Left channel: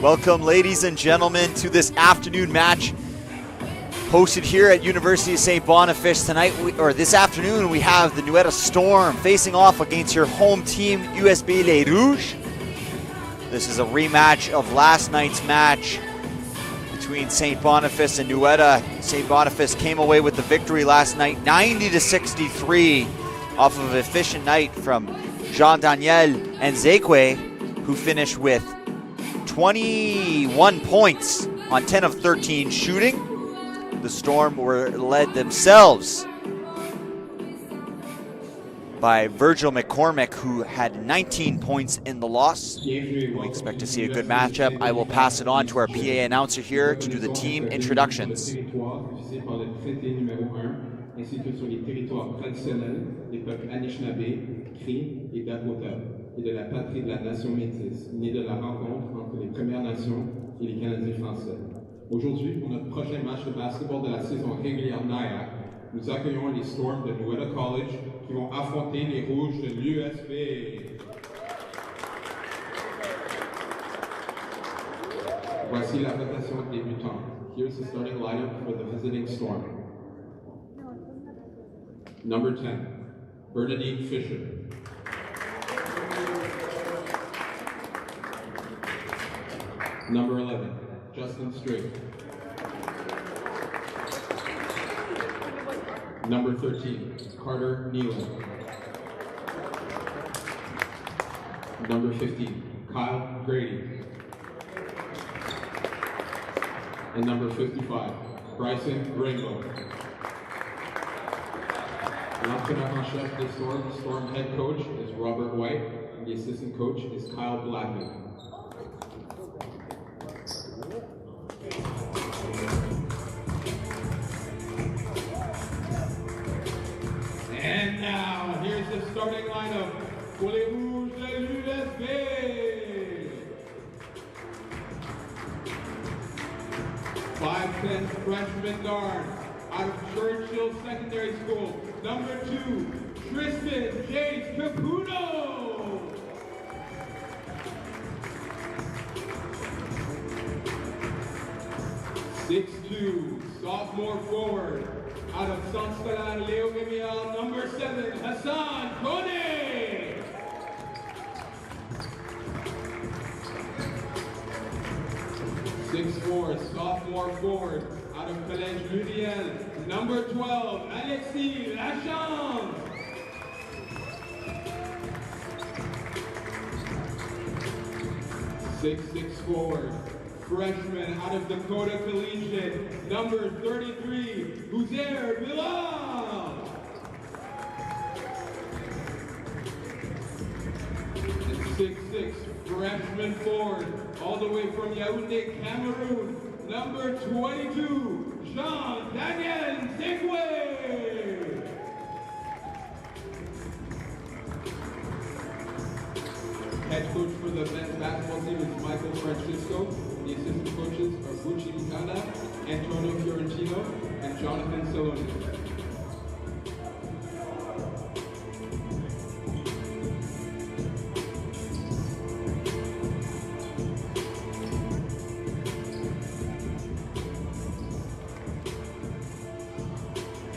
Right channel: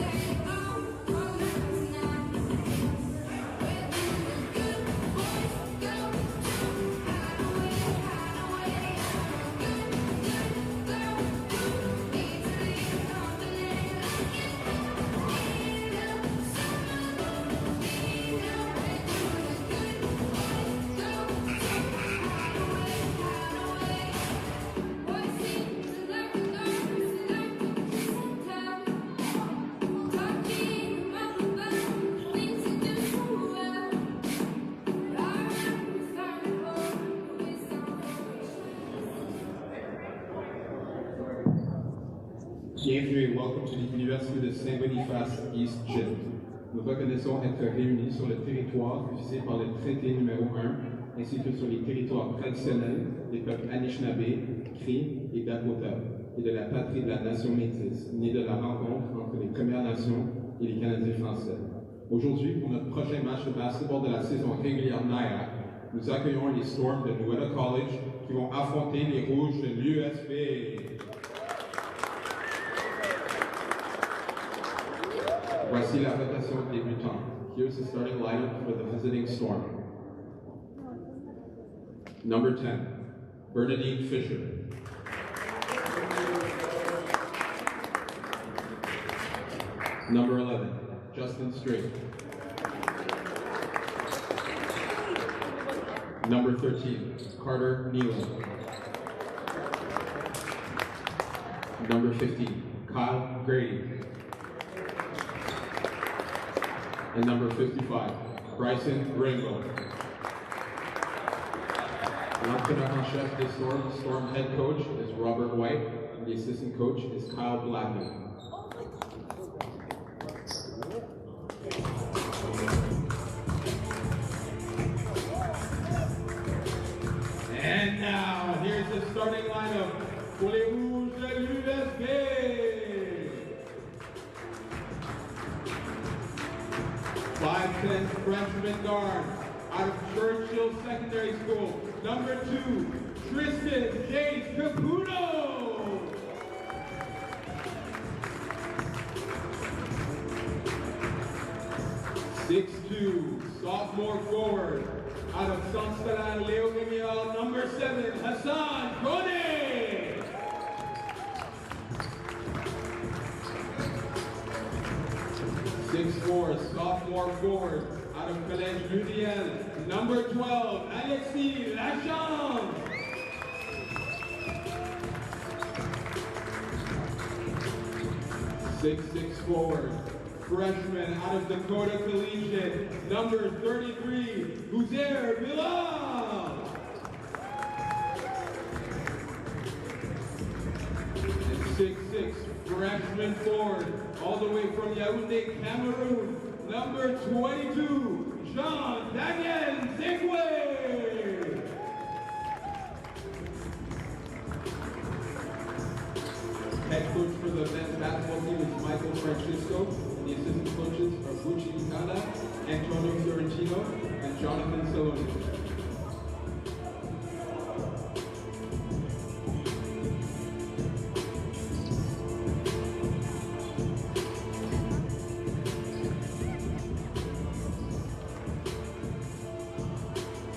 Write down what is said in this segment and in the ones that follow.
Welcome, ladies and gentlemen, to this afternoon match hosted here at University of Saint-Boniface tonight, or this afternoon. We have the Nuetta Storm facing off against your home team, USB Les Rouges. This is a rematch of last night's match between Saint-Boniface and Nuetta. Saint-Boniface came away with the victory last night, 90-63, off of an efficient night from Jean-Daniel and Zekwe, who finished with 21 points on 10 of 13 shooting. The Storm were led themselves by Virgil McCormick, who had 19 points in the loss. We expect to see a good matchup. I will pass it on to our PA announcer here to do the team introductions. Ainsi que sur les territoires traditionnels des peuples Anishinaabe, Cri et Dakota, et de la patrie de la nation métisse, née de la rencontre entre les Premières Nations et les Canadiens français. Aujourd'hui, pour notre prochain match de basketball de la saison régulière NIAC, nous accueillons les Storms de Nuetta College qui vont affronter les Rouges de l'USB. Voici la rotation débutante. Here's the starting lineup for the visiting Storm. Number 10, Bernadine Fisher. Number 11, Justin Strait. Number 13, Carter Nealon. Number 15, Kyle Grady. And number 55, Bryson Rainbow. L'entraîneur-en-chef des Storm, the Storm head coach is Robert White, and the assistant coach is Kyle Blackman. And now, here's the starting lineup for les Rouges de l'USB. 5'10" freshman guard out of Churchill Secondary School. Number 2, Tristan James Caputo. .6'2", sophomore forward out of Saint-Stalan Leo Gamial. Number 7, Hassan Kone. .6'4", sophomore forward out of Collège Ludiel. Number 12, Alexis Lachance. .6'6" forward, freshman out of Dakota Collegiate. Number 33, Huzer Bilal. And 6'6", freshman forward, all the way from Yaoundé, Cameroon. Number 22, Jean-Daniel Zekwe. Head coach for the men's basketball team is Michael Francisco. The assistant coaches are Bucci Ikanda, Antonio Fiorentino, and Jonathan Saloni.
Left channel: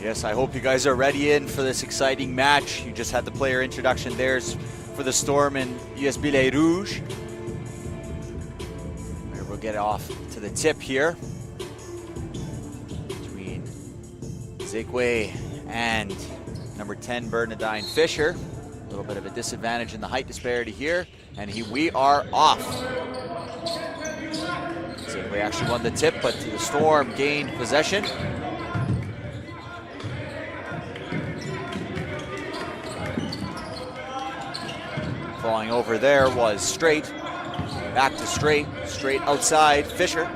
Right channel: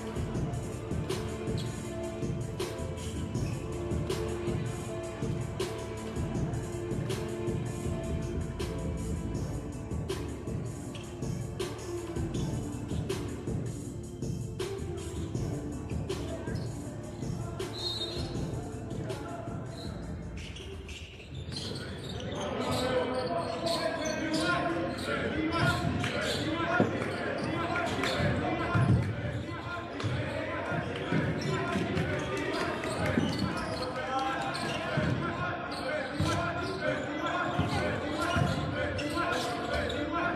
Yes, I hope you guys are ready in for this exciting match. You just had the player introduction there for the Storm and USB Les Rouges. We'll get off to the tip here between Zekwe and number 10, Bernadine Fisher. A little bit of a disadvantage in the height disparity here, and we are off. Zekwe actually won the tip, but the Storm gained possession. Falling over there was Strait. Back to Strait. Strait outside. Fisher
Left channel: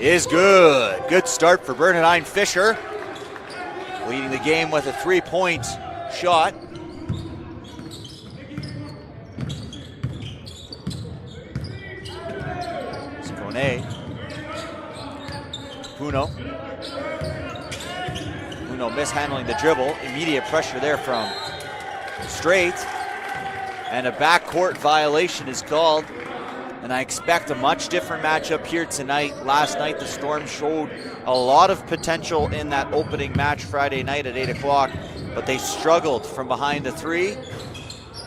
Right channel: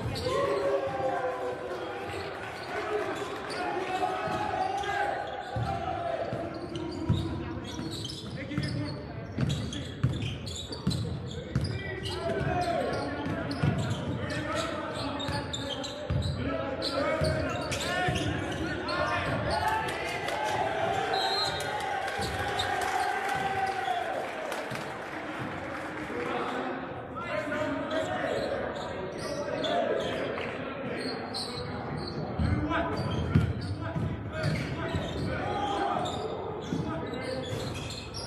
is good. Good start for Bernadine Fisher. Leading the game with a 3-point shot. Puno mishandling the dribble. Immediate pressure there from Strait. And a backcourt violation is called. And and I expect a much different matchup here tonight. Last night, the Storm showed a lot of potential in that opening match Friday night at 8 o'clock, but they struggled from behind the three,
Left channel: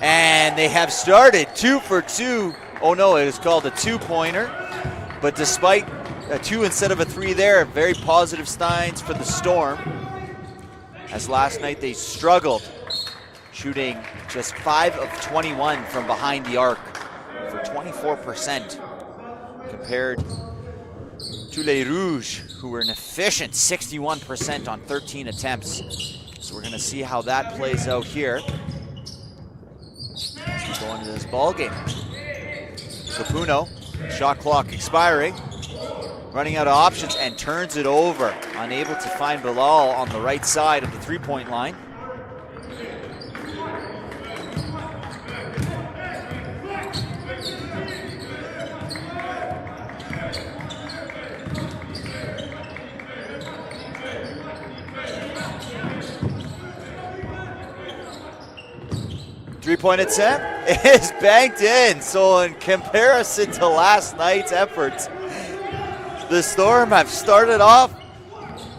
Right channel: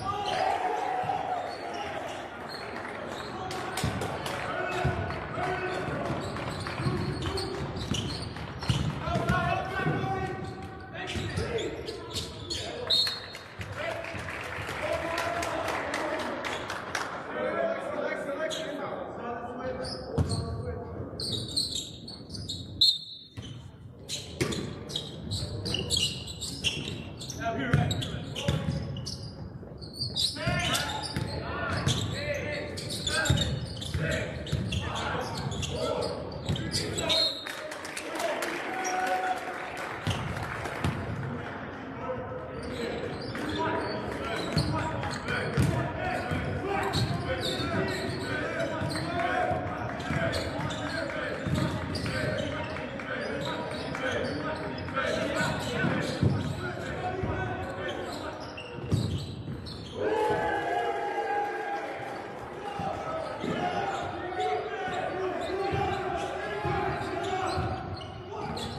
and they have started 2 for 2. Oh no, it was called a two-pointer, but despite a 2 instead of a 3 there, very positive signs for the Storm, as last night they struggled, shooting just 5 of 21 from behind the arc, for 24%, compared to les Rouges, who were an efficient 61% on 13 attempts. So we're gonna see how that plays out here. Going to this ball game. Capuno, shot clock expiring, running out of options and turns it over. Unable to find Bilal on the right side of the three-point line. Three-point attempt is banked in. So in comparison to last night's efforts, the Storm have started off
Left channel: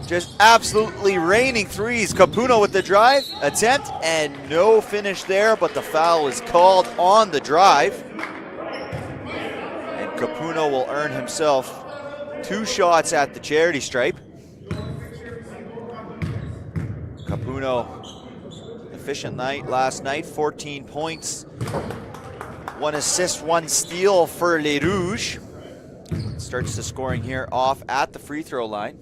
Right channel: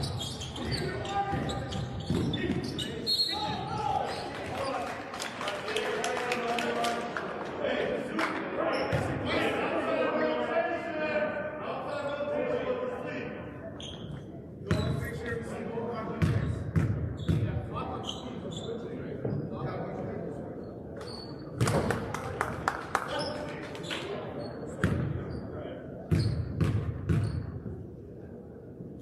just absolutely raining threes. Capuno with the drive attempt and no finish there, but the foul was called on the drive. And Capuno will earn himself 2 shots at the charity stripe. Capuno, efficient night last night, 14 points, 1 assist, 1 steal for Les Rouges. Starts the scoring here off at the free throw line.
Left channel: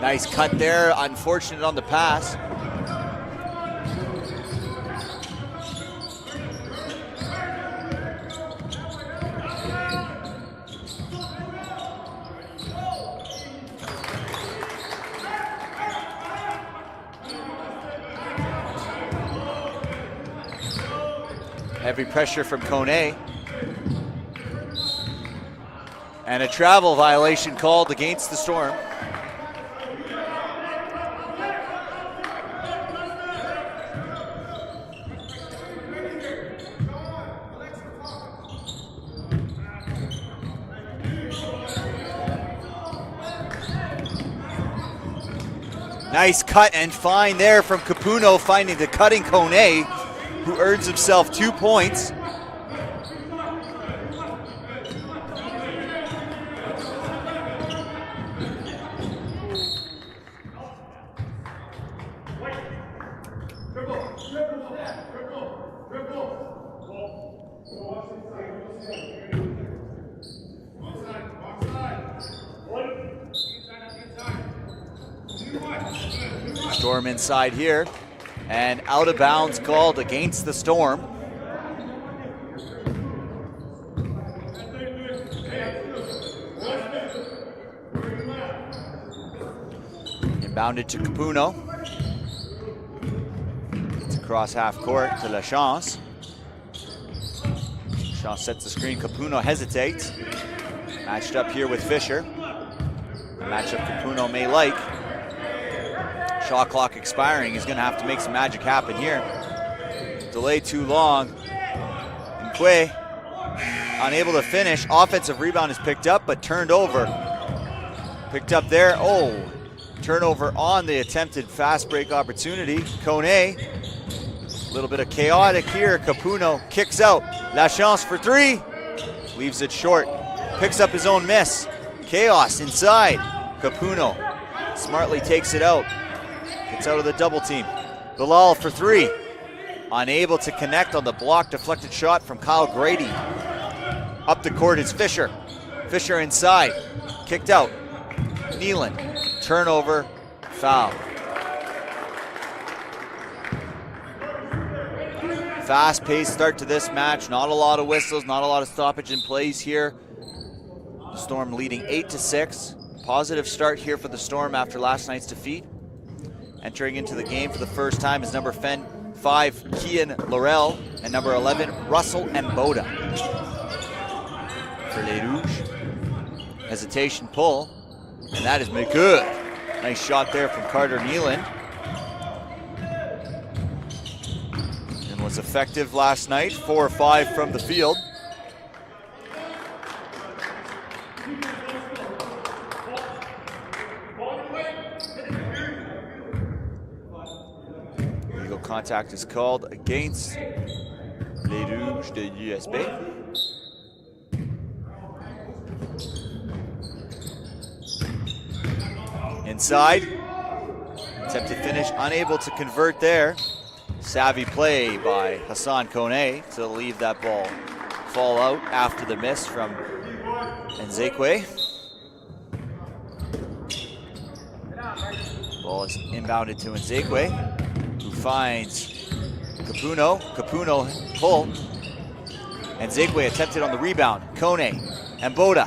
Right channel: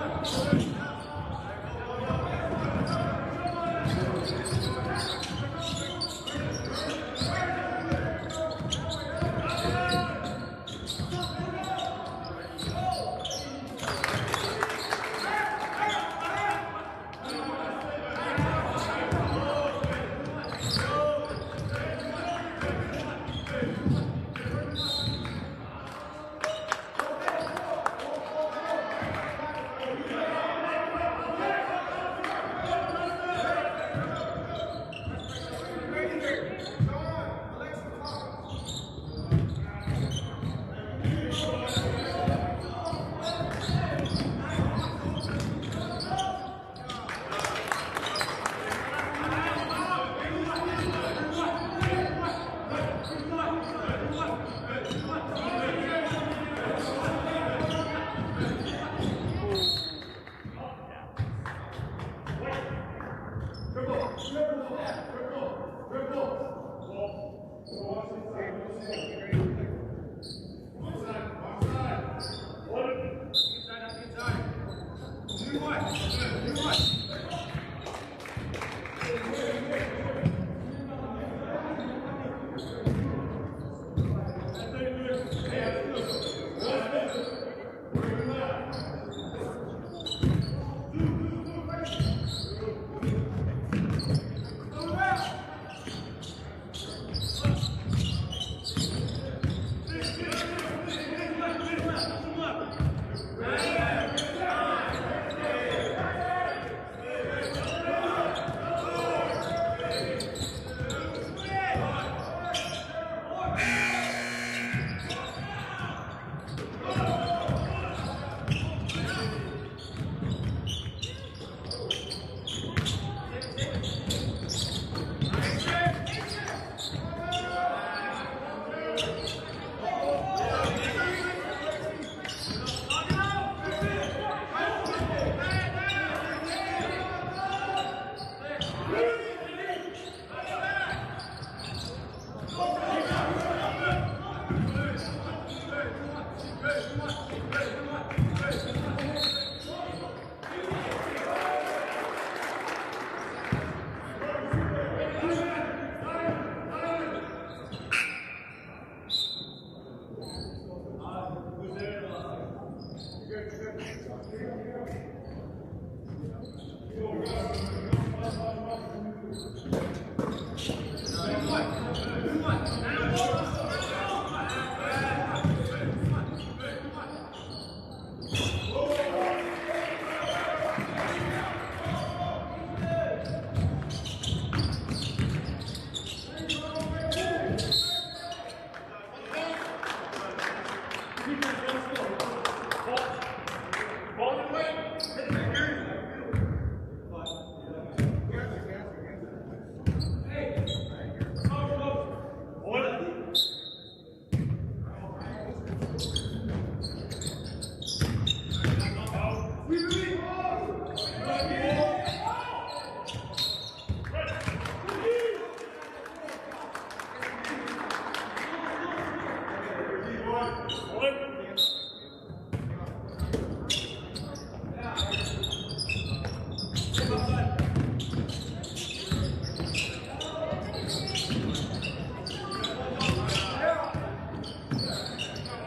Nice cut there, unfortunate on the pass. Heavy pressure from Kone. And a travel violation called against the Storm. Nice cut and find there from Capuno, finding the cutting Kone, who earns himself 2 points. Storm inside here, and out of bounds called against the Storm. Inbounded to Capuno. It's across half court to Lachance. Lachance sets the screen, Capuno hesitates. Matched up here with Fisher. Matchup Capuno may like. Shot clock expiring. He's going to have to make some magic happen here. Delay too long. Quay unable to finish. Offensive rebound is picked up, but turned over. Picked up there. Oh, turnover on the attempted fast break opportunity. Kone, a little bit of chaotic here. Capuno kicks out. Lachance for 3. Leaves it short. Picks up his own miss. Chaos inside. Capuno smartly takes it out. It's out of the double team. Bilal for 3. Unable to connect on the block deflected shot from Kyle Grady. Up the court is Fisher. Fisher inside. Kicked out. Nealon. Turnover. Foul. Fast-paced start to this match. Not a lot of whistles, not a lot of stoppage in plays here. Storm leading 8-6. Positive start here for the Storm after last night's defeat. Entering into the game for the first time is number 5, Kian Laurel, and number 11, Russell Mboda. Hesitation pull, and that has been good. Nice shot there from Carter Nealon. It was effective last night, 4 or 5 from the field. Illegal contact is called against les Rouges de USB. Inside, attempted finish, unable to convert there. Savvy play by Hassan Kone to leave that ball fall out after the miss from Nzekwe. Ball is inbounded to Nzekwe. Finds Capuno. Capuno pull. Nzekwe attempted on the rebound. Kone. Mboda.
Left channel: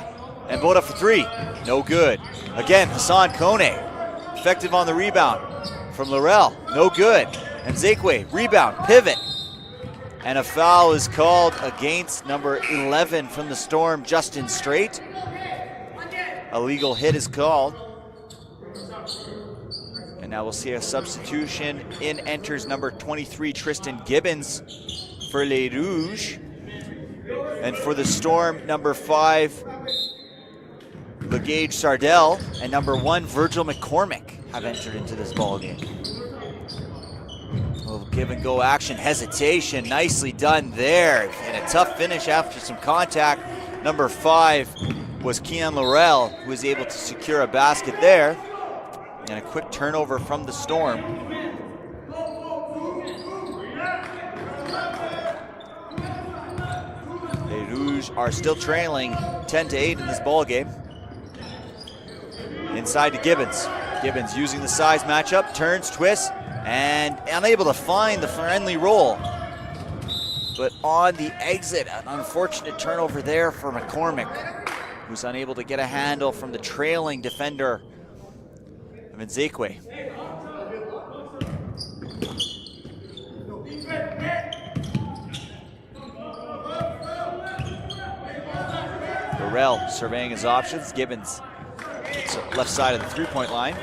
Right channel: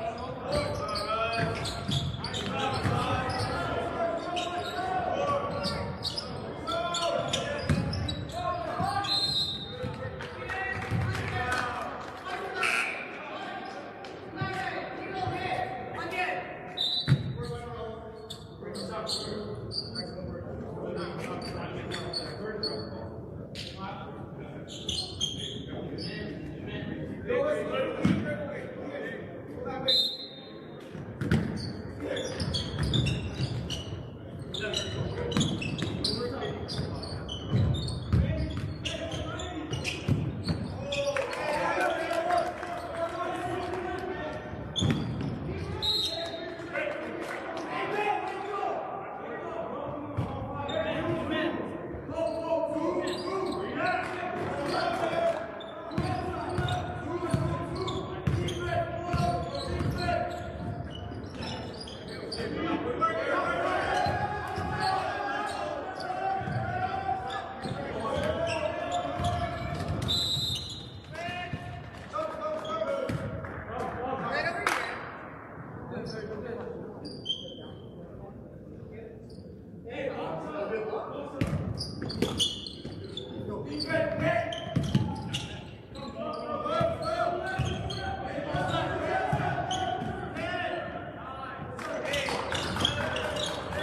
Mboda for 3. No good. Again, Hassan Kone. Effective on the rebound from Laurel. No good. Nzekwe. Rebound. Pivot. And a foul is called against number 11 from the Storm, Justin Straight. A legal hit is called. And now we'll see a substitution. In enters number 23, Tristan Gibbons for Les Rouges. And for the Storm, number 5, Gage Sardell, and number 1, Virgil McCormick have entered into this ballgame. Give and go action, hesitation, nicely done there. And a tough finish after some contact. Number 5 was Kian Laurel, who was able to secure a basket there. And a quick turnover from the Storm. Les Rouges are still trailing 10-8 in this ball game. Inside to Gibbons. Gibbons using the size matchup, turns, twists, and unable to find the friendly roll. But on the exit, an unfortunate turnover there for McCormick, who's unable to get a handle from the trailing defender of Nzekwe. Laurel surveying his options. Gibbons, left side of the three-point line.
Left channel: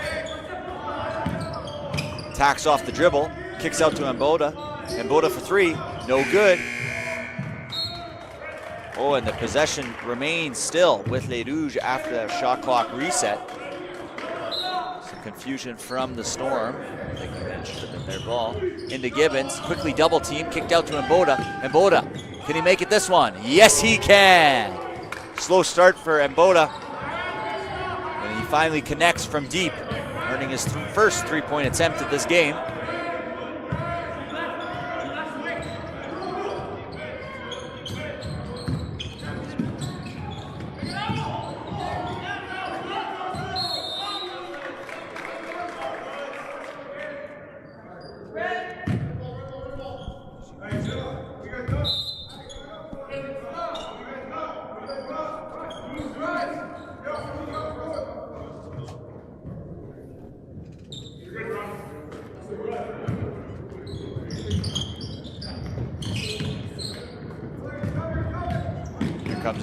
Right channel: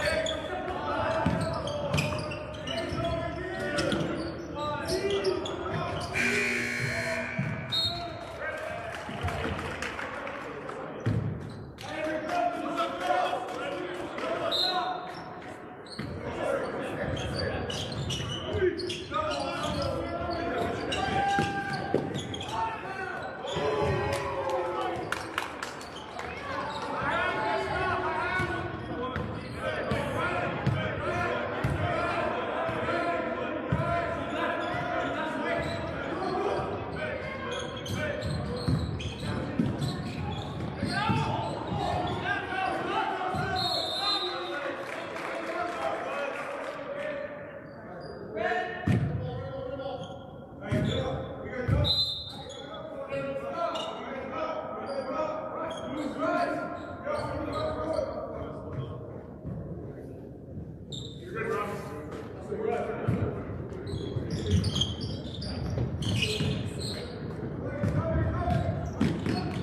Tacks off the dribble, kicks out to Mboda. Mboda for 3, no good. Oh, and the possession remains still with Les Rouges after that shot clock reset. Some confusion from the Storm. Their ball into Gibbons, quickly double team, kicked out to Mboda. Mboda, can he make it this one? Yes, he can. Slow start for Mboda. And he finally connects from deep, earning his first three-point attempt at this game.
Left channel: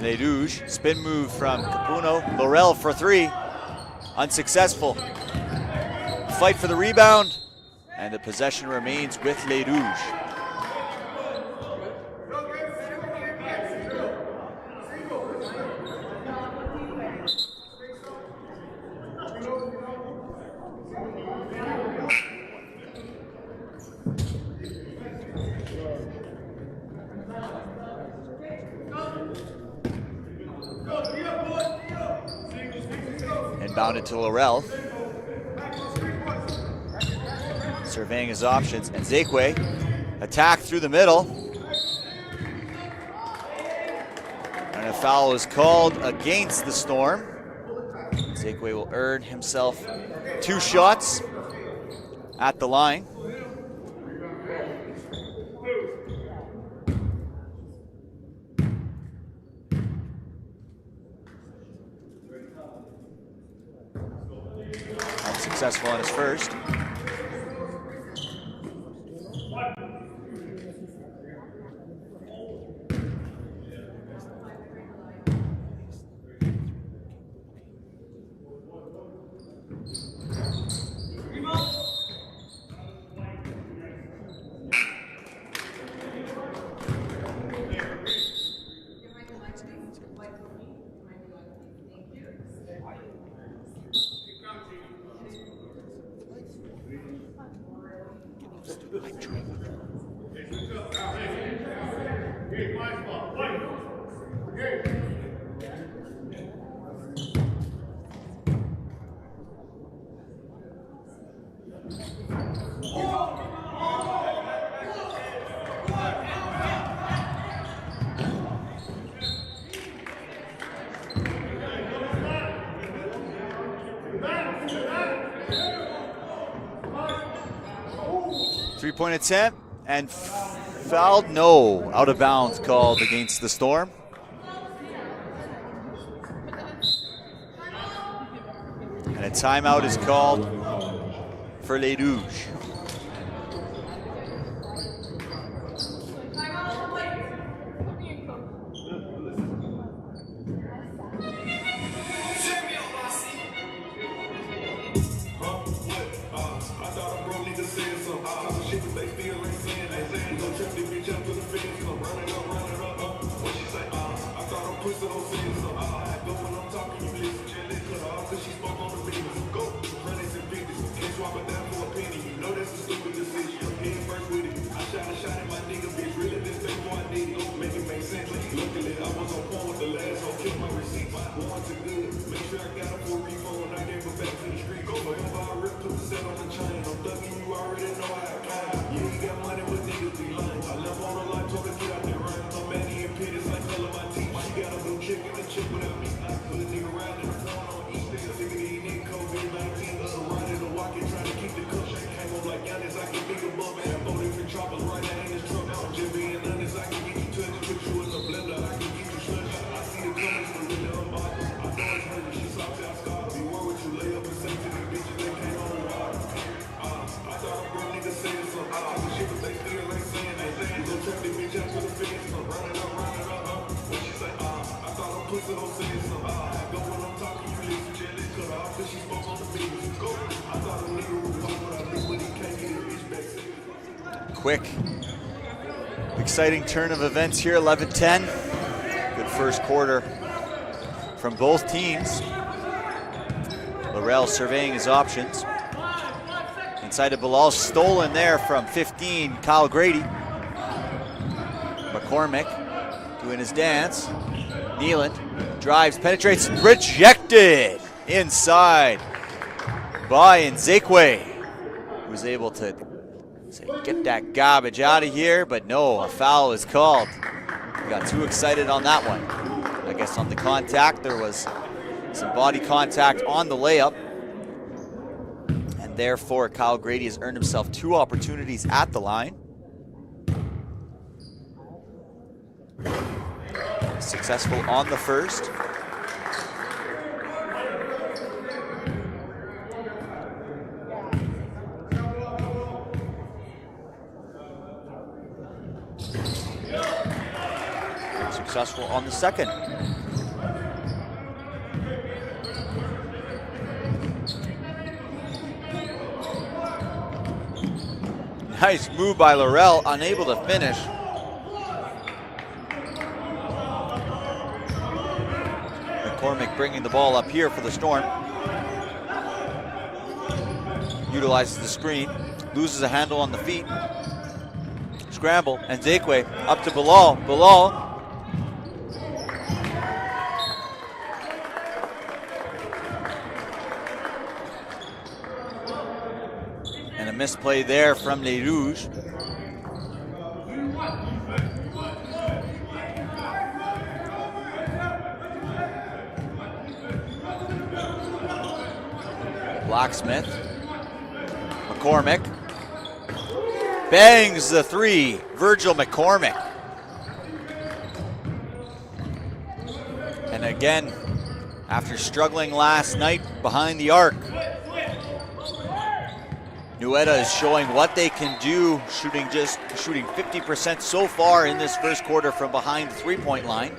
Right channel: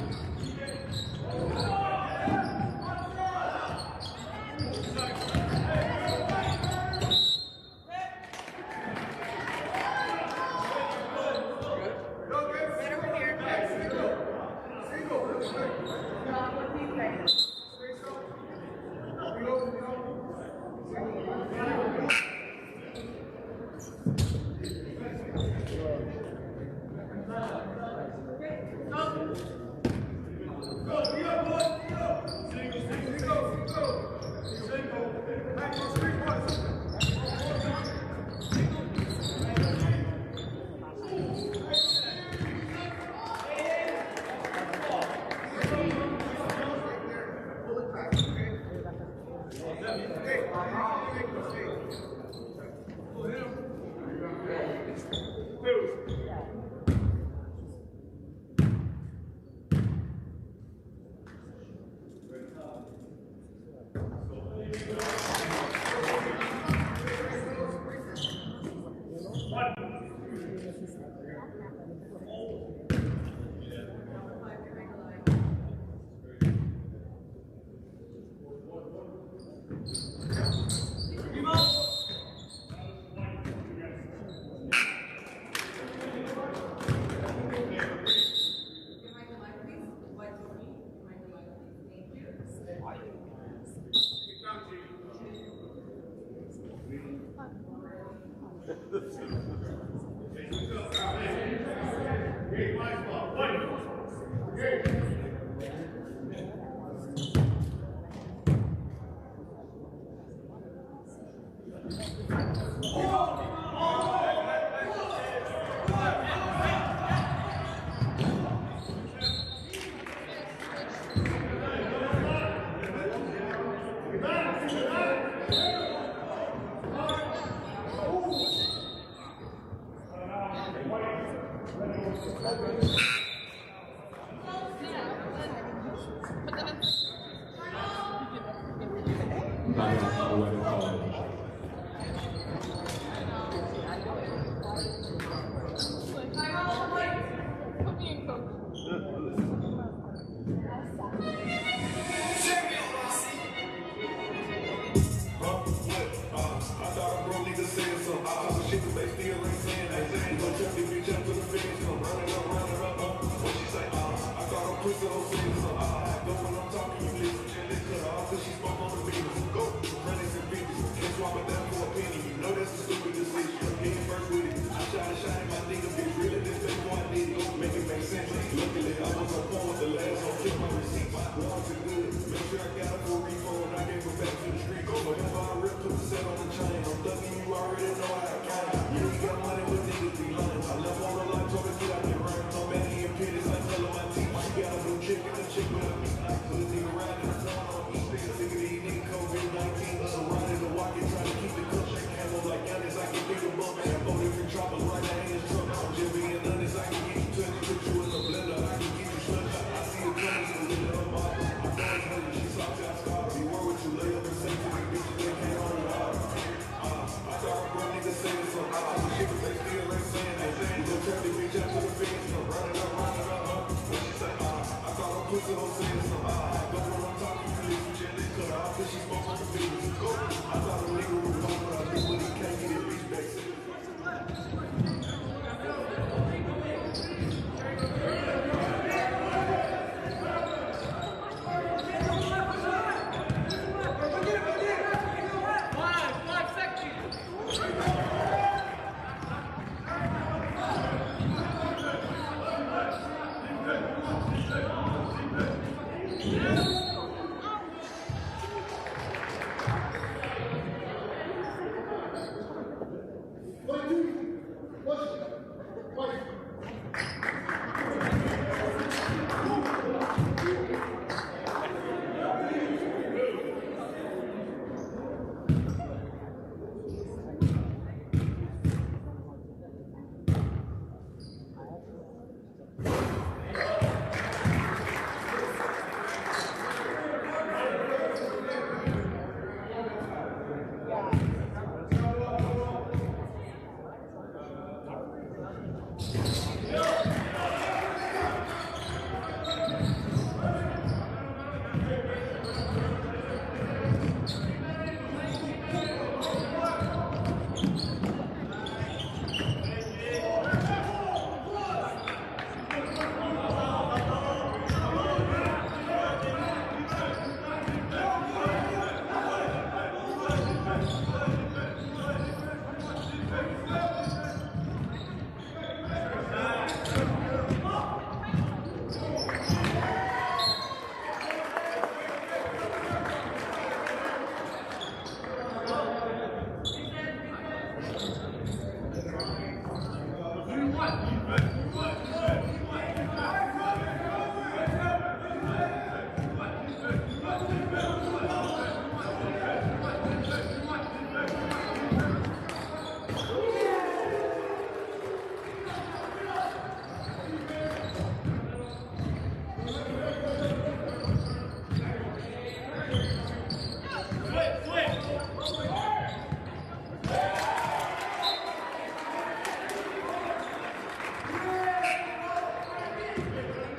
Les Rouges, spin move from Capuno. Laurel for 3, unsuccessful. Fight for the rebound, and the possession remains with Les Rouges. Inbounded to Laurel. Surveying his options. Nzekwe, attack through the middle. And a foul is called against the Storm. Nzekwe will earn himself 2 shots at the line. Successful on his first. Three-point attempt and fouled. No, out of bounds called against the Storm. And a timeout is called for Les Rouges. Quick, exciting turn of events here, 11-10. Good first quarter from both teams. Laurel surveying his options. Inside of Bilal, stolen there from 15, Kyle Grady. McCormick doing his dance. Neeland drives, penetrates, rejected inside by Nzekwe. Was able to get that garbage out of here, but no, a foul is called. Got too excited on that one. I guess on the contact, there was some body contact on the layup. And therefore, Kyle Grady has earned himself 2 opportunities at the line. Successful on the first. Successful on the second. Nice move by Laurel, unable to finish. McCormick bringing the ball up here for the Storm. Utilizes the screen, loses a handle on the feet. Scramble, and Nzekwe up to Bilal. Bilal. And a misplay there from Les Rouges. Blacksmith. McCormick. Bangs the three, Virgil McCormick. And again, after struggling last night behind the arc, Nueda is showing what they can do, shooting 50% so far in this first quarter from behind the three-point line.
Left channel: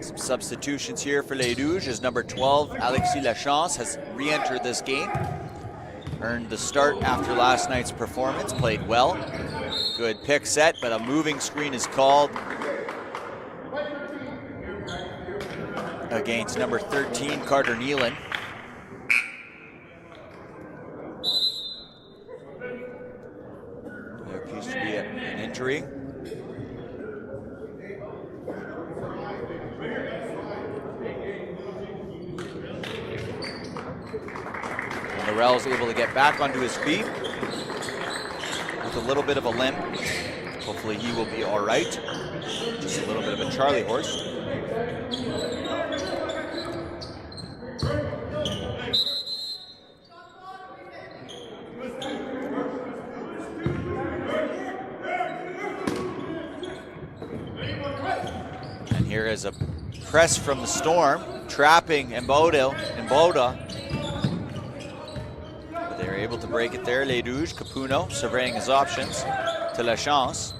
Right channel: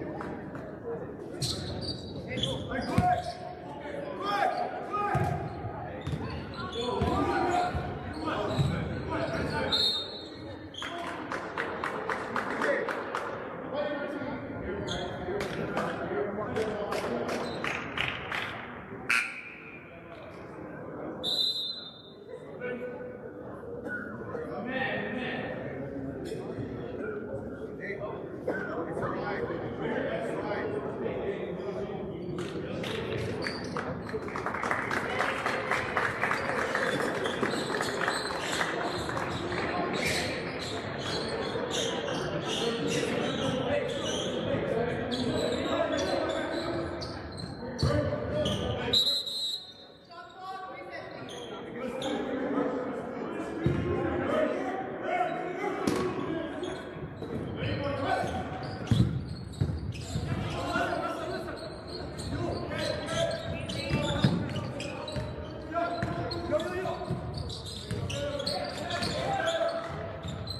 Some substitutions here for Les Rouges as number 12, Alexis Lachance, has re-entered this game. Earned the start after last night's performance, played well. Good pick set, but a moving screen is called against number 13, Carter Neelan. There appears to be an injury. back onto his feet with a little bit of a limp. Hopefully he will be all right. Just a little bit of a Charlie horse. And here is a press from the Storm, trapping Mboda. They're able to break it there. Les Rouges, Capuno surveying his options to La Chance.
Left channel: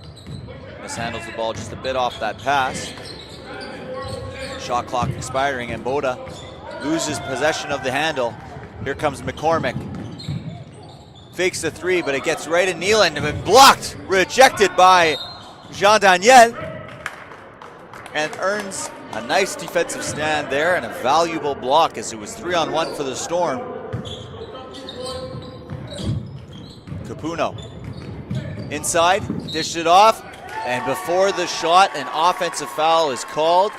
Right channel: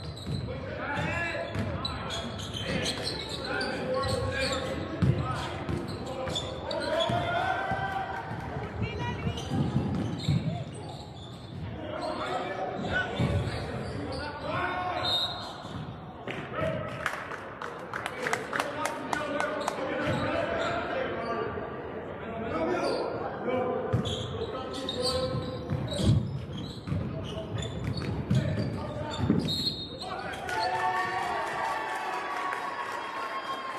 Mishandles the ball just a bit off that pass. Shot clock expiring, and Mboda loses possession of the handle. Here comes McCormick. Fakes the three, but it gets right in Neeland and blocked, rejected by Jean Daniel, and earns a nice defensive stand there and a valuable block as it was 3-on-1 for the Storm. Capuno inside, dished it off, and before the shot, an offensive foul is called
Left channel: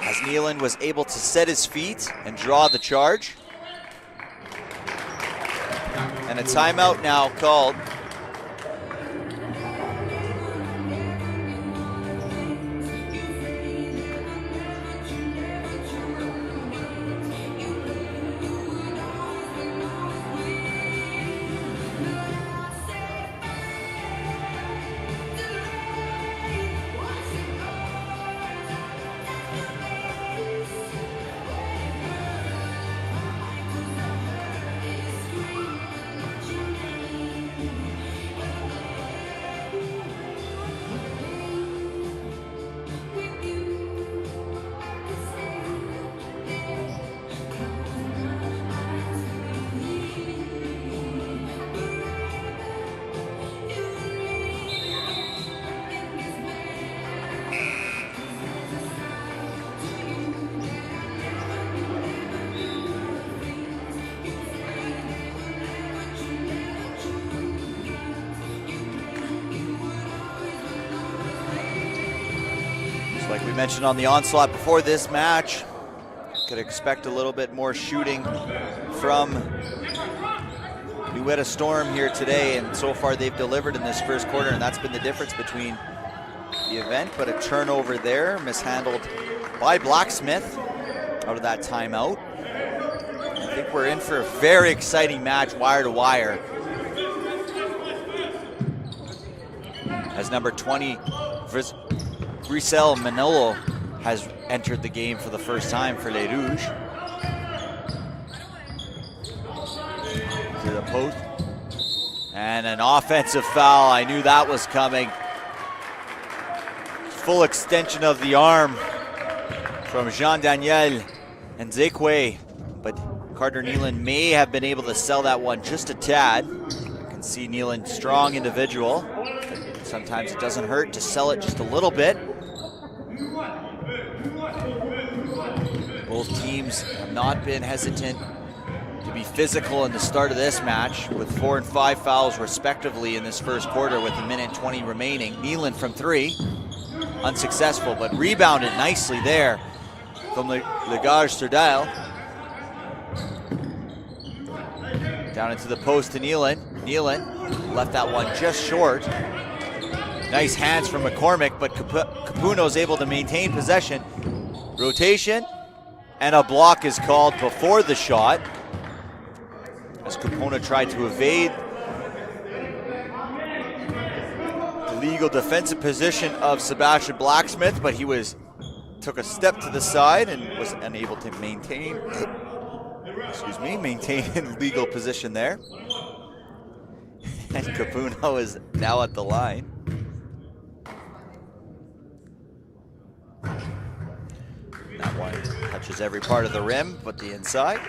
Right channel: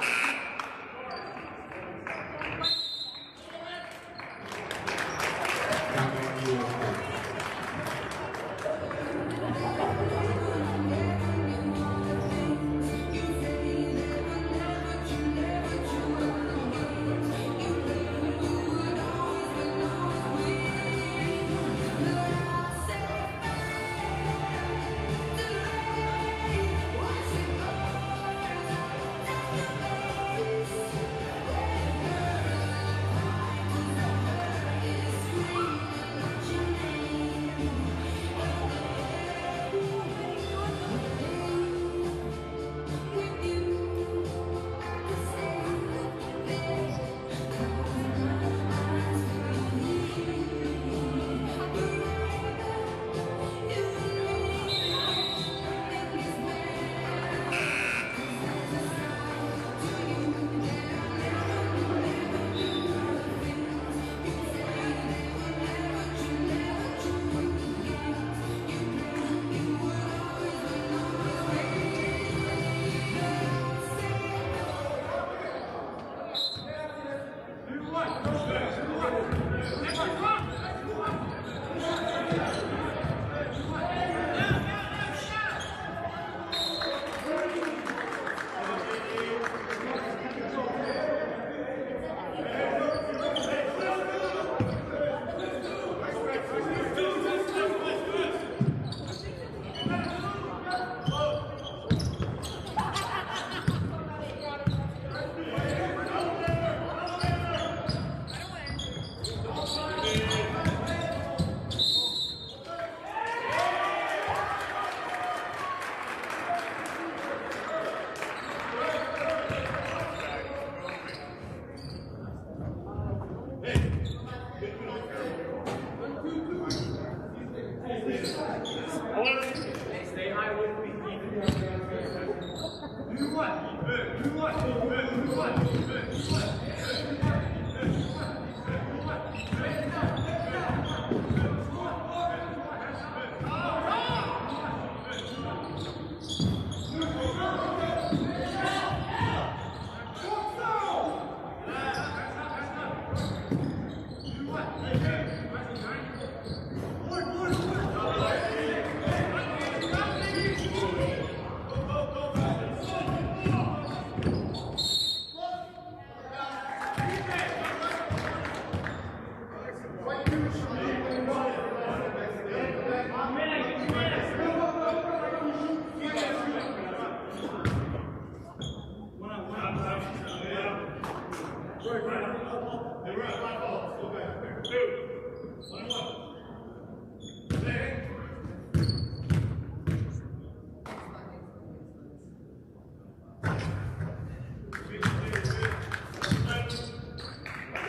as Neeland was able to set his feet and draw the charge. And a timeout now called. On the onslaught before this match, could expect a little bit more shooting from Nuetta Storm here today, and so far they've delivered in this first quarter, and that's been the difference between the event. But a turnover there, mishandled by Blacksmith out of that timeout. I think we're in for a very exciting match, wire to wire, as number 20 Grisel Manolo has entered the game for the first time for Les Rouges. To the post. And an offensive foul. I knew that was coming. Full extension of the arm from Jean-Daniel and Zekwe, but Carter Neeland may have been able to sell that one just a tad. You can see Neeland, strong individual. Sometimes it doesn't hurt to sell it just a little bit. Both teams not been hesitant to be physical in the start of this match, with 4 and 5 fouls respectively in this first quarter with a minute 20 remaining. Neeland from 3, unsuccessful, but rebounded nicely there from Legage Serdal. Down into the post to Neeland. Neeland left that one just short. Nice hands from McCormick, but Capuno's able to maintain possession. Rotation, and a block is called before the shot, as Capuno tried to evade the legal defensive position of Sebastian Blacksmith, but he took a step to the side and was unable to maintain legal position there. And Capuno is now at the line. Touches every part of the rim, but the inside.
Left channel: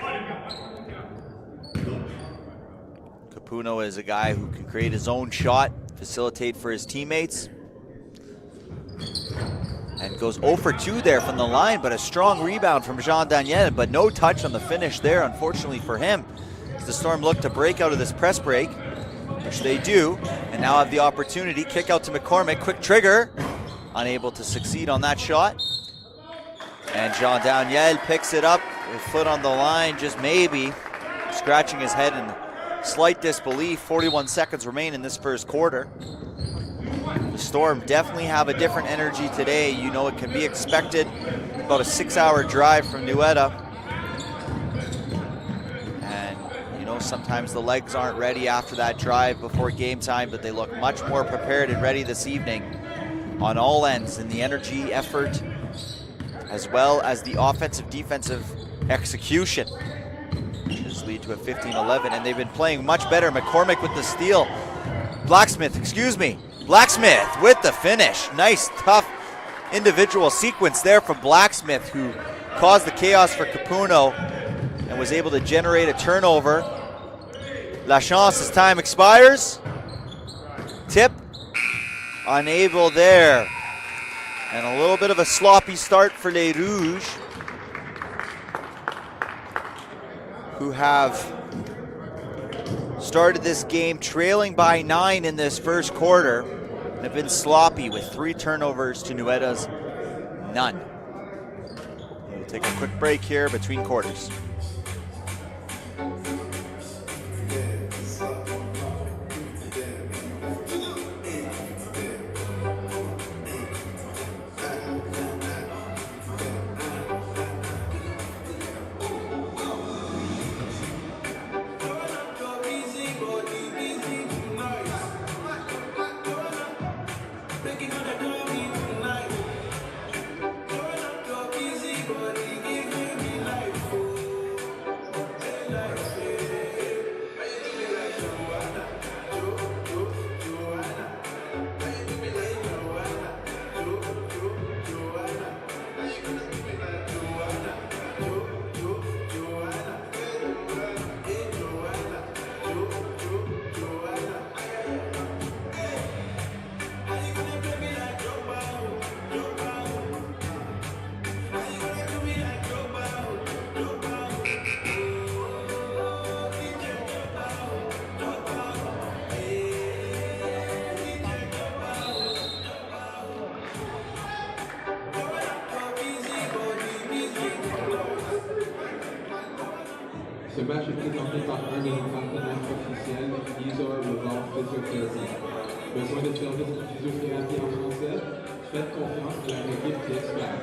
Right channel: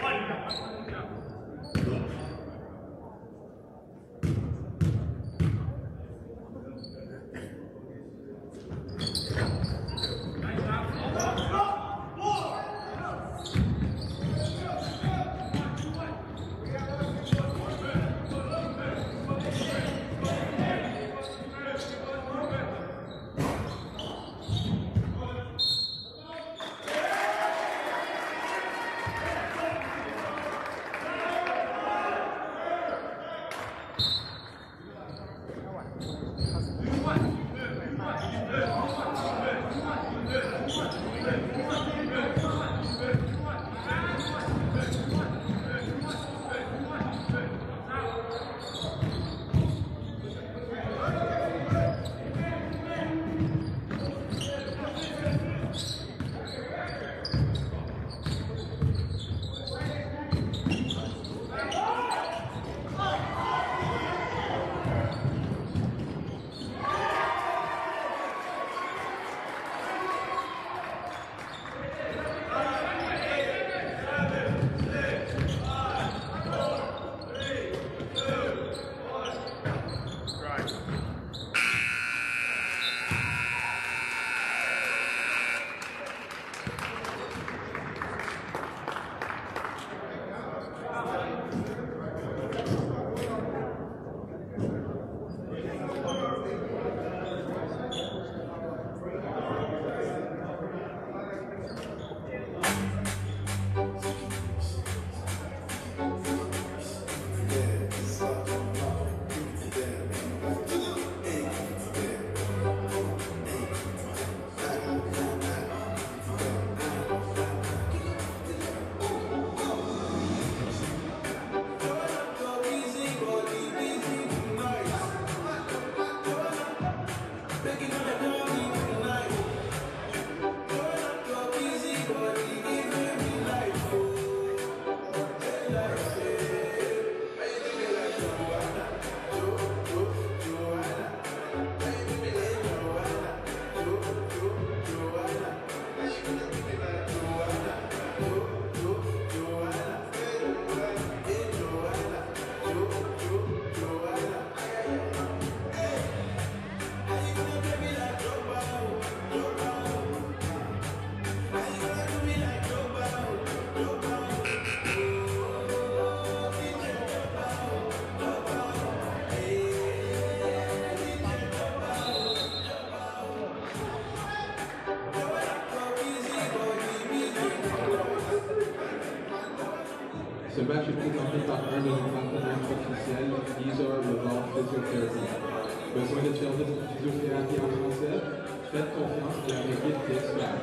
Capuno is a guy who can create his own shot, facilitate for his teammates. And goes 0 for 2 there from the line, but a strong rebound from Jean Daniel, but no touch on the finish there, unfortunately for him. As the Storm look to break out of this press break, which they do, and now have the opportunity. Kick out to McCormick, quick trigger. Unable to succeed on that shot. And Jean Daniel picks it up, a foot on the line, just maybe. scratching his head in slight disbelief. 41 seconds remain in this first quarter. Storm definitely have a different energy today. You know, it can be expected. About a 6-hour drive from Nueda. And, you know, sometimes the legs aren't ready after that drive before game time, but they look much more prepared and ready this evening on all ends in the energy, effort, as well as the offensive, defensive execution. This lead to a 15-11, and they've been playing much better. McCormick with the steal. Blacksmith with the finish. Nice, tough individual sequence there from Blacksmith, who caused the chaos for Capuno and was able to generate a turnover. Lachance's time expires. Tip, unable there. And a little bit of a sloppy start for Les Rouges, who have started this game trailing by 9 in this first quarter. They've been sloppy with 3 turnovers to Nueda's none. We'll take a quick break here between quarters. Ce match est présenté par un de nos partenaires officiels, Isor Levar Physiotherapy. Besoin de services de physiothérapie en français? Faites confiance à leur équipe d'experts.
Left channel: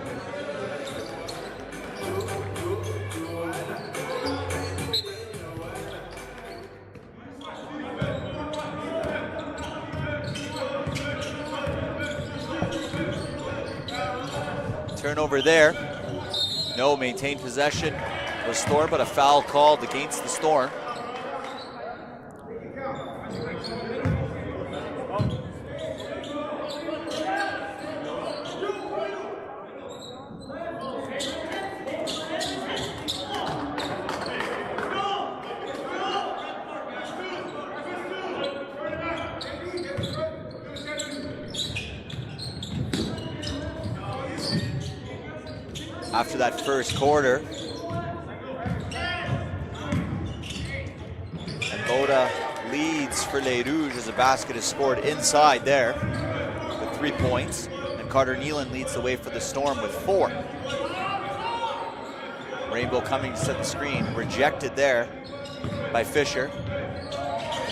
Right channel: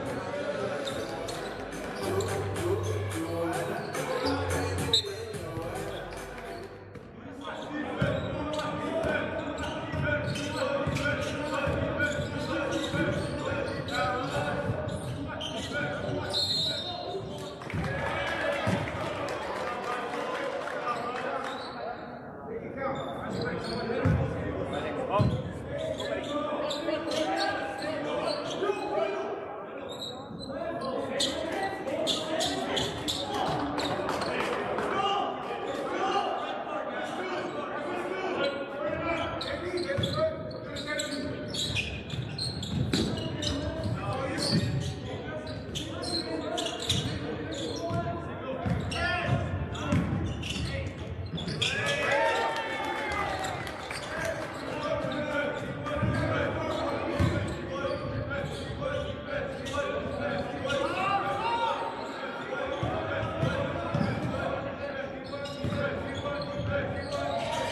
Turnover there. No, maintained possession for Storm, but a foul called against the Storm. After that first quarter, Oda leads for Les Rouges as a basket is scored inside there with 3 points. And Carter Nealon leads the way for the Storm with 4. Rainbow coming to set the screen, rejected there by Fisher.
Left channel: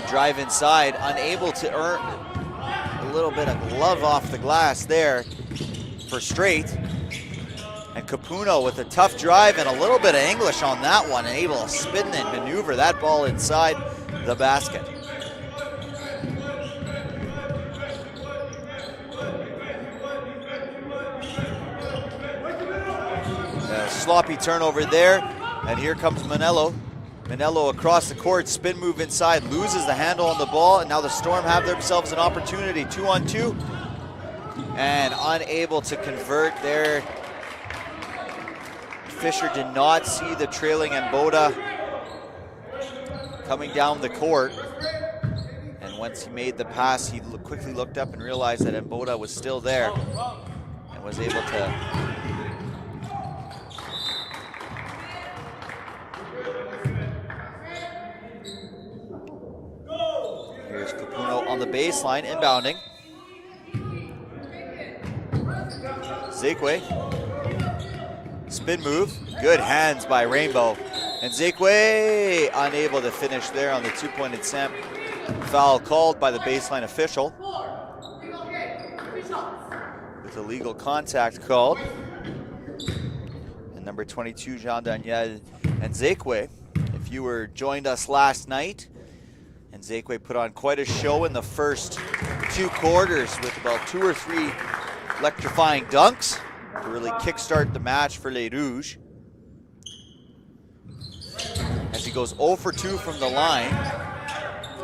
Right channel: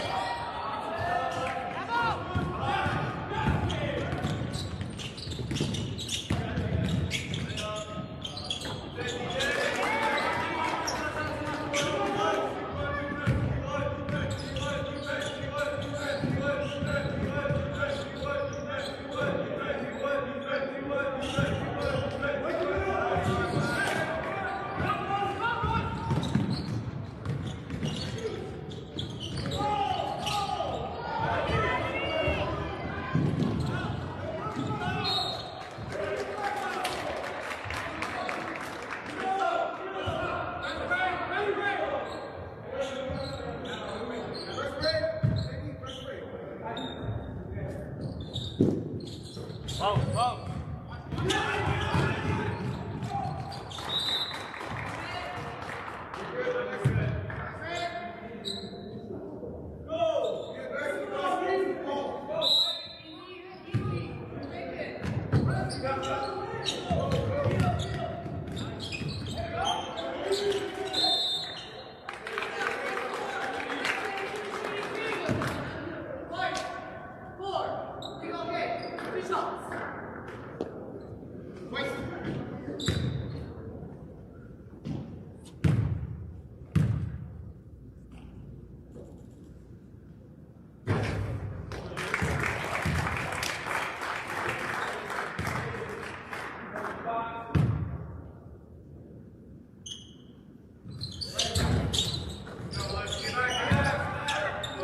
Drive inside, unable to earn a little bit of glove off the glass there for Straight. Capuno with a tough drive and a little bit of English on that one, and able to spin and maneuver that ball inside the basket. Sloppy turnover there, and here comes Manello. Manello across the court, spin move inside, loses the handle on the ball, and now the Storm have themselves an opportunity, 2-on-2, and unable to convert there. Fisher did not see the trailing Mboda coming down the court. And once he made the pass, he quickly looked up and realized that Mboda was still there and was able to. Here's Capuno on the baseline, inbounding. Zigwe. Spin move, good hands by Rainbow. And Zekwe unable to finish there on the 2-point attempt. Foul called by the baseline official. There's a legal contact called. And number 22, Jean-Daniel and Zekwe. If you were joined us last night, and Zekwe put on quite a show in the first 2 quarters with about 2 or 3 electrifying dunks to really kickstart the match for Les Rouges. As he goes 0 for 2 from the line,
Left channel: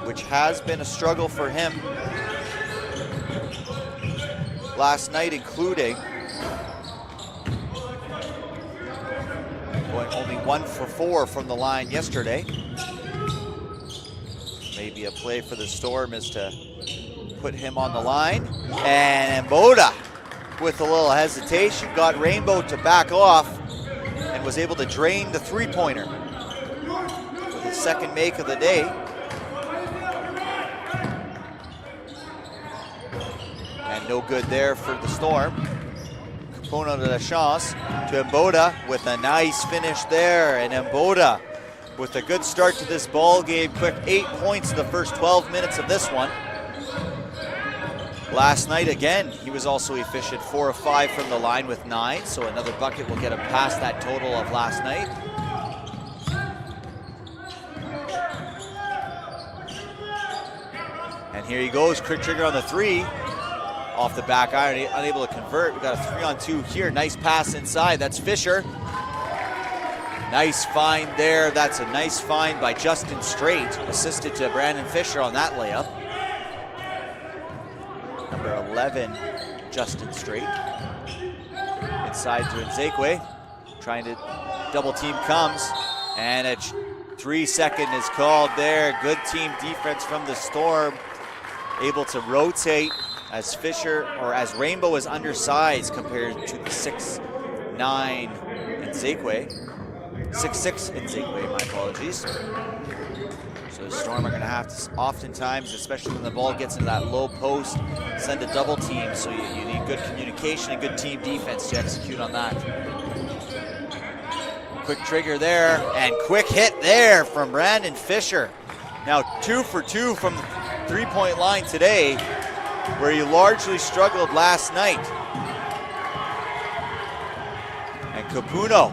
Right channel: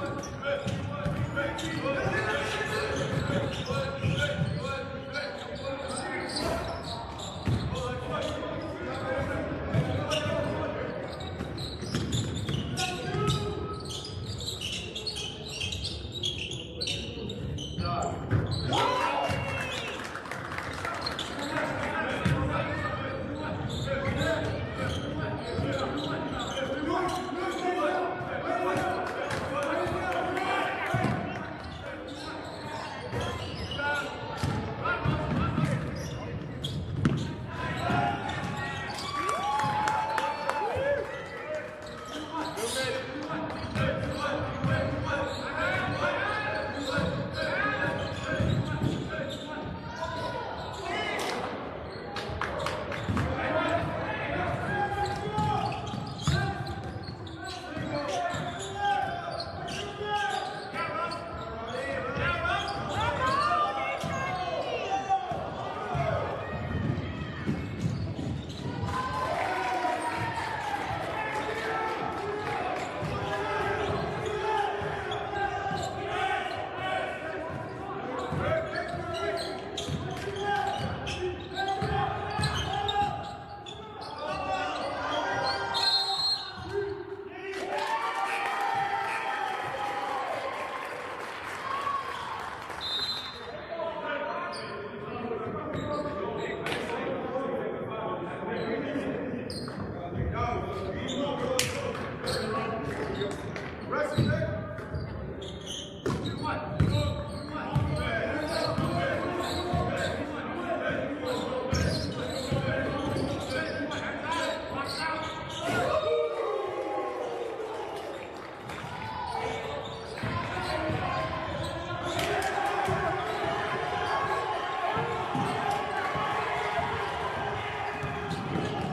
which has been a struggle for him last night, including only 1 for 4 from the line yesterday. Maybe a play for the Storm is to put him on the line. And Boda, with a little hesitation, got Rainbow to back off and was able to drain the 3-pointer. Second make of the day. And no good there for the Storm. Capona de la Chance to Mboda with a nice finish there. And Mboda with a good start to this ball game. Quick 8 points in the first 12 minutes of this one. Last night again, he was also efficient, 4 of 5 from the line with 9. So another bucket will get him past that total of last night. Here he goes, quick trigger on the 3. Off the back iron, unable to convert. We got a 3-on-2 here. Nice pass inside, that's Fisher. Nice find there. That's a nice find by Justin Straight, assisted to Brandon Fisher on that layup. 11, Justin Straight. Inside to Zekwe, trying to double team comes. And a 3-second is called there. Good team defense from the Storm. Able to rotate as Fisher, or as Rainbow is undersized compared to the 6'9" in Zekwe. 6'6" in Zekwe, my apologies. So the Storm are gonna have to oftentimes, especially when the ball gets into that low post, send a double team. So you need good communication and good team defense to execute on that. Quick trigger there, and quick hit there from Brandon Fisher. Now 2 for 2 from 3-point line today, where he largely struggled last night. And Capuno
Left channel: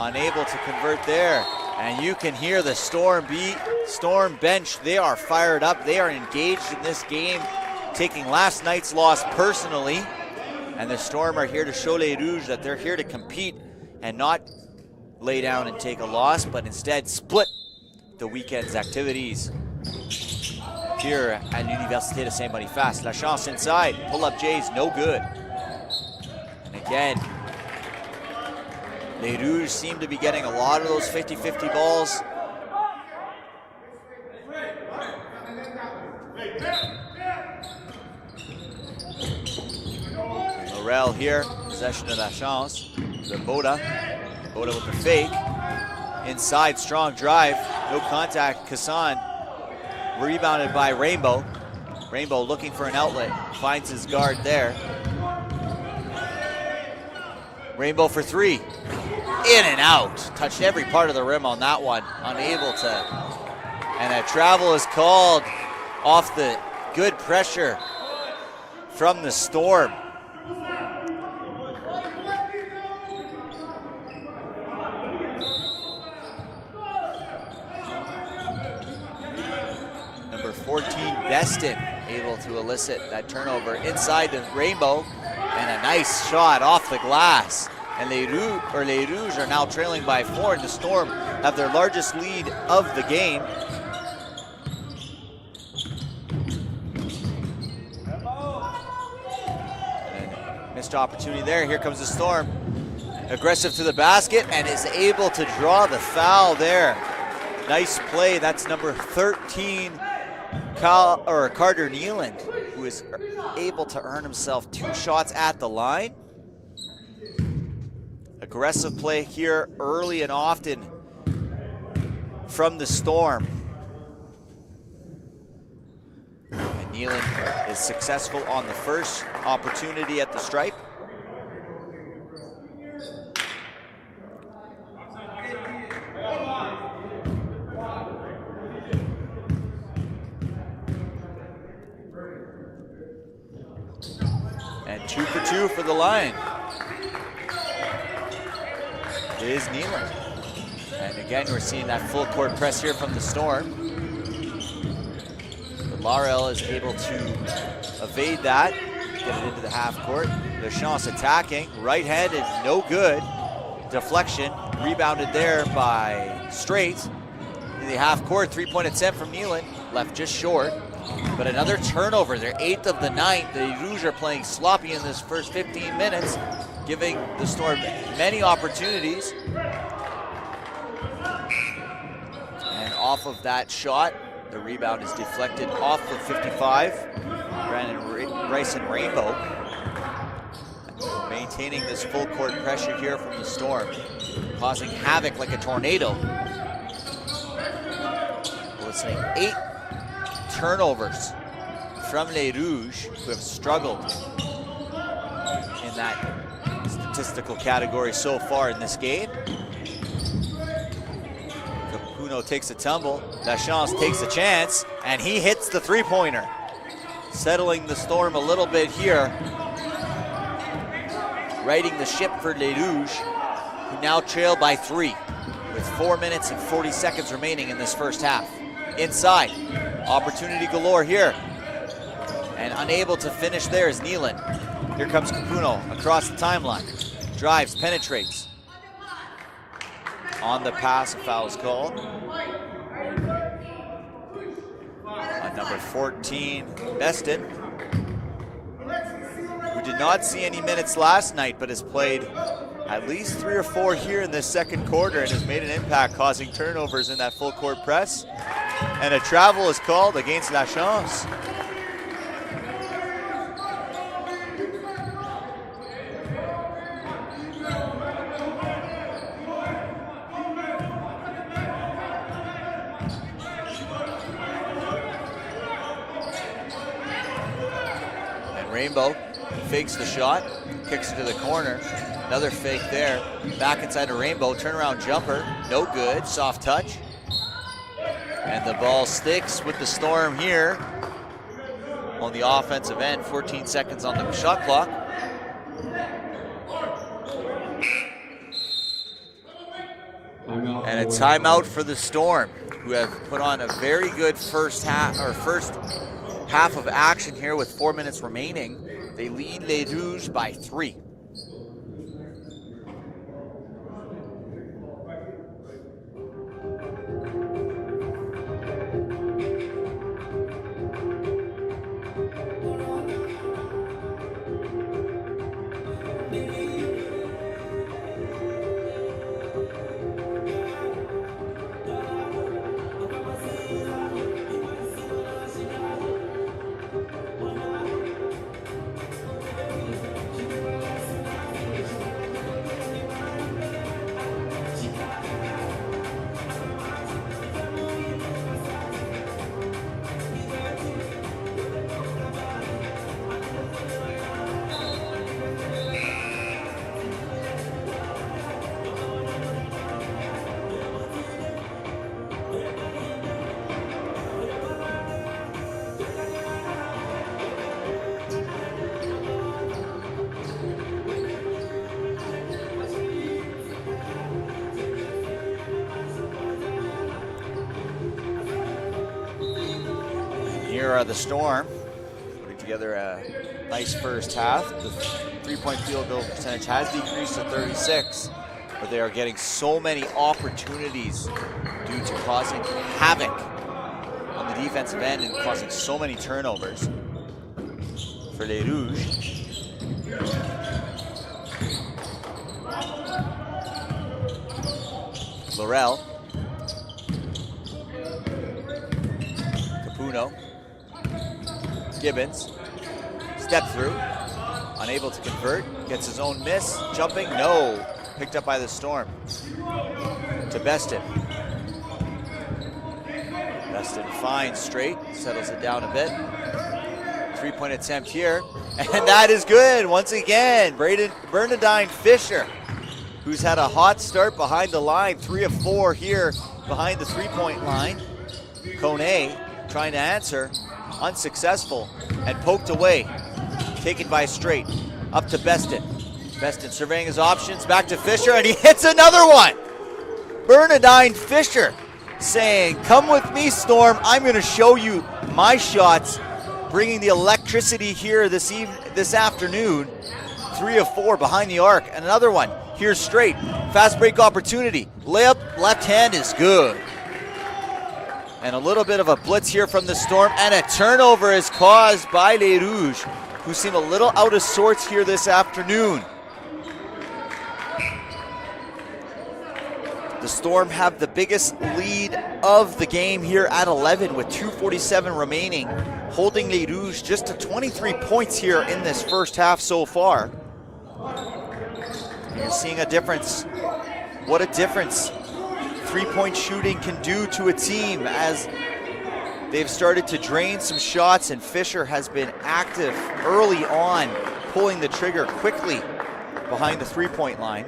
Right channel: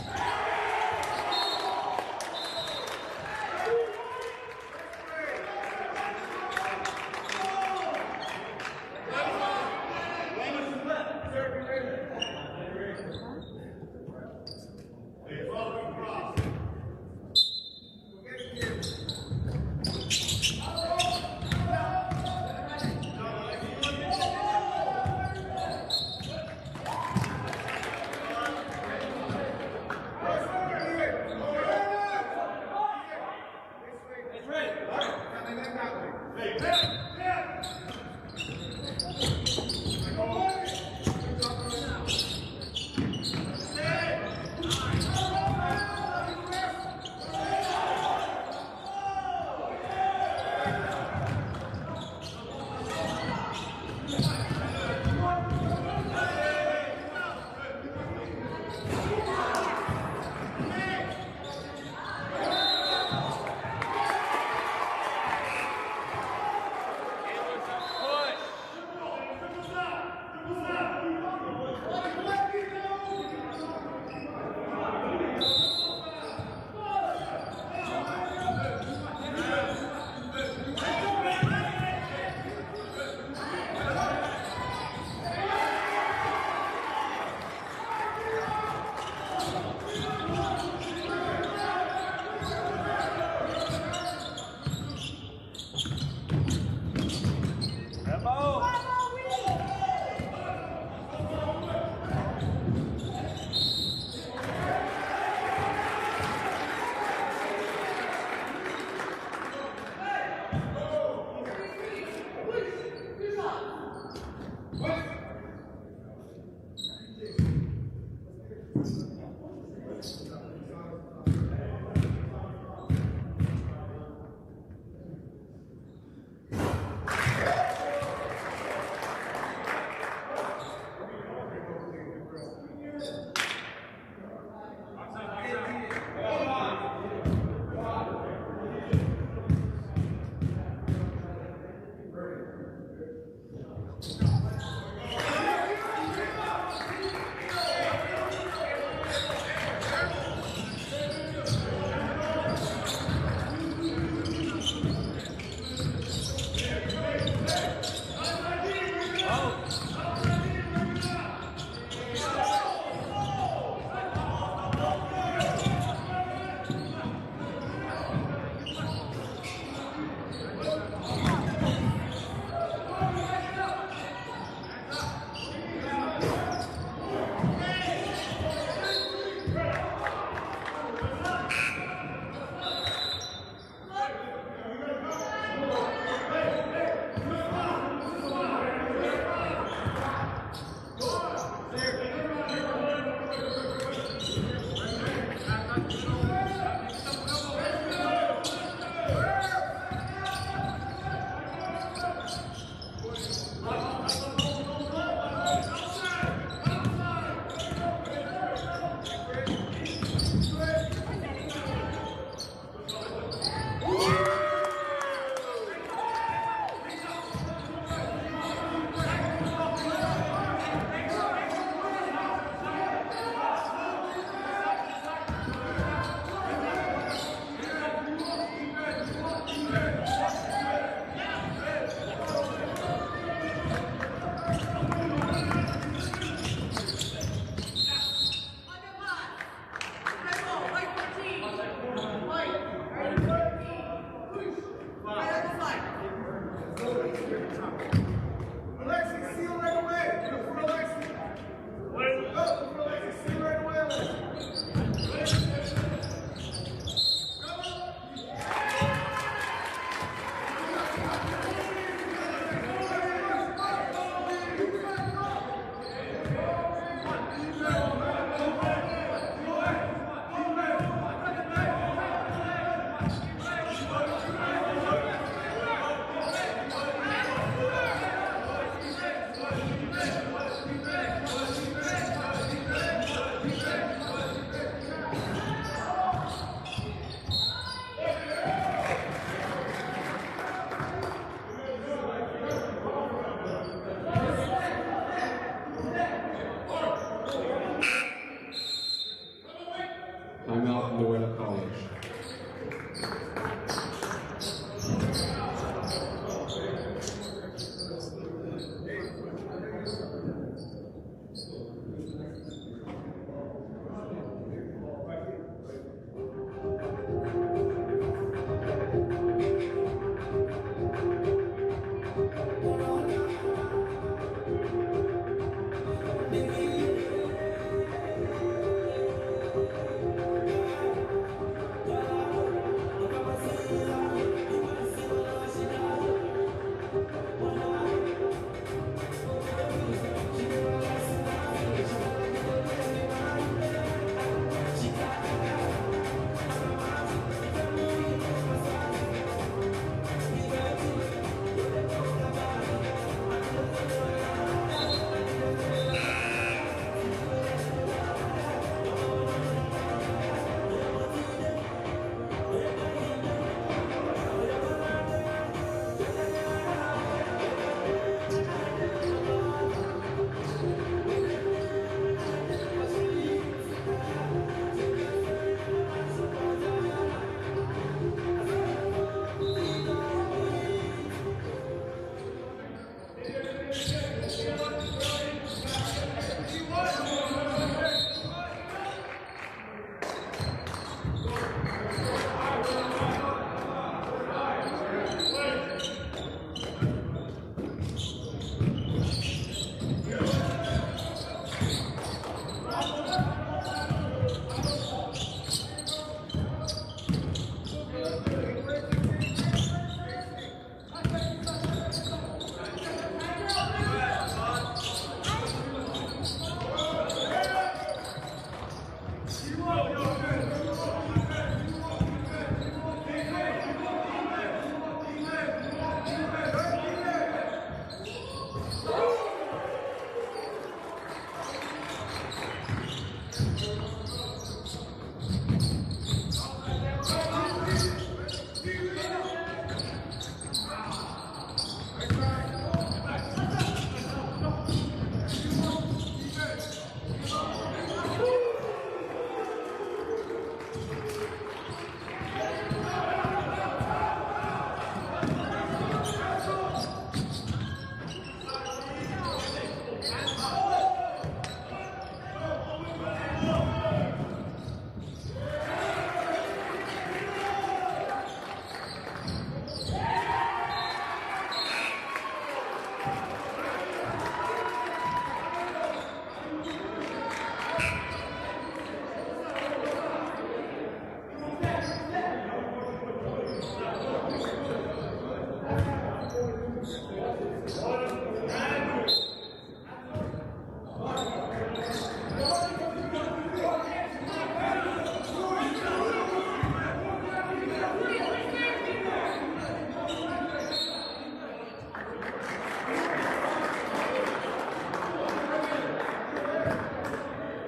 unable to convert there. And you can hear the Storm bench. They are fired up. They are engaged in this game, taking last night's loss personally. And the Storm are here to show Les Rouges that they're here to compete and not lay down and take a loss, but instead split the weekend's activities here at Université de Saint-Boniface. La Chance inside, pull-up J's, no good. Again, Les Rouges seem to be getting a lot of those 50-50 balls. Morel here, possession of La Chance. To Boda. Boda with the fake. Inside, strong drive, no contact. Kassan rebounded by Rainbow. Rainbow looking for an outlet, finds his guard there. Rainbow for 3, in and out. Touched every part of the rim on that one, unable to. And a travel is called off the good pressure from the Storm. Able to elicit that turnover inside the Rainbow, and a nice shot off the glass. And Les Rouges are now trailing by 4. The Storm have their largest lead of the game. Missed opportunity there. Here comes the Storm. Aggressive to the basket and is able to draw the foul there. Nice play. That's number 13. Carter Nealand, who is able to earn himself 2 shots at the line. Aggressive play here early and often from the Storm. And Nealand is successful on the first opportunity at the stripe. Again, we're seeing that full court press here from the Storm. Laurel is able to evade that into the half court. Lachance attacking, right handed, no good. Deflection, rebounded there by Straight. In the half court, 3-point attempt from Nealon, left just short. But another turnover, their 8th of the night. The Rouges are playing sloppy in this first 15 minutes, giving the Storm many opportunities. And off of that shot, the rebound is deflected off of 55. Bryson Rainbow maintaining this full court pressure here from the Storm, causing havoc like a tornado. It's 8 turnovers from Les Rouges, who have struggled in that statistical category so far in this game. Takes a tumble, Lachance takes a chance, and he hits the three-pointer, settling the Storm a little bit here, righting the ship for Les Rouges, who now trail by 3, with 4 minutes and 40 seconds remaining in this first half. Inside, opportunity galore here, and unable to finish there is Nealon. Here comes Capuno across the timeline, drives, penetrates. On the pass, foul is called. And number 14, Beston, who did not see any minutes last night, but has played at least 3 or 4 here in the second quarter and has made an impact, causing turnovers in that full court press. And a travel is called against Lachance. Fakes the shot, kicks it to the corner. Another fake there. Back inside a Rainbow, turnaround jumper, no good, soft touch. And the ball sticks with the Storm here on the offensive end. 14 seconds on the shot clock. And a timeout for the Storm, who have put on a very good first half of action here with 4 minutes remaining. They lead Les Rouges by 3. The Storm putting together a nice first half. 3-point field goal percentage has decreased to 36, but they are getting so many opportunities due to causing havoc on the defensive end and causing so many turnovers for Les Rouges. Laurel. Gibbons, step through, unable to convert, gets his own miss, jumping, no, picked up by the Storm. To Beston. Beston finds Straight, settles it down a bit. 3-point attempt here, and that is good once again. Bernadine Fisher, who's had a hot start behind the line, 3 of 4 here behind the 3-point line. Kone trying to answer, unsuccessful, and poked away. Taken by Straight, up to Beston. Beston surveying his options, back to Fisher, and he hits another one! Bernadine Fisher saying, come with me, Storm. I'm going to show you my shots, bringing the electricity here this afternoon. 3 of 4 behind the arc. And another one here straight. Fast break opportunity. Layup, left hand is good. And a little bit of a blitz here from the Storm, and a turnover is caused by Les Rouges, who seem a little out of sorts here this afternoon. The Storm have the biggest lead of the game here at 11 with 2:47 remaining, holding Les Rouges just to 23 points here in this first half so far. You're seeing a difference. What a difference three-point shooting can do to a team as they've started to drain some shots, and Fisher has been active early on, pulling the trigger quickly behind the three-point line.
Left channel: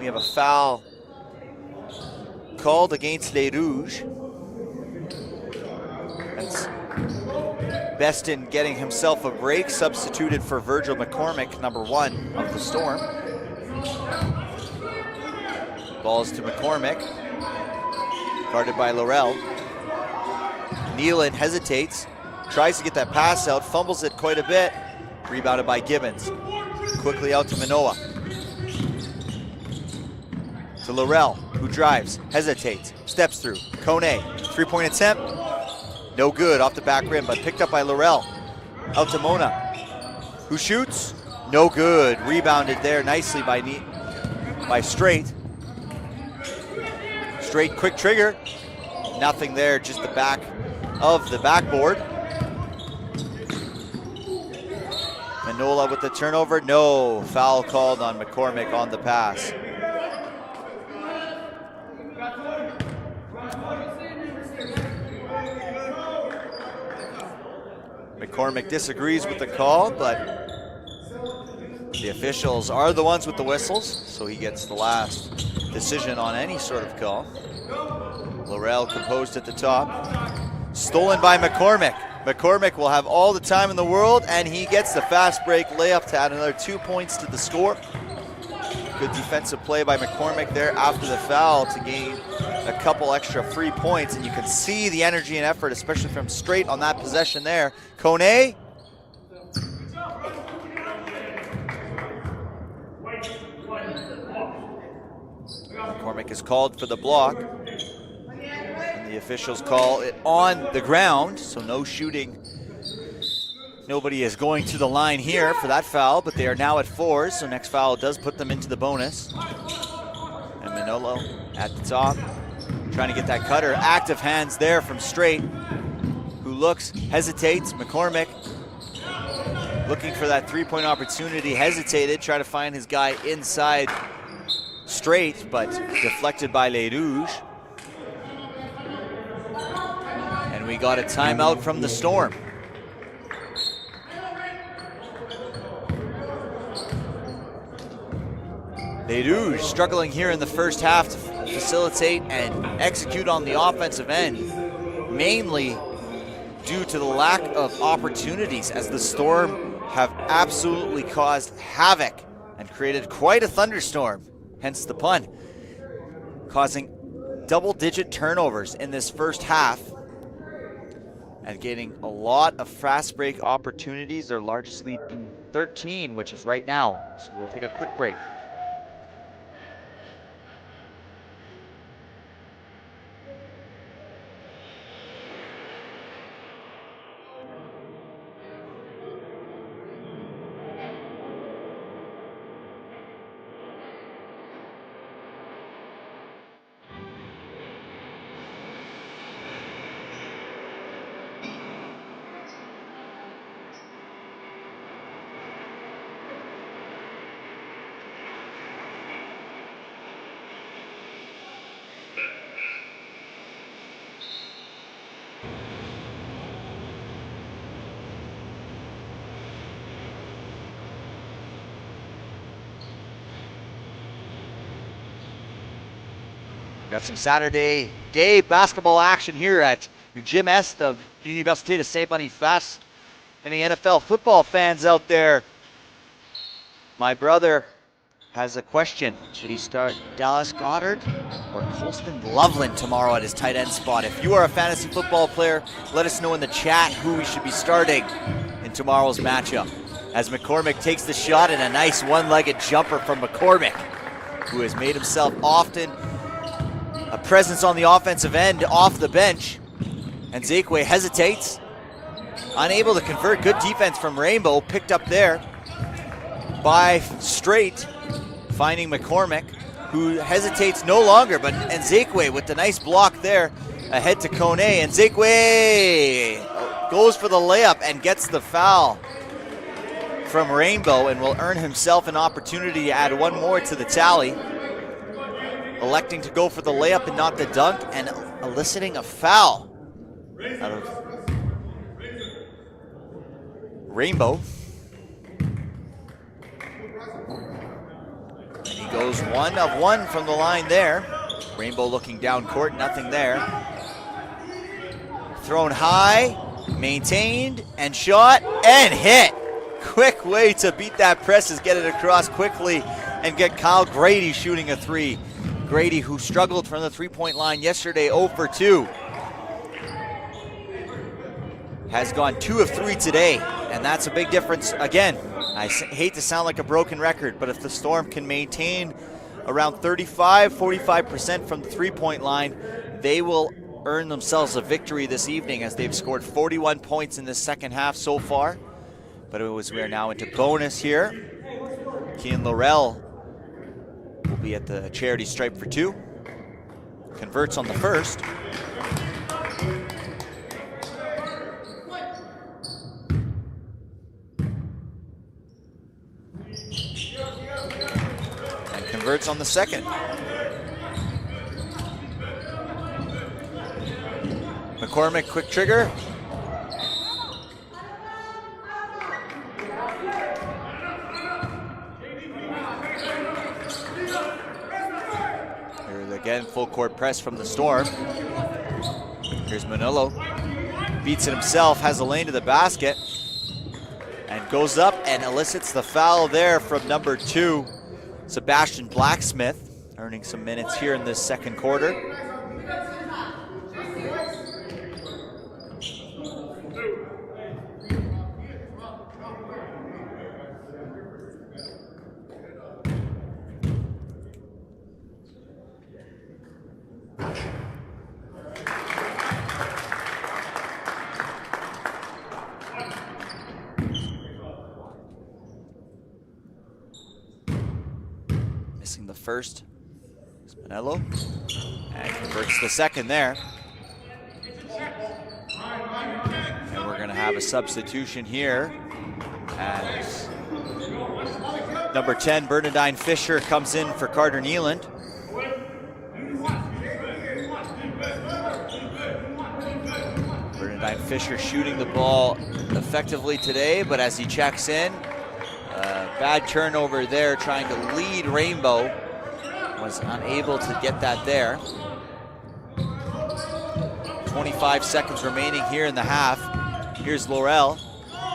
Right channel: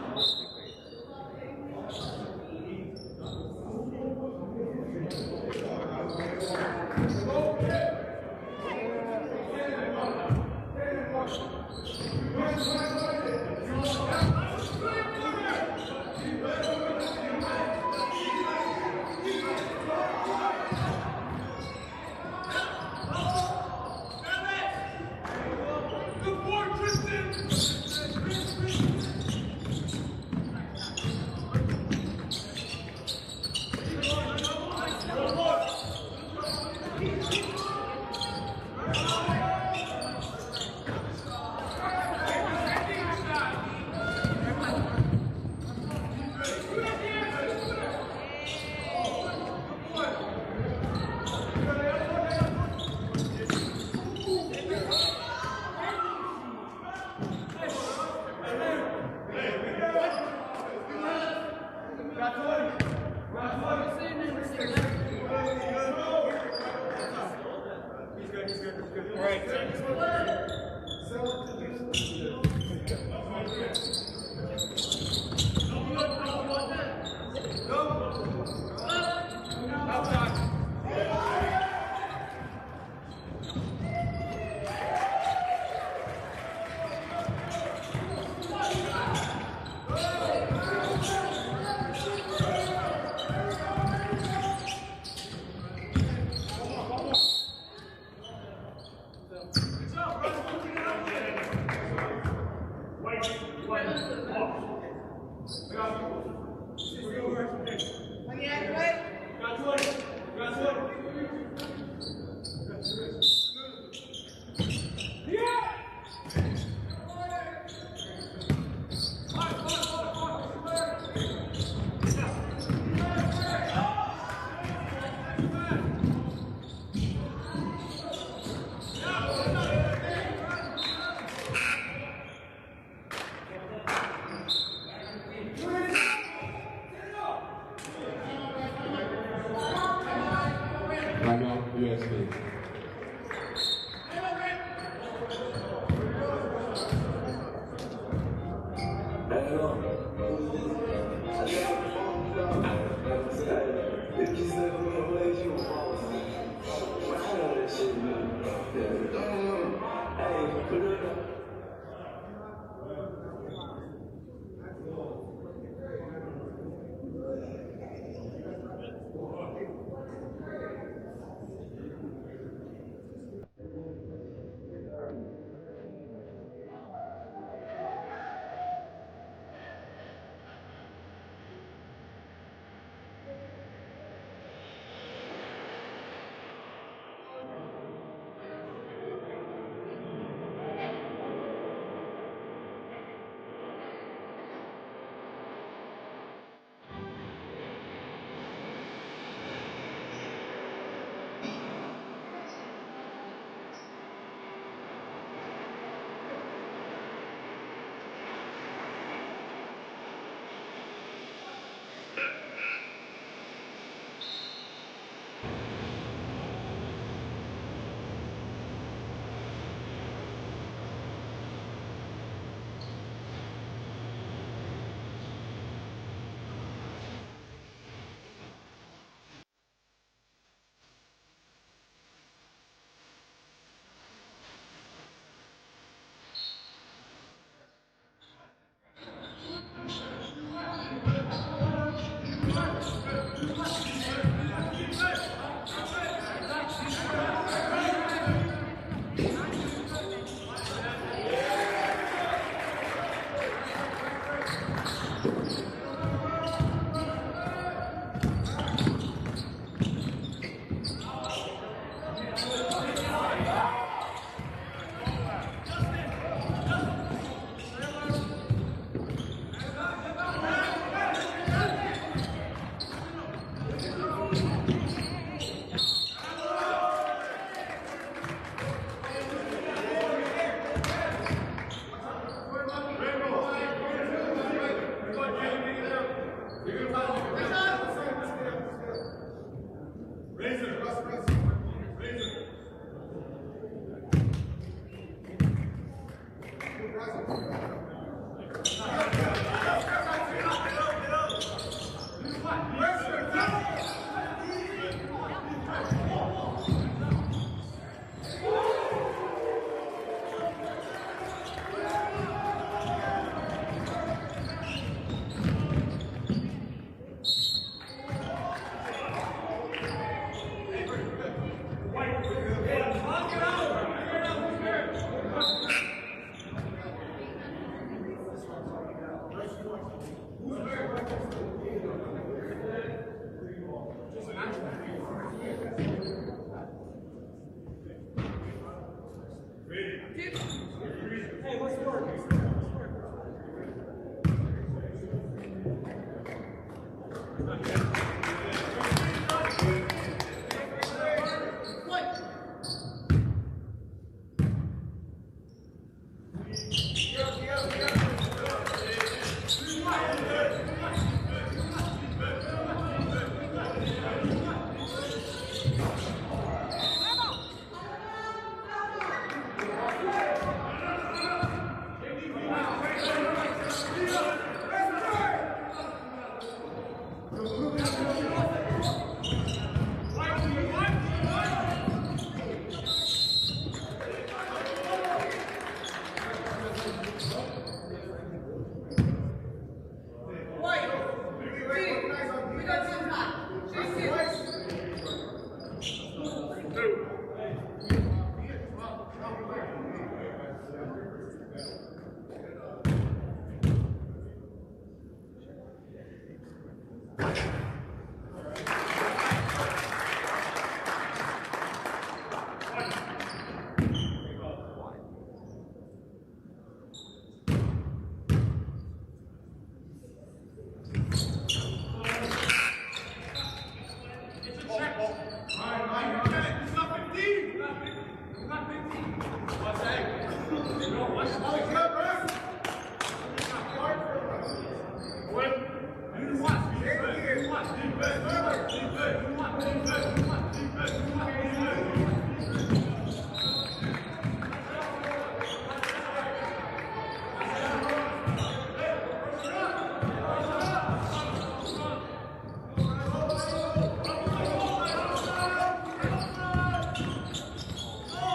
We have a foul called against Les Rouges. That's Beston getting himself a break, substituted for Virgil McCormick, number 1 of the Storm. Balls to McCormick, guarded by Laurel. Nealon hesitates, tries to get that pass out, fumbles it quite a bit, rebounded by Gibbons. Quickly out to Manoa. To Laurel, who drives, hesitates, steps through. Kone, three-point attempt, no good, off the back rim, but picked up by Laurel. Out to Mona, who shoots, no good. Rebounded there nicely by Straight. Straight, quick trigger, nothing there, just the back of the backboard. Manola with the turnover, no. Foul called on McCormick on the pass. McCormick disagrees with the call, but the officials are the ones with the whistles, so he gets the last decision on any sort of call. Laurel composed at the top. Stolen by McCormick. McCormick will have all the time in the world, and he gets the fast break layup to add another 2 points to the score. Good defensive play by McCormick there after the foul to gain a couple extra free points, and you can see the energy and effort, especially from Straight on that possession there. Kone. McCormick is called for the block. The officials call it on the ground, so no shooting. Nobody is going to the line here for that foul, but they are now at 4, so next foul does put them into the bonus. And Manolo at the top, trying to get that cutter. Active hands there from Straight, who looks, hesitates. McCormick looking for that three-point opportunity, hesitated, trying to find his guy inside Straight, but deflected by Les Rouges. And we got a timeout from the Storm. Les Rouges struggling here in the first half to facilitate and execute on the offensive end, mainly due to the lack of opportunities, as the Storm have absolutely caused havoc and created quite a thunderstorm, hence the pun, causing double-digit turnovers in this first half and getting a lot of fast break opportunities. Their largest lead 13, which is right now. So we'll take a quick break. Got some Saturday day basketball action here at Gym Est of Université de Saint-Boniface. Any NFL football fans out there? My brother has a question. Should he start Dallas Goddard or Colston Loveland tomorrow at his tight end spot? If you are a fantasy football player, let us know in the chat who we should be starting in tomorrow's matchup. As McCormick takes the shot, and a nice one-legged jumper from McCormick, who has made himself often a presence on the offensive end off the bench. And Zakwe hesitates, unable to convert. Good defense from Rainbow, picked up there by Straight, finding McCormick, who hesitates no longer, and Zakwe with the nice block there, ahead to Kone, and Zakwe goes for the layup and gets the foul from Rainbow, and will earn himself an opportunity to add one more to the tally. Electing to go for the layup and not the dunk, and eliciting a foul. Rainbow goes 1 of 1 from the line there. Rainbow looking down court, nothing there. Thrown high, maintained, and shot, and hit. Quick way to beat that press is get it across quickly and get Kyle Grady shooting a three. Grady, who struggled from the three-point line yesterday, 0 for 2. Has gone 2 of 3 today, and that's a big difference. Again, I hate to sound like a broken record, but if the Storm can maintain around 45% from the three-point line, they will earn themselves a victory this evening, as they've scored 41 points in the second half so far. But we're now into bonus here. Kean Laurel will be at the charity stripe for 2. Converts on the first. Converts on the second. McCormick, quick trigger. Again, full court press from the Storm. Here's Manolo. Beats it himself, has a lane to the basket, and goes up and elicits the foul there from number 2, Sebastian Blacksmith, earning some minutes here in this second quarter. Missing the first, Spinello, and converts the second there. We're going to have a substitution here, as number 10, Bernadine Fisher, comes in for Carter Nealand. Bernadine Fisher shooting the ball effectively today, but as he checks in, bad turnover there, trying to lead Rainbow. Was unable to get that there. 25 seconds remaining here in the half. Here's Laurel.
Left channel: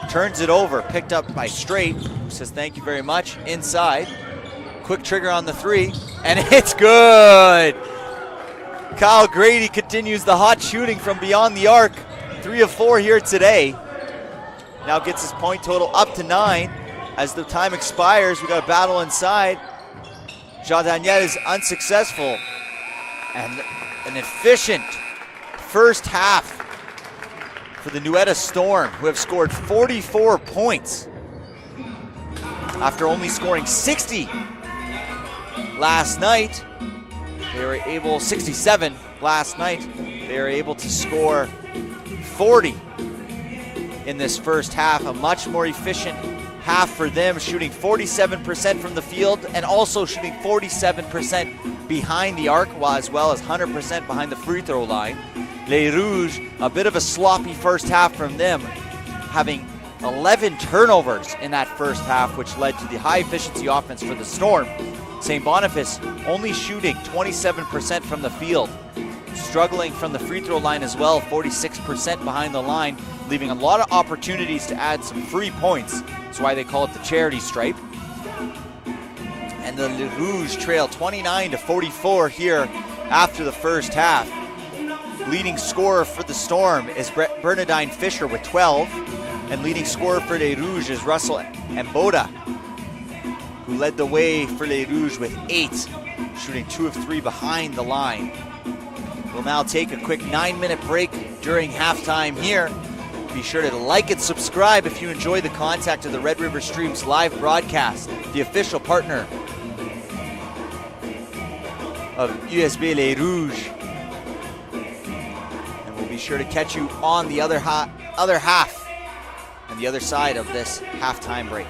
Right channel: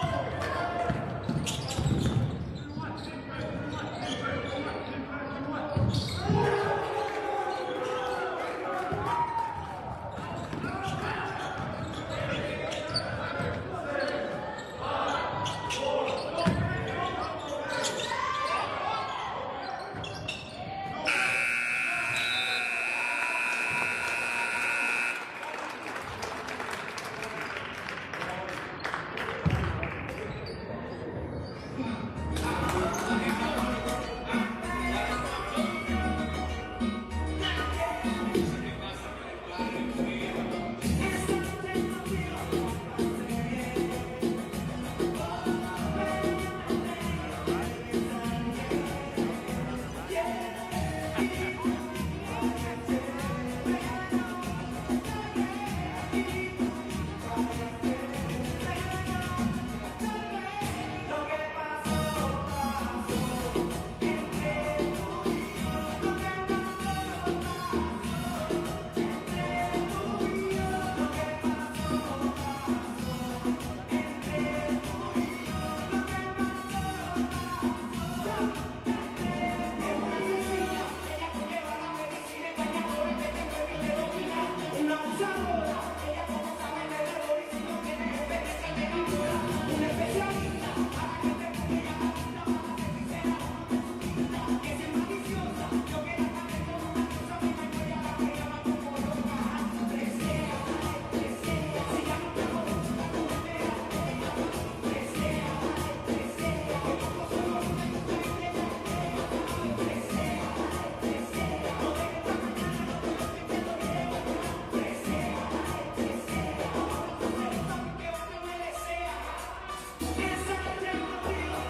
Turns it over, picked up by Straight. Says thank you very much. Inside. Quick trigger on the three, and it's good. Kyle Grady continues the hot shooting from beyond the arc. 3 of 4 here today. Now gets his point total up to 9. As the time expires, we got a battle inside. Jardanier is unsuccessful. And an efficient first half for the Nuetta Storm, who have scored 44 points after only scoring 60 last night. They were able, 67 last night. They were able to score 40 in this first half. A much more efficient half for them, shooting 47% from the field and also shooting 47% behind the arc, as well as 100% behind the free throw line. Les Rouges, a bit of a sloppy first half from them, having 11 turnovers in that first half, which led to the high efficiency offense for the Storm. St. Boniface only shooting 27% from the field, struggling from the free throw line as well, 46% behind the line, leaving a lot of opportunities to add some free points. That's why they call it the charity stripe. And the Rouges trail 29-44 here after the first half. Leading scorer for the Storm is Bernadine Fisher with 12, and leading scorer for Les Rouges is Russell Mboda, who led the way for Les Rouges with 8, shooting 2 of 3 behind the line. We'll now take a quick 9-minute break during halftime here. Be sure to like and subscribe if you enjoy the content of the Red River Streams live broadcast, the official partner of USB Les Rouges. We'll be sure to catch you on the other half, the other side of this halftime break.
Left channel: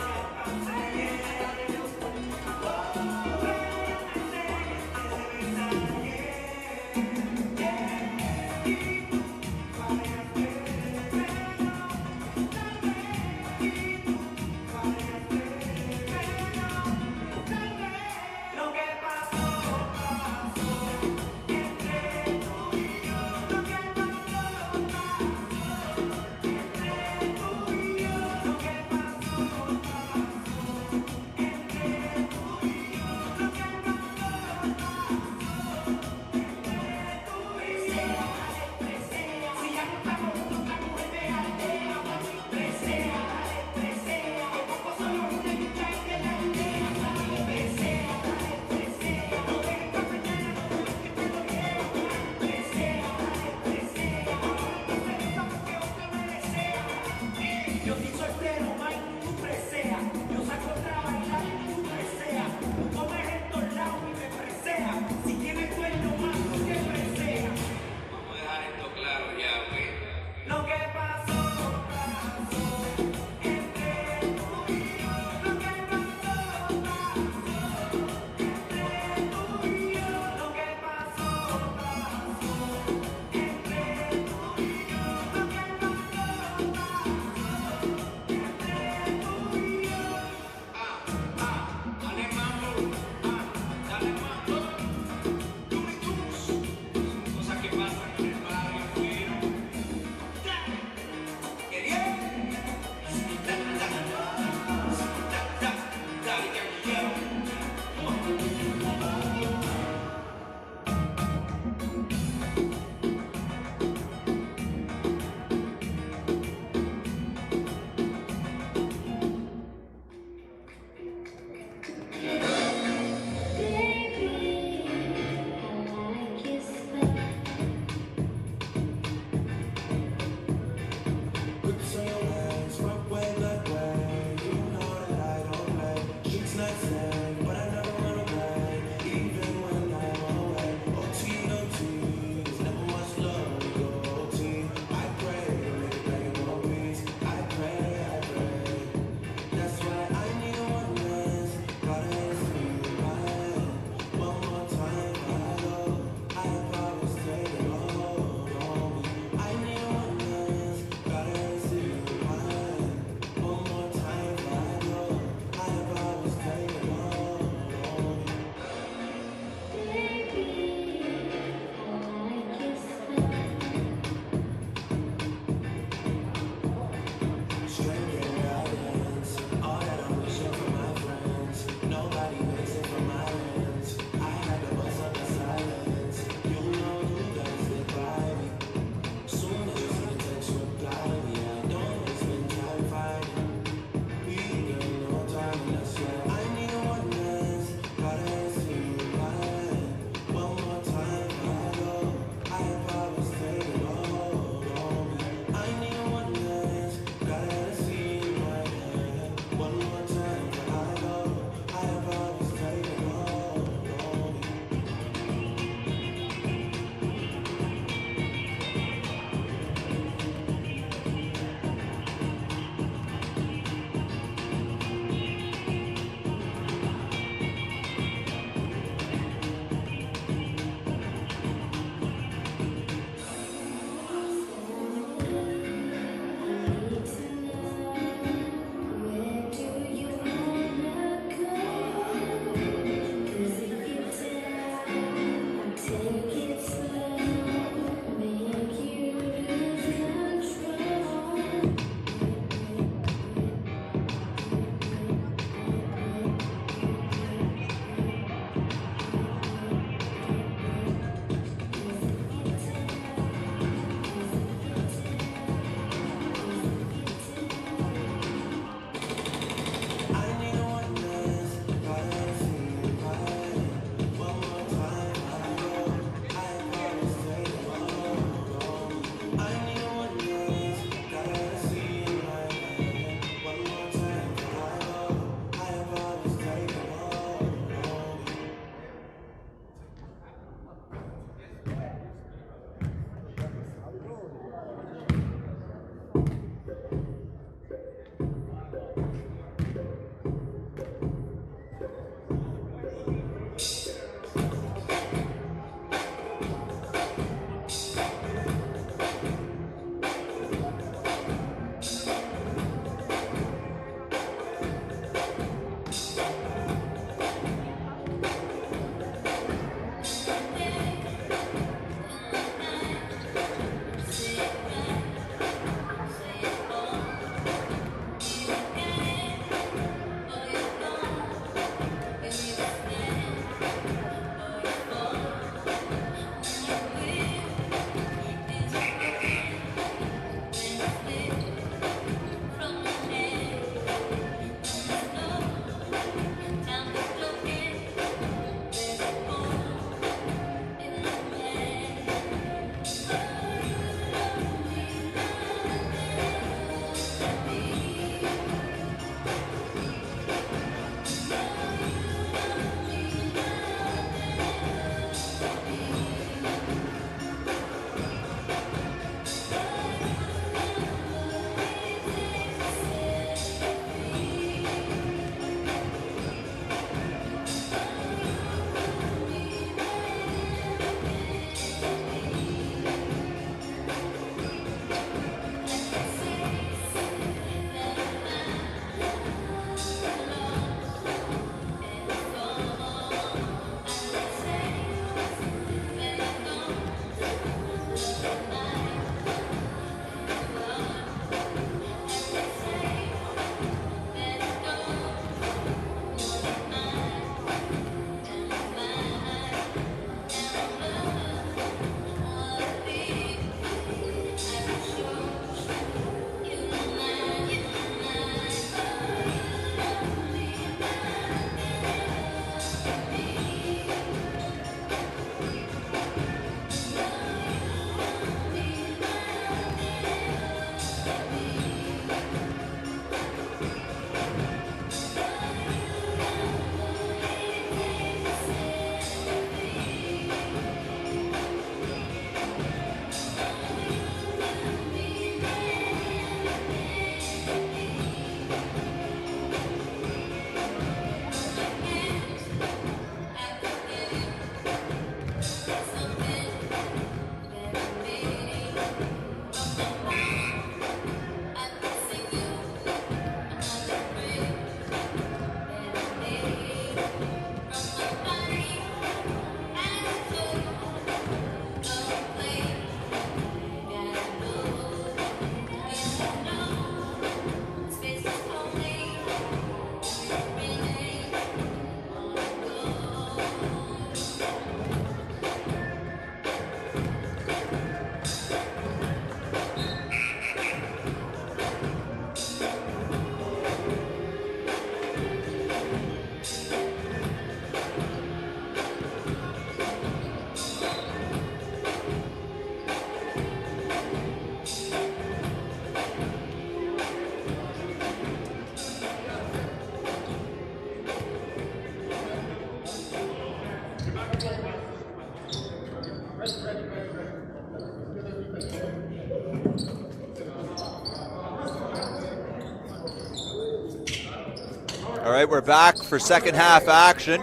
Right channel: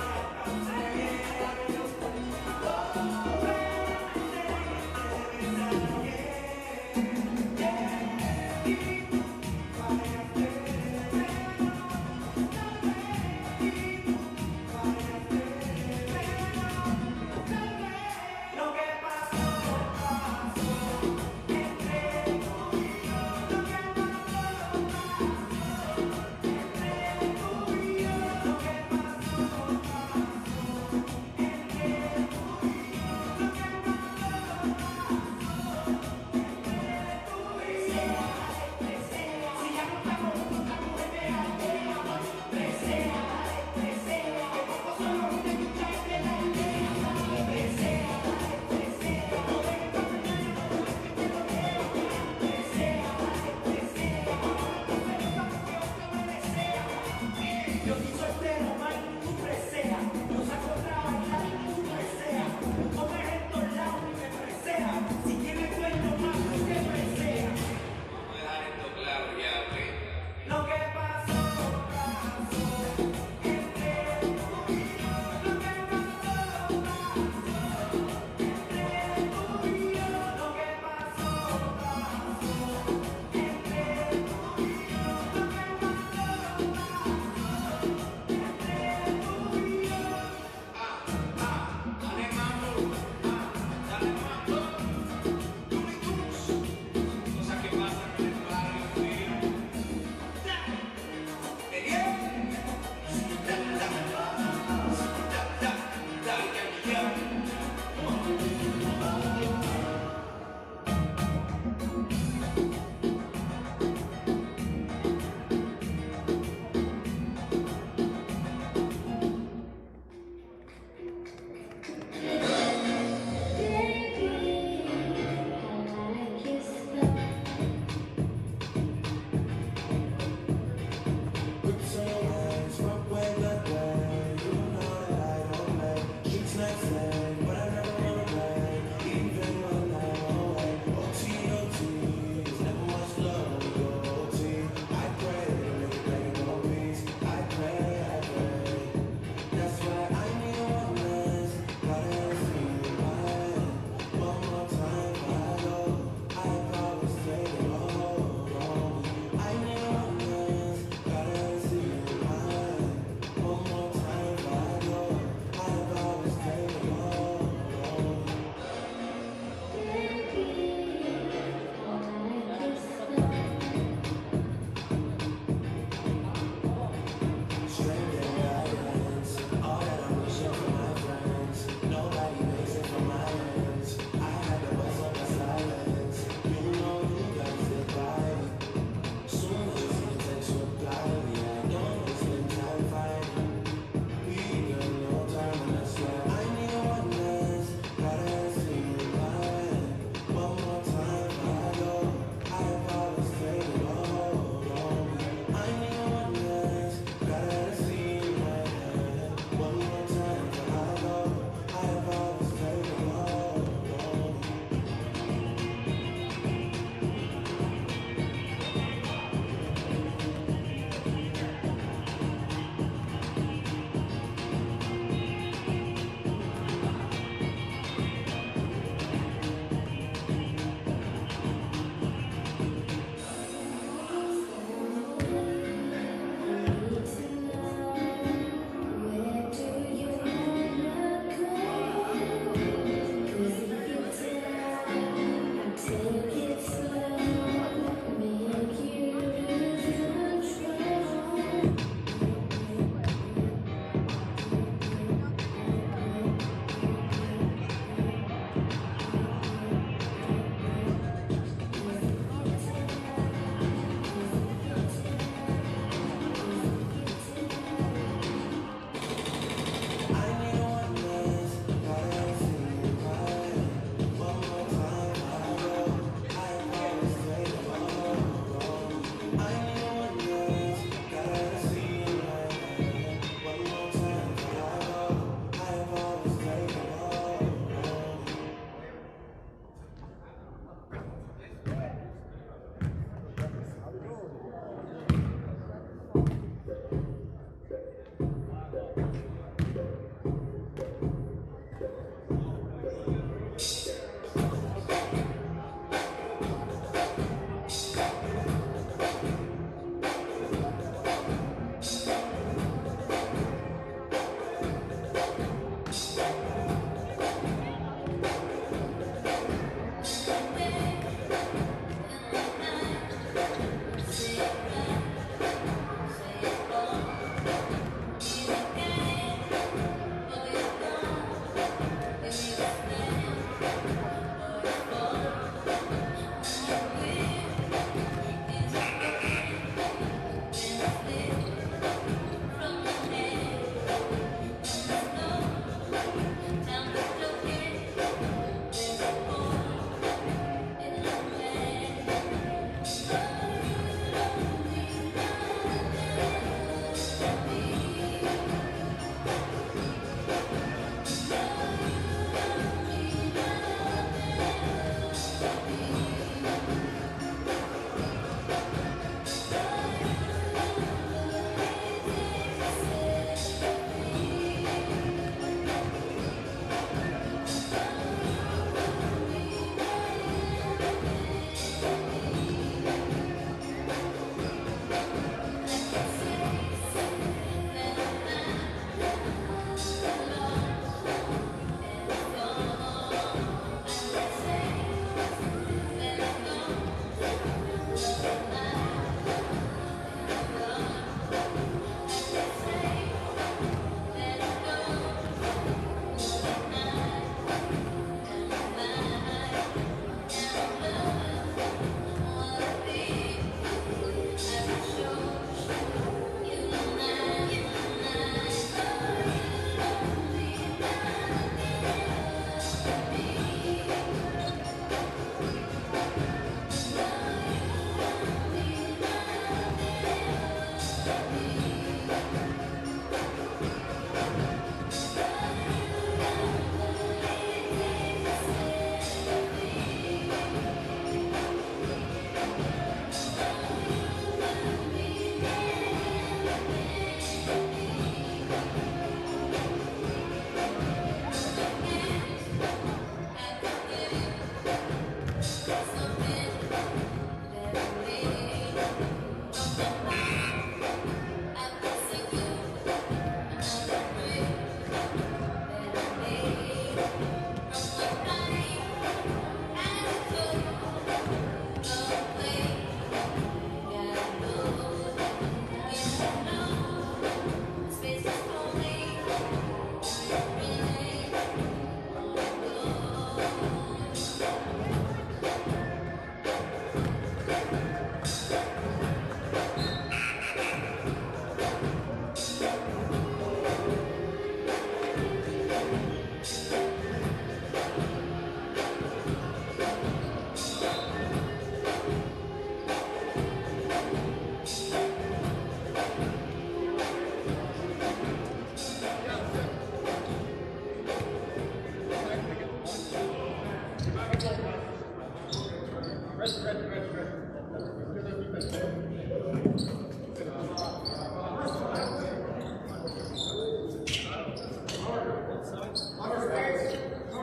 right, we're back for second half action.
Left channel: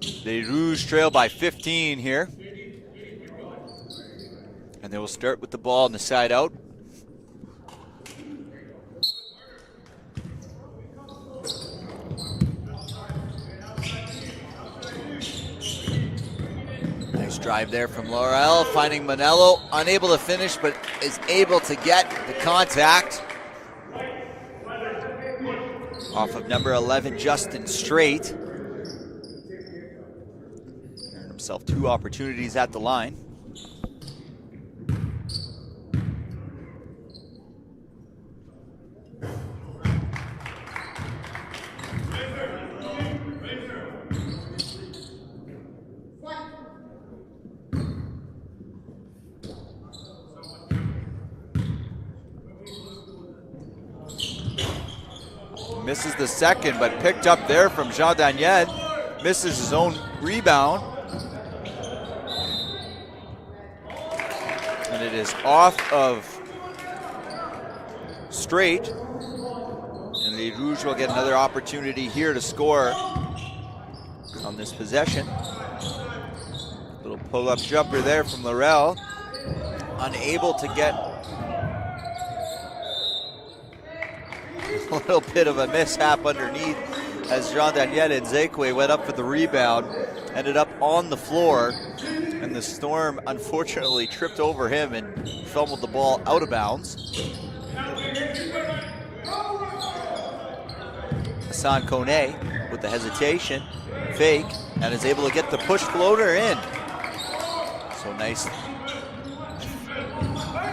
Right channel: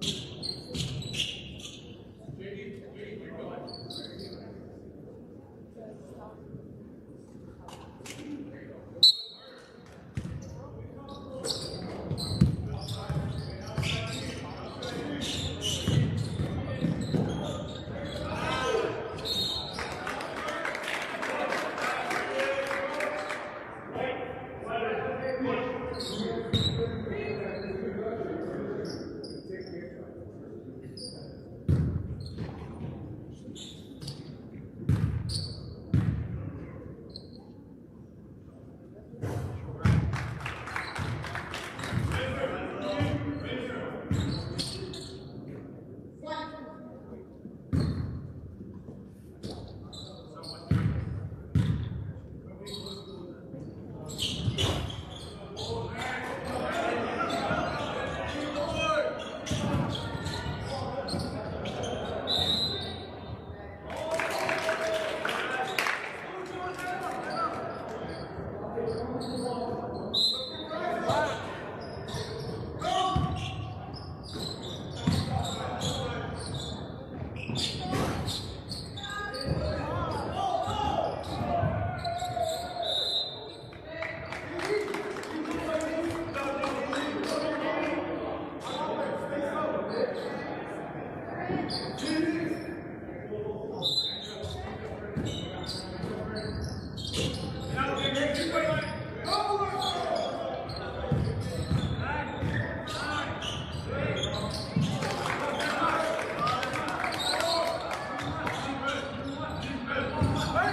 The Rouges trail by 15 here. And they will start with the ball on the side out. Nice drive there from Laurel, finding Manello, unable to finish, but is able to get the contact. Off of number 11, Justin Straight. Earned himself 2 opportunities at the line. Misses the second, but picked up there from Jean Daniel. Misses his own rebound. And it is off of Straight. And the Rouges will get another opportunity here to score on this possession. Little pull-up jumper there from Laurel. Unable to get a little bit of a mishap underneath as Jean Daniel and Zekwe went up for the rebound, ended up on the floor, and the Storm unfortunately tripped over him and fumbled the ball out of bounds. Hassan Kone with the hesitation, fake, and is able to get the push floater in. So nice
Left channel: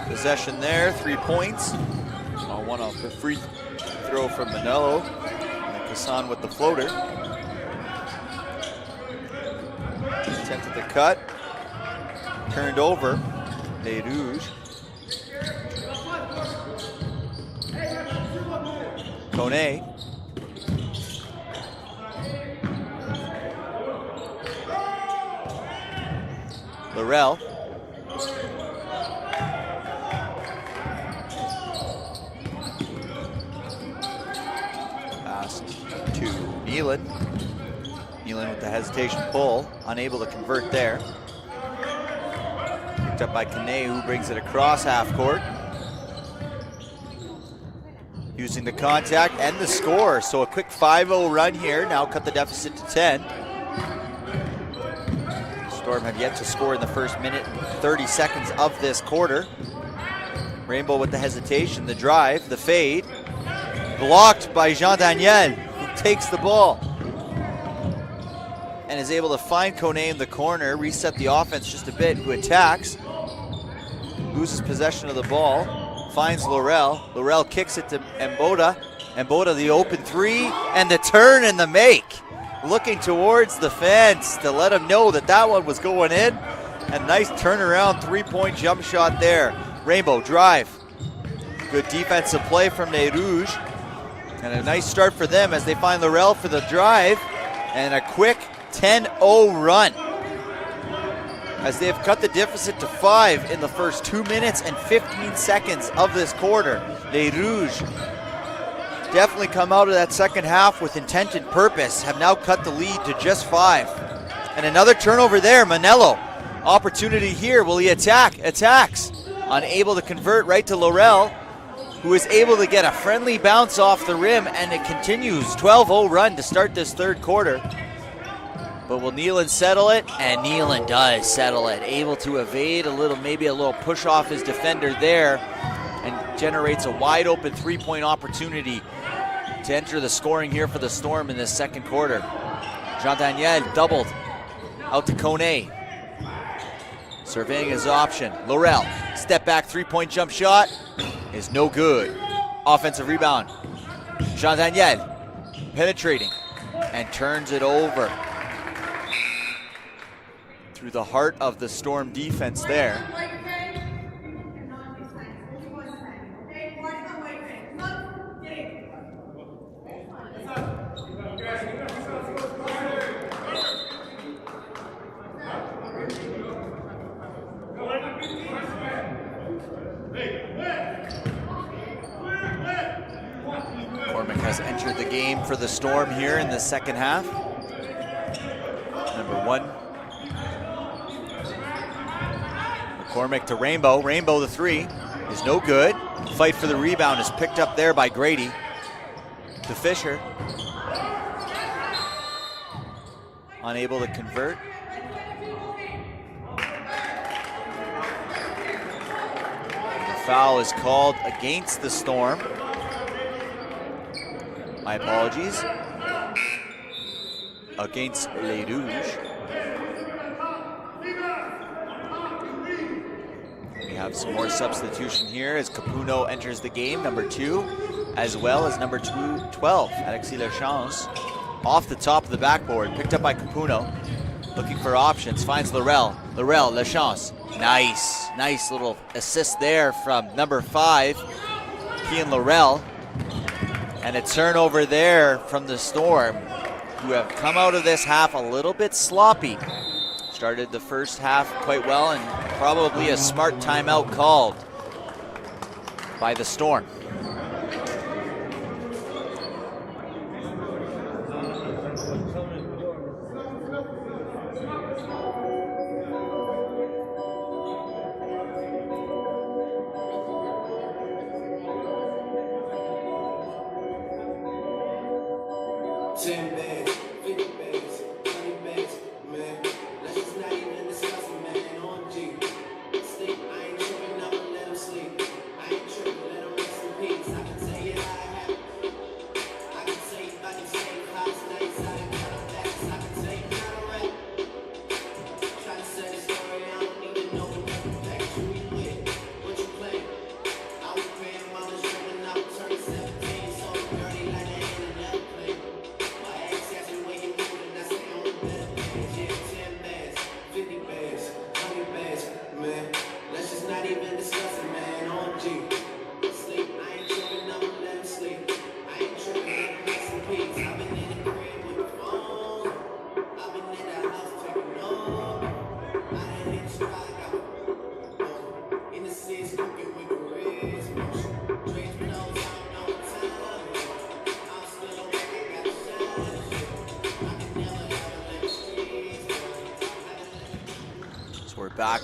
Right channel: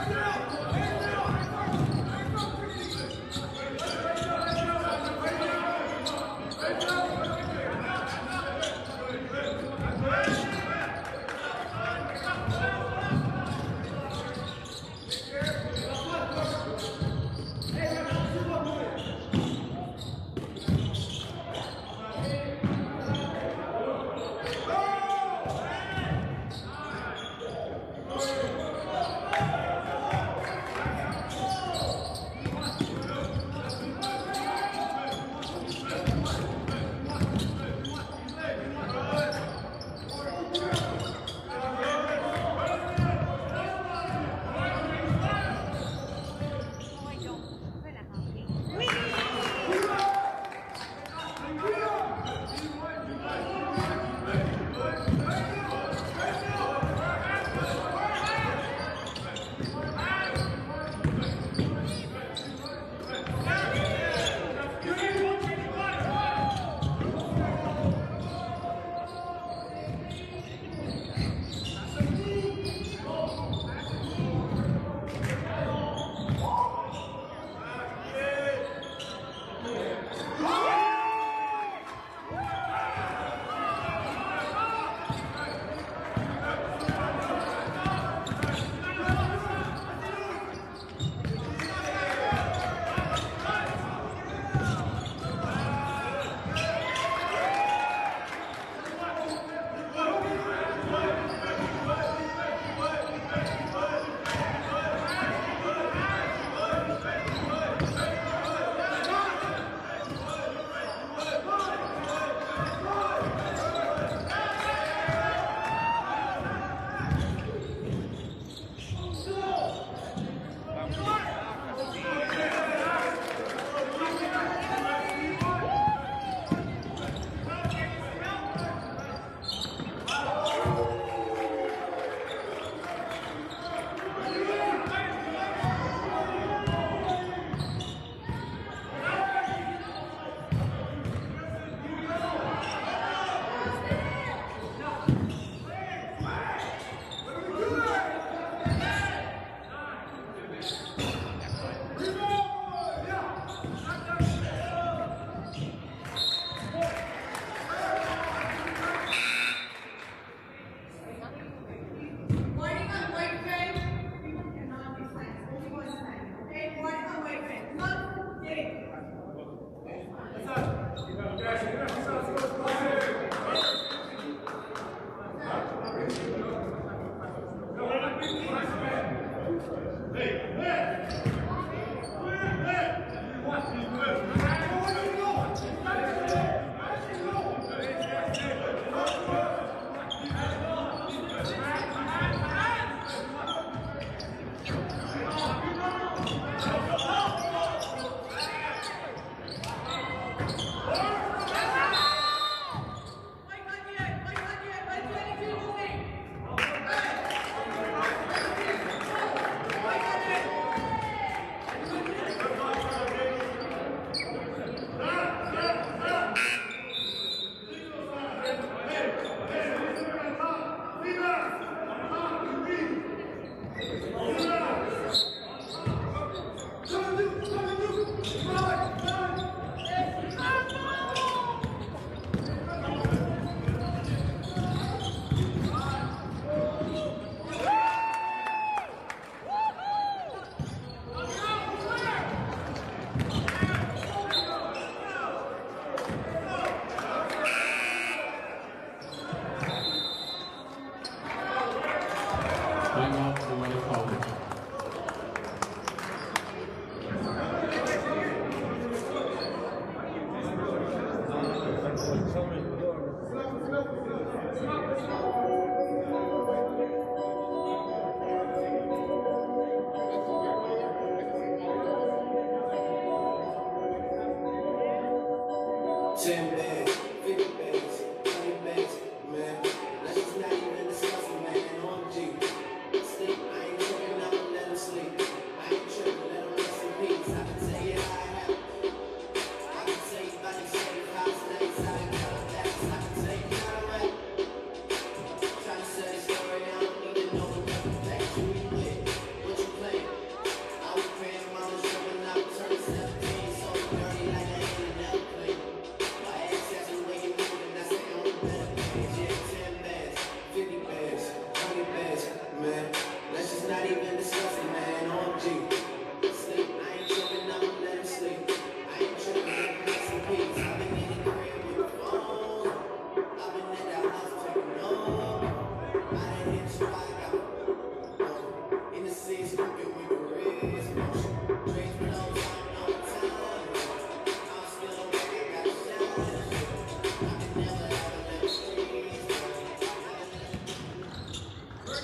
possession there, 3 points. One off the free throw from Manello. Hassan with the floater. Attempted the cut. Turned over. Les Rouges. Kone. Laurel. Nealon with the hesitation pull, unable to convert there. Picked up by Kane, who brings it across half court. Using the contact and the score, so a quick 5-0 run here, now cut the deficit to 10. Storm had yet to score in the first minute, 30 seconds of this quarter. Rainbow with the hesitation, the drive, the fade. Blocked by Jean Daniel. Takes the ball and is able to find Kone in the corner, reset the offense just a bit, who attacks, loses possession of the ball, finds Laurel. Laurel kicks it to Mboda. Mboda the open 3 and the turn and the make. Looking towards the fence to let him know that that one was going in. A nice turnaround 3-point jump shot there. Rainbow drive. Good defensive play from Les Rouges. And a nice start for them as they find Laurel for the drive, and a quick 10-0 run as they have cut the deficit to 5 in the first 2 minutes and 15 seconds of this quarter. Les Rouges definitely come out of that second half with intent and purpose, have now cut the lead to just 5. And another turnover there, Manello. Opportunity here, will he attack? Attacks. Unable to convert, right to Laurel, who is able to get a friendly bounce off the rim, and it continues. 12-0 run to start this third quarter. But will Nealon settle it? And Nealon does settle it. Able to evade maybe a little push off his defender there, and generates a wide open 3-point opportunity to enter the scoring here for the Storm in this second quarter. Jean Daniel doubled out to Kone. Surveying his option. Laurel, step back 3-point jump shot. Is no good. Offensive rebound. Jean Daniel penetrating and turns it over. Through the heart of the Storm defense there. the Storm here in the second half. One. McCormick to Rainbow. Rainbow the three is no good. Fight for the rebound is picked up there by Grady. To Fisher. Unable to convert. Foul is called against the Storm. My apologies. Against Les Rouges. We have some more substitution here as Capuno enters the game, number 2, as well as number 12, Alexis Lachance. Off the top of the backboard, picked up by Capuno. Looking for options, finds Laurel. Laurel, Lachance. Nice little assist there from number 5, Ian Laurel. And a turnover there from the Storm, who have come out of this half a little bit sloppy. Started the first half quite well, and probably a smart timeout called by the Storm.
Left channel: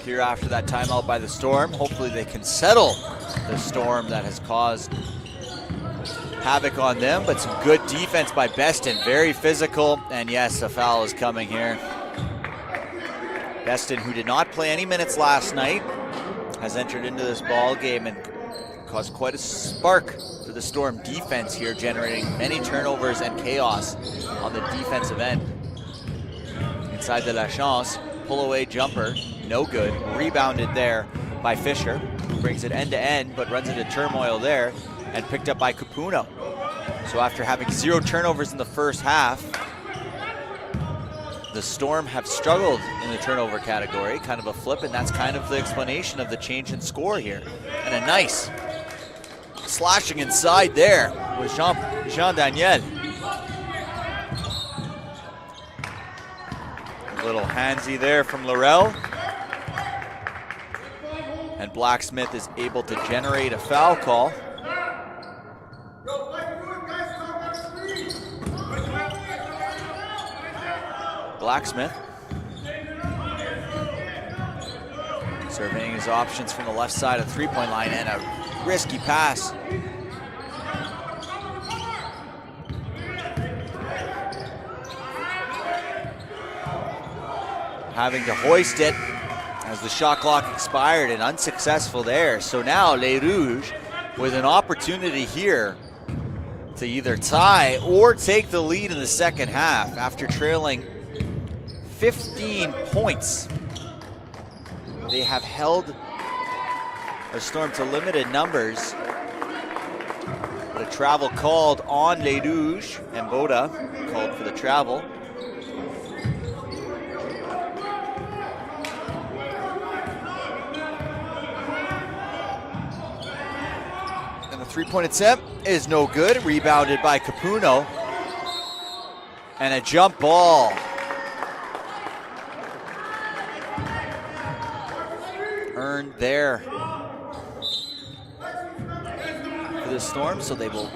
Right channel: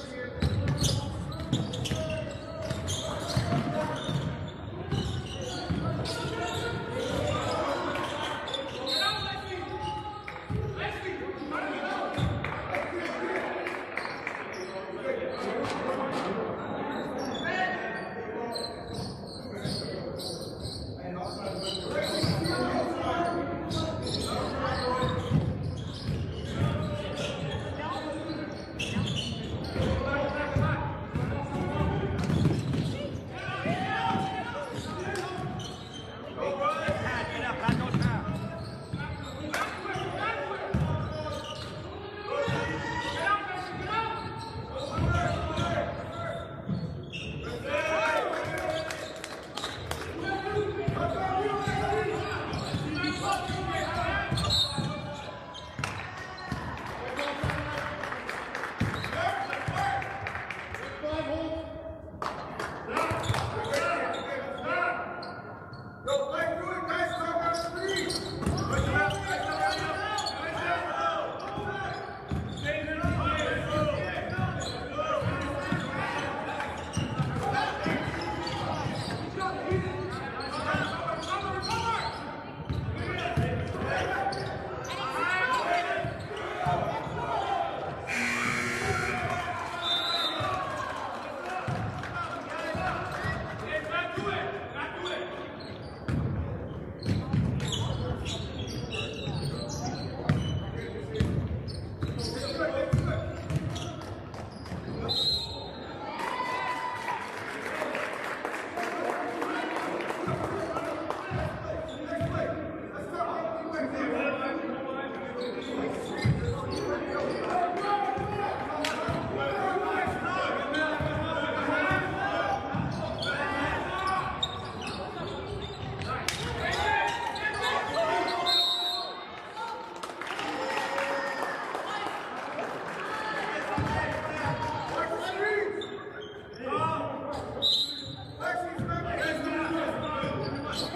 Here after that timeout by the Storm. Hopefully they can settle the Storm that has caused havoc on them, but some good defense by Beston, very physical, and yes, a foul is coming here. Beston, who did not play any minutes last night, has entered into this ball game and caused quite a spark for the Storm defense here, generating many turnovers and chaos on the defensive end. Inside the Lachance, pull away jumper, no good. Rebounded there by Fisher. Brings it end to end, but runs into turmoil there and picked up by Capuno. So after having 0 turnovers in the first half, the Storm have struggled in the turnover category, kind of a flip, and that's kind of the explanation of the change in score here. And a nice slashing inside there with Jean Daniel. Little handsy there from Laurel. And Blacksmith is able to generate a foul call. Blacksmith surveying his options from the left side of the three-point line, and a risky pass. Having to hoist it as the shot clock expired, and unsuccessful there. So now Les Rouges with an opportunity here to either tie or take the lead in the second half after trailing 15 points. They have held the Storm to limited numbers. The travel called on Les Rouges, and Boda called for the travel. Three-point attempt is no good, rebounded by Capuno. And a jump ball. Earned there for the Storm, so they will will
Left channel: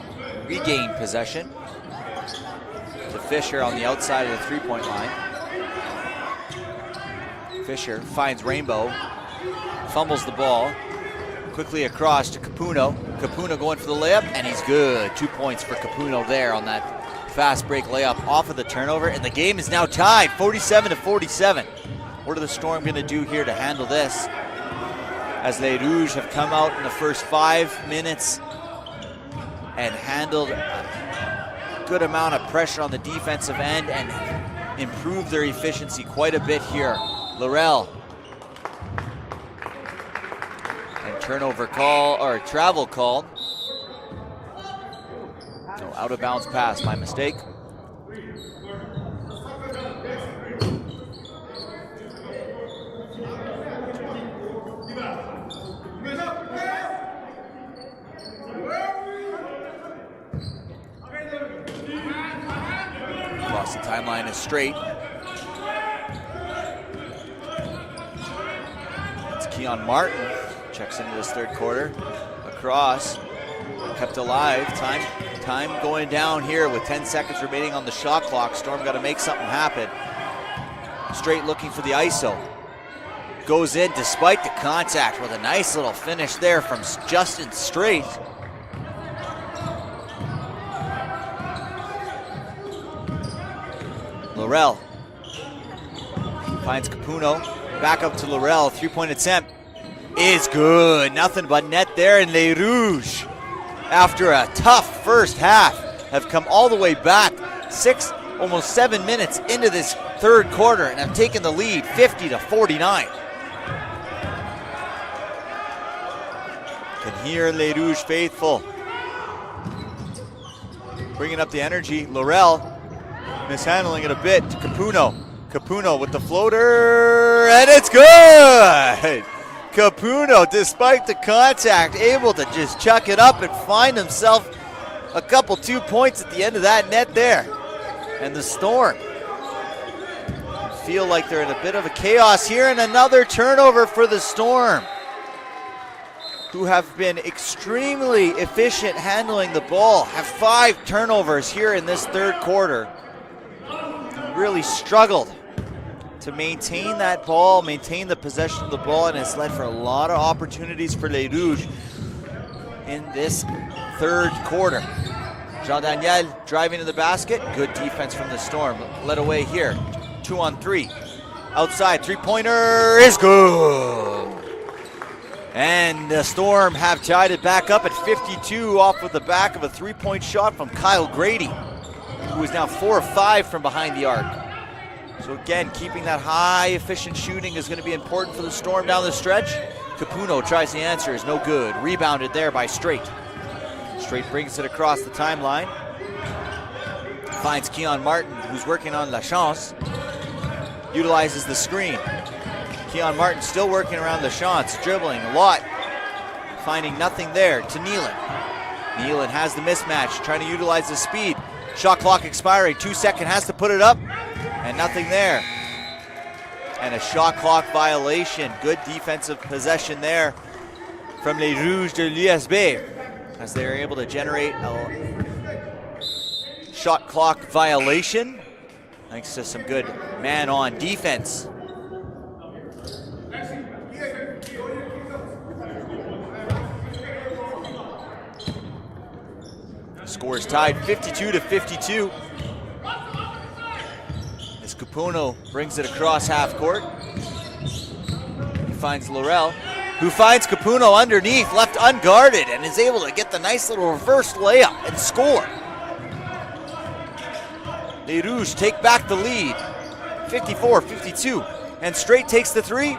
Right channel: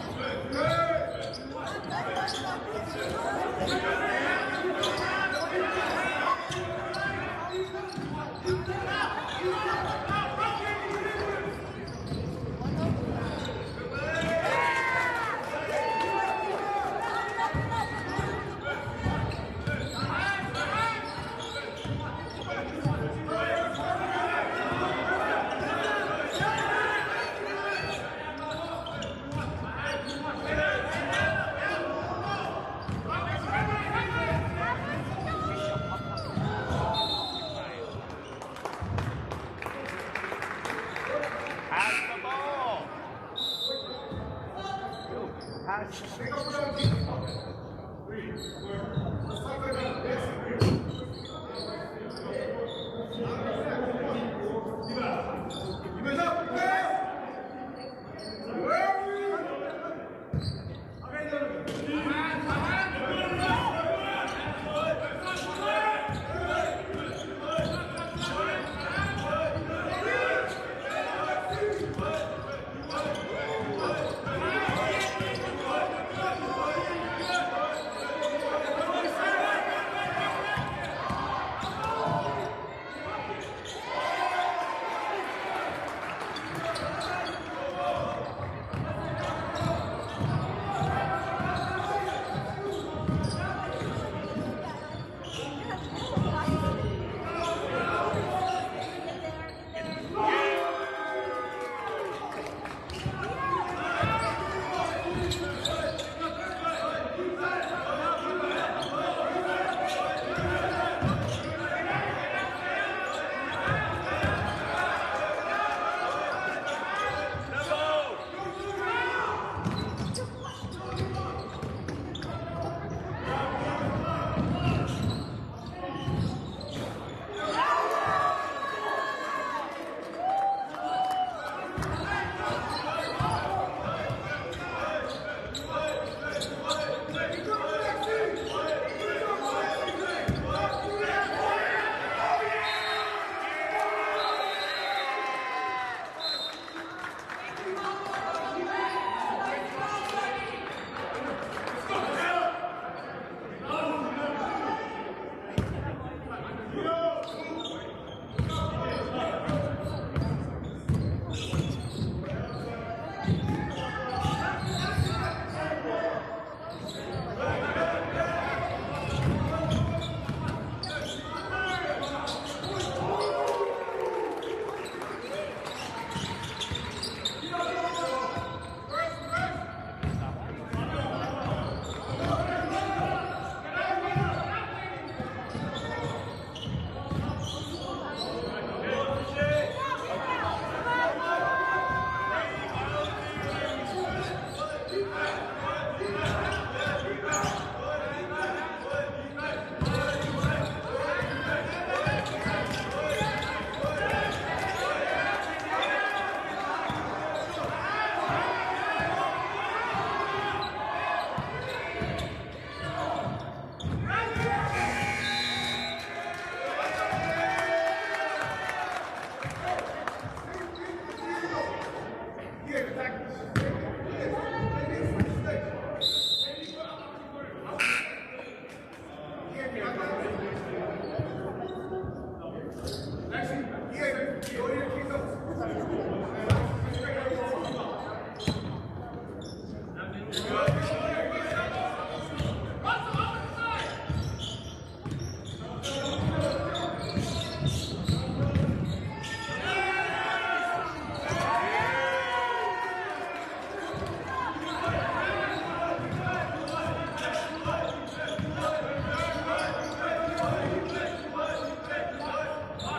regain possession. To Fisher on the outside of the three-point line. Fisher finds Rainbow, fumbles the ball. Quickly across to Capuno. Capuno going for the layup, and he's good. 2 points for Capuno there on that fast break layup off of the turnover, and the game is now tied, 47-47. What are the Storm going to do here to handle this? As Les Rouges have come out in the first 5 minutes and handled a good amount of pressure on the defensive end and improved their efficiency quite a bit here. Laurel. Turnover call, or travel call. Out of bounds pass, my mistake. Across the timeline is straight. It's Keon Martin. Checks into this third quarter. Across. Kept alive. Time going down here with 10 seconds remaining on the shot clock. Storm got to make something happen. Straight looking for the ISO. Goes in despite the contact with a nice little finish there from Justin Straight. Laurel finds Capuno. Back up to Laurel. Three-point attempt is good. Nothing but net there, and Les Rouges, after a tough first half, have come all the way back. Almost 7 minutes into this third quarter, and have taken the lead 50-49. And here, Les Rouges faithful, bringing up the energy. Laurel mishandling it a bit to Capuno. Capuno with the floater, and it's good! Capuno, despite the contact, able to just chuck it up and find himself a couple 2 points at the end of that net there. And the Storm feel like they're in a bit of a chaos here, and another turnover for the Storm, who have been extremely efficient handling the ball, have 5 turnovers here in this third quarter. Really struggled to maintain that ball, maintain the possession of the ball, and it's led for a lot of opportunities for Les Rouges in this third quarter. Jean-Daniel driving to the basket, good defense from the Storm. Led away here, 2-on-3. Outside, three-pointer is good. And the Storm have tied it back up at 52 off of the back of a three-point shot from Kyle Grady, who is now 4 of 5 from behind the arc. So again, keeping that high efficient shooting is going to be important for the Storm down the stretch. Capuno tries the answer, is no good. Rebounded there by Straight. Straight brings it across the timeline. Finds Keon Martin, who's working on La Chance. Utilizes the screen. Keon Martin still working around La Chance, dribbling, Lott finding nothing there to Nealon. Nealon has the mismatch, trying to utilize the speed. Shot clock expiring, 2 seconds, has to put it up, and nothing there. And a shot clock violation. Good defensive possession there from Les Rouges de l'USB, as they're able to generate a shot clock violation thanks to some good man-on defense. Score is tied 52-52. As Capuno brings it across half court. He finds Laurel, who finds Capuno underneath, left unguarded, and is able to get the nice little reverse layup and score. Les Rouges take back the lead, 54-52, and Straight takes the three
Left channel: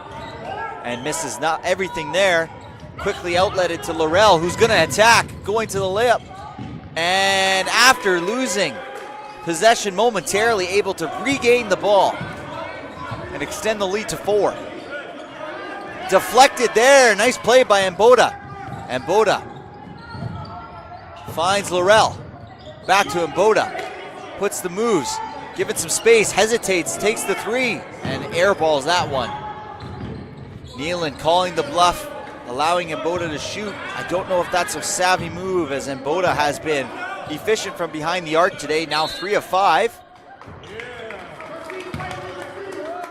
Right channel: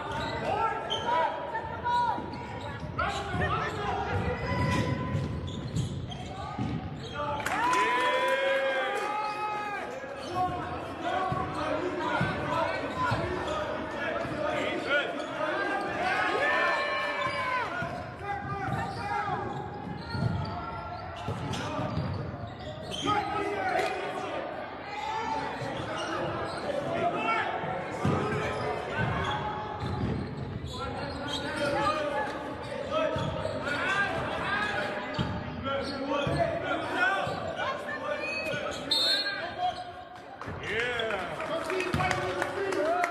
and misses not everything there. Quickly outletted to Laurel, who's gonna attack, going to the layup. And after losing possession momentarily, able to regain the ball and extend the lead to 4. Deflected there, nice play by Mboda. Mboda finds Laurel, back to Mboda, puts the moves, given some space, hesitates, takes the three, and airballs that one. Nealon calling the bluff, allowing Mboda to shoot. I don't know if that's a savvy move, as Mboda has been efficient from behind the arc today, now 3 of 5.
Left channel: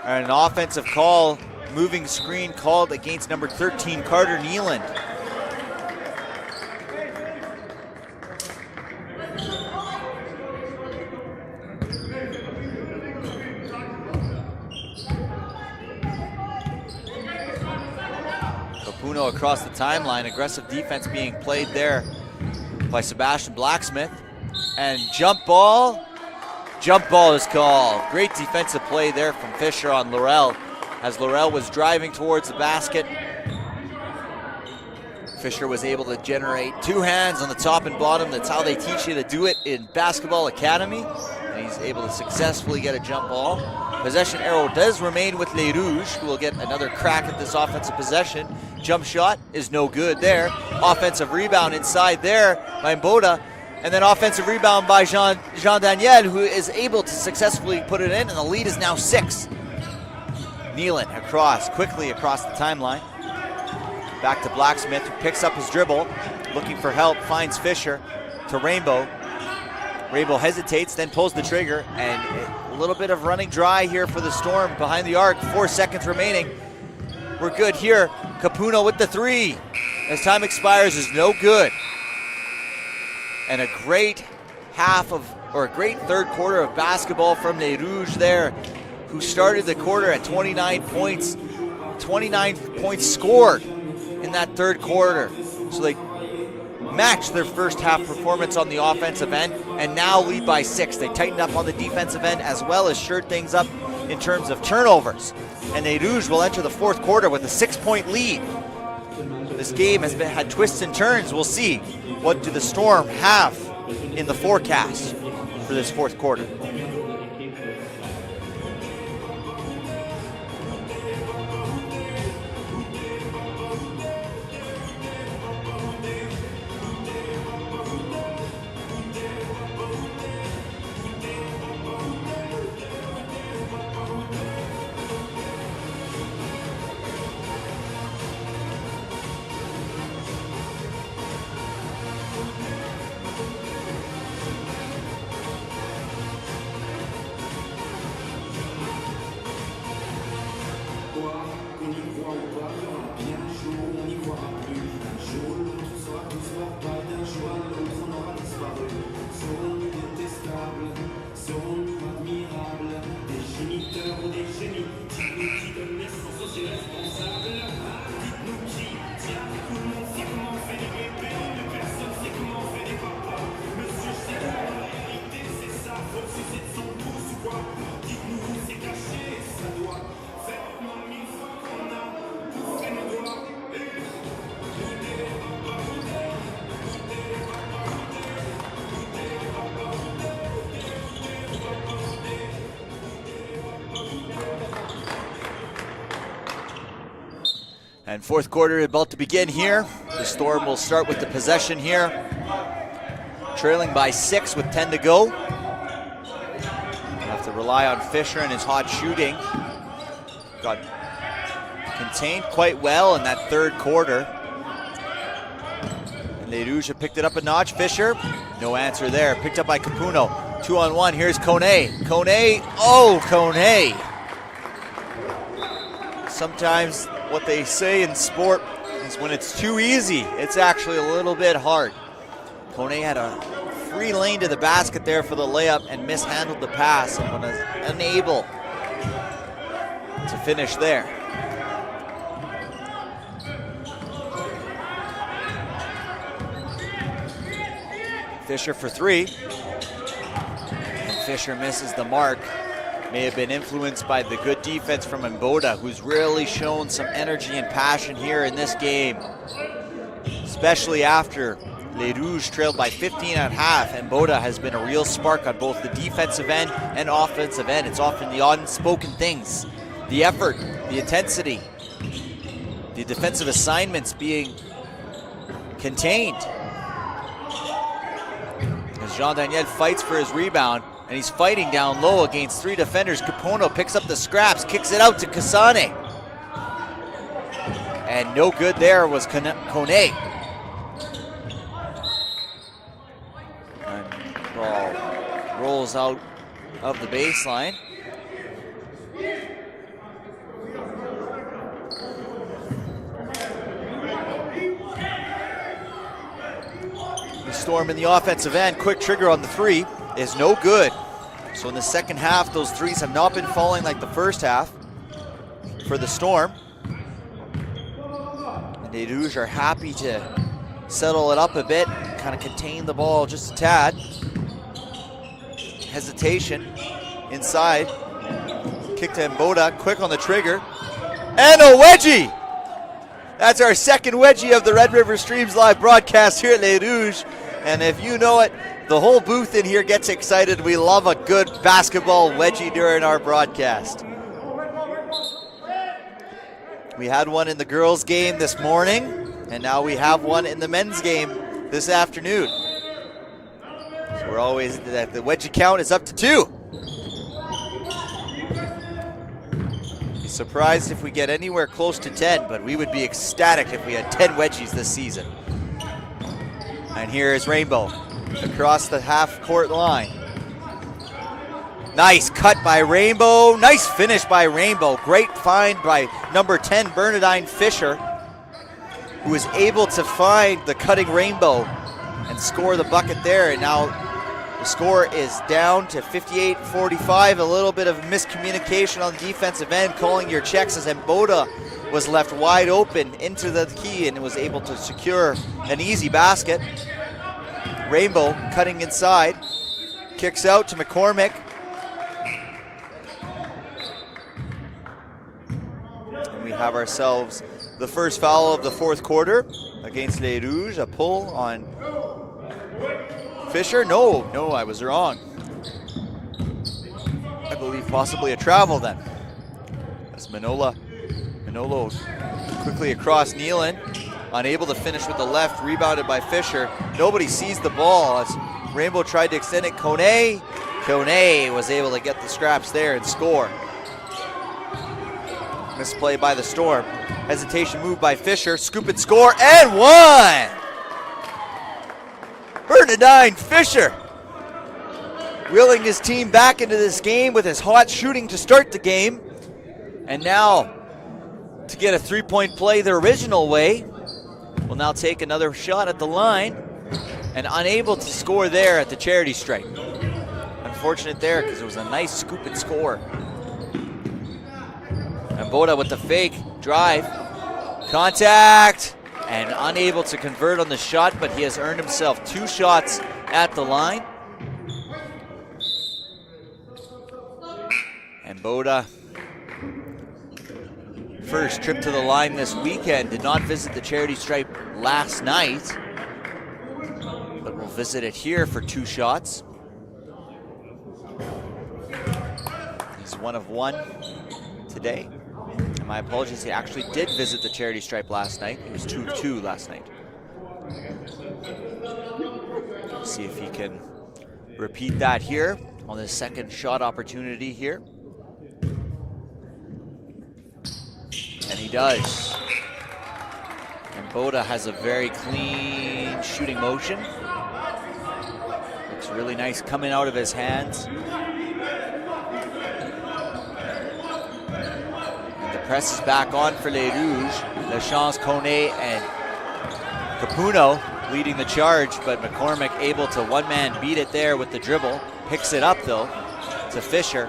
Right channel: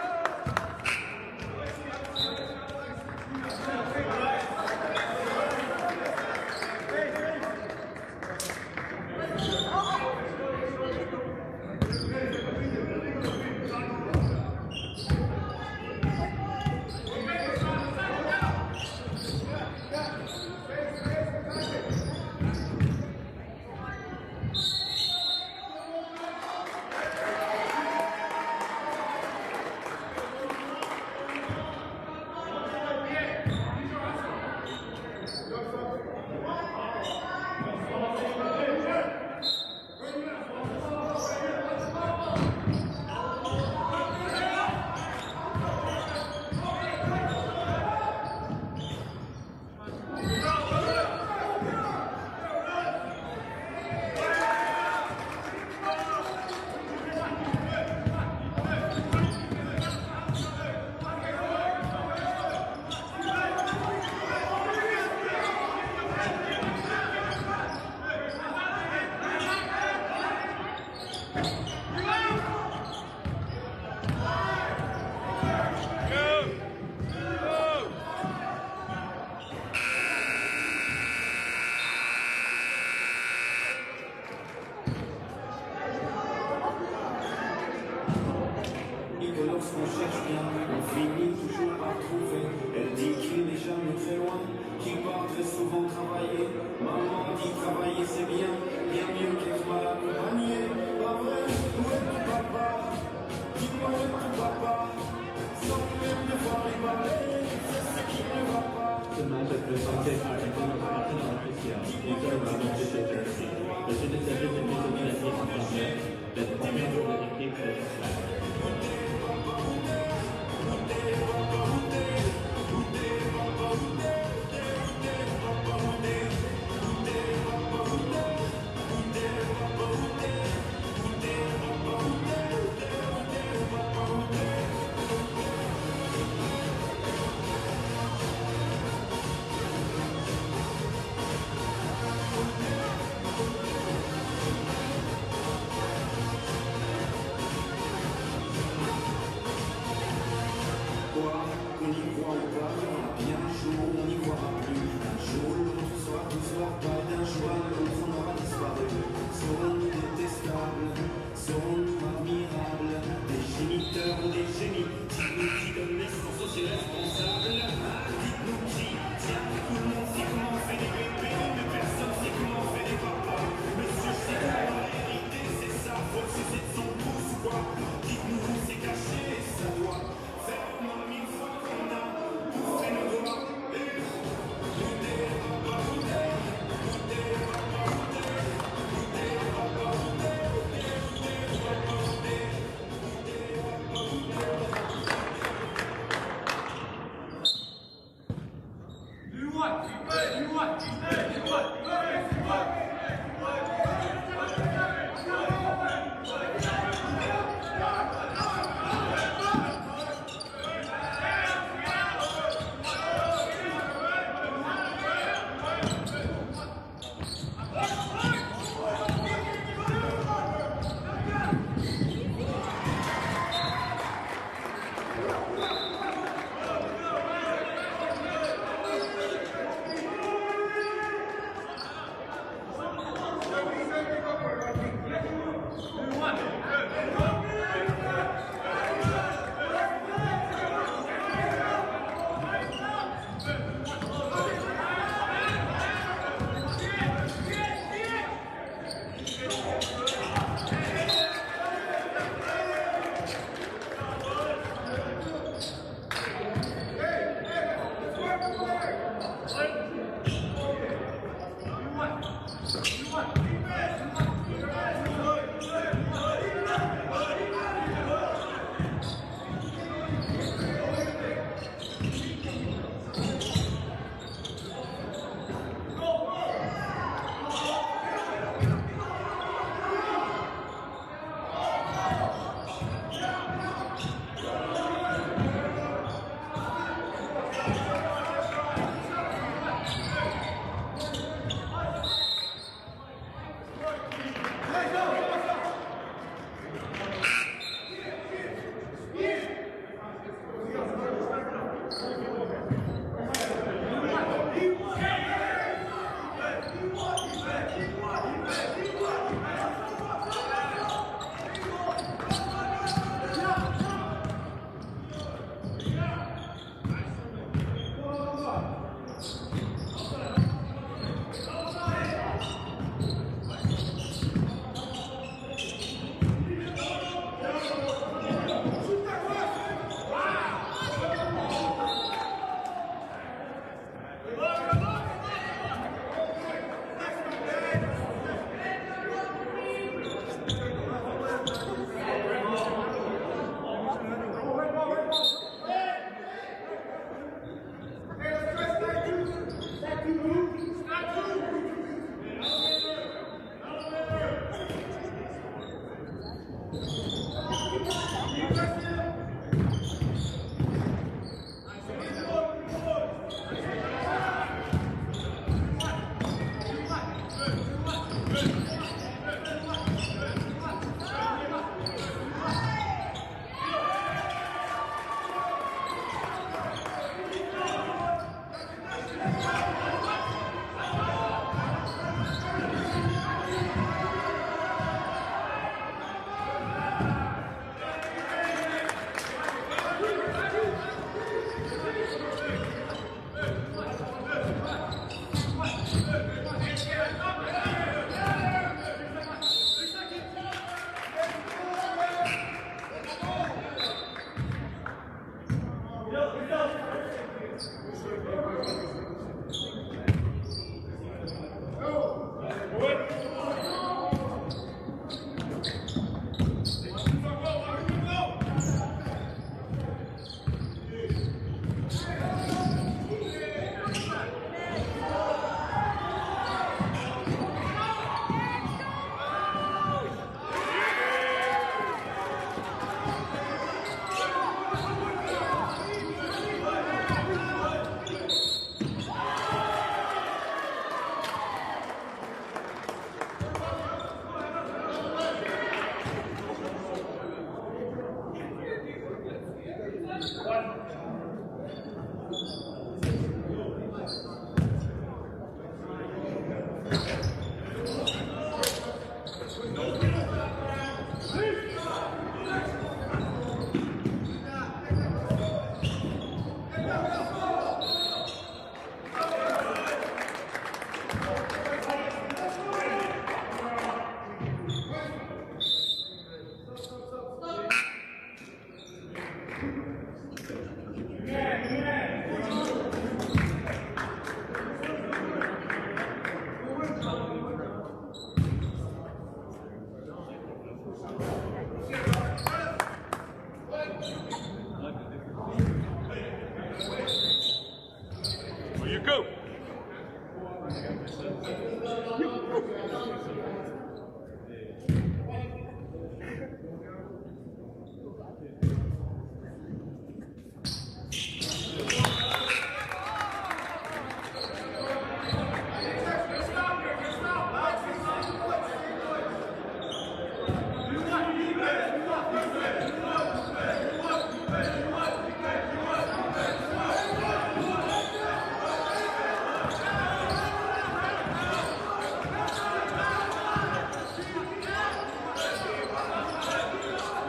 And an offensive call, moving screen called against number 13, Carter Neeland. Across the timeline, aggressive defense being played there by Sebastian Blacksmith. And jump ball is called. Great defensive play there from Fisher on Laurel as Laurel was driving towards the basket. Fisher was able to generate 2 hands on the top and bottom. That's how they teach you to do it in Basketball Academy. And he's able to successfully get a jump ball. Possession arrow does remain with Les Rouges, who will get another crack at this offensive possession. Jump shot is no good there. Offensive rebound inside there by Mboda. And then offensive rebound by Jean Daniel, who is able to successfully put it in, and the lead is now 6. Neeland quickly across the timeline. Back to Blacksmith, who picks up his dribble, looking for help, finds Fisher to Rainbow. Rainbow hesitates, then pulls the trigger, and a little bit of running dry here for the Storm behind the arc. 4 seconds remaining. We're good here. Capuno with the 3. As time expires is no good. And a great great third quarter of basketball from Les Rouges there, who started the quarter at 29 points. 29 points scored in that third quarter. So they matched their first half performance on the offensive end and now lead by 6. They tightened up on the defensive end as well as shored things up in terms of turnovers. And Les Rouges will enter the fourth quarter with a 6-point lead. This game has had twists and turns. We'll see what do the Storm have in the forecast for this fourth quarter. And fourth quarter about to begin here. The Storm will start with the possession here. Trailing by 6 with 10 to go. Have to rely on Fisher and his hot shooting. Got contained quite well in that third quarter. Les Rouges have picked it up a notch. Fisher, no answer there. Picked up by Capuno. 2-on-1, here's Kone. Kone. Sometimes what they say in sport is when it's too easy, it's actually a little bit hard. Kone had a free lane to the basket there for the layup and mishandled the pass and was unable to finish there. Fisher for 3. Fisher misses the mark. May have been influenced by the good defense from Mboda, who's really shown some energy and passion here in this game. Especially after Les Rouges trailed by 15 at half. Mboda has been a real spark on both the defensive end and offensive end. It's often the unspoken things, the effort, the intensity, the defensive assignments being contained. Jean Daniel fights for his rebound, and he's fighting down low against 3 defenders. Capuno picks up the scraps, kicks it out to Kasane. And no good there was Kone. dribbles out of the baseline. Storm in the offensive end, quick trigger on the three is no good. So in the second half, those threes have not been falling like the first half for the Storm. The Rouges are happy to settle it up a bit, kind of contain the ball just a tad. Hesitation inside. Kick to Mboda, quick on the trigger. And a wedgie! That's our second wedgie of the Red River Streams live broadcast here at Les Rouges. And if you know it, the whole booth in here gets excited. We love a good basketball wedgie during our broadcast. We had one in the girls' game this morning, and now we have one in the men's game this afternoon. So we're always, the wedgie count is up to 2. Surprised if we get anywhere close to 10, but we would be ecstatic if we had 10 wedgies this season. And here is Rainbow across the half-court line. Nice cut by Rainbow. Nice finish by Rainbow. Great find by number 10, Bernadine Fisher, who was able to find the cutting Rainbow and score the bucket there. And now the score is down to 58-45. A little bit of miscommunication on the defensive end, calling your checks as Mboda was left wide open into the key and was able to secure an easy basket. Rainbow cutting inside, kicks out to McCormick. We have ourselves the first foul of the fourth quarter against Les Rouges. A pull on Fisher. No, I was wrong. I believe possibly a travel then. As Manolo quickly across Nealon, unable to finish with the left, rebounded by Fisher. Nobody sees the ball as Rainbow tried to extend it. Kone was able to get the scraps there and score. Misplay by the Storm. Hesitation move by Fisher, scoop and score, and one! Bernadine Fisher reeling his team back into this game with his hot shooting to start the game. And now to get a three-point play the original way, will now take another shot at the line and unable to score there at the charity stripe. Unfortunate there because it was a nice scoop and score. Mboda with the fake drive, contact, and unable to convert on the shot, but he has earned himself 2 shots at the line. Mboda, first trip to the line this weekend, did not visit the charity stripe last night, but will visit it here for 2 shots. He's 1 of 1 today. My apologies, he actually did visit the charity stripe last night. He was 2 of 2 last night. Let's see if he can repeat that here on the second shot opportunity here. And he does. Mboda has a very clean shooting motion. It's really nice coming out of his hands. The press is back on for Les Rouges. Lachance, Kone, and Capuno leading the charge, but McCormick able to one-man beat it there with the dribble. Picks it up though to Fisher.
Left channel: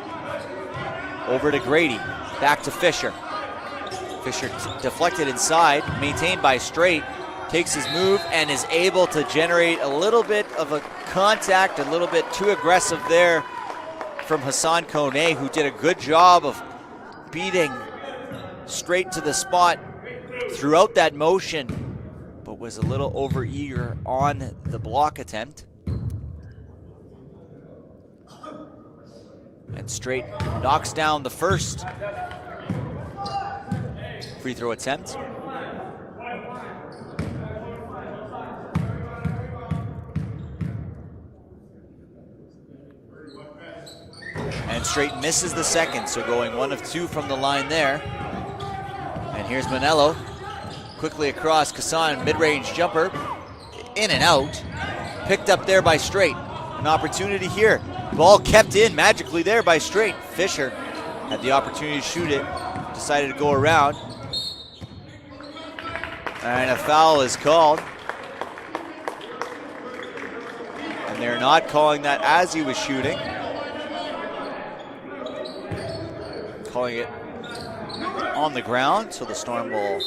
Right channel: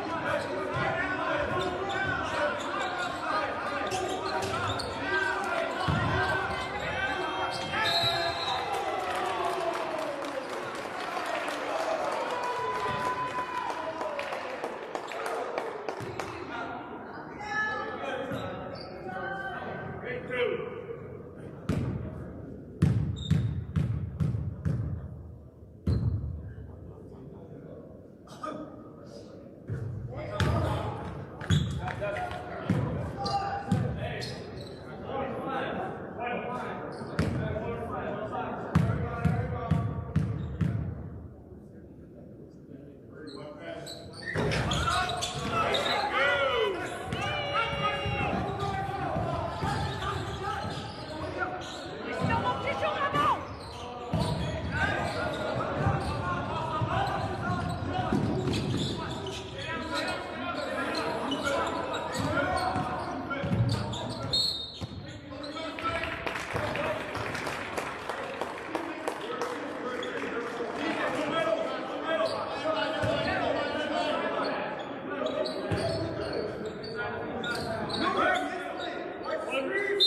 Over to Grady. Back to Fisher. Fisher deflected inside, maintained by Straight, takes his move and is able to generate a little bit of a contact, a little bit too aggressive there from Hassan Kone, who did a good job of beating Straight to the spot throughout that motion, but was a little over-eager on the block attempt. And Straight knocks down the first free throw attempt. And Straight misses the second, so going 1 of 2 from the line there. And here's Manello, quickly across Kassan, mid-range jumper, in and out, picked up there by Straight. an opportunity here. Ball kept in magically there by Straight. Fisher had the opportunity to shoot it, decided to go around. And a foul is called. And they're not calling that as he was shooting. Calling it on the ground, so the Storm will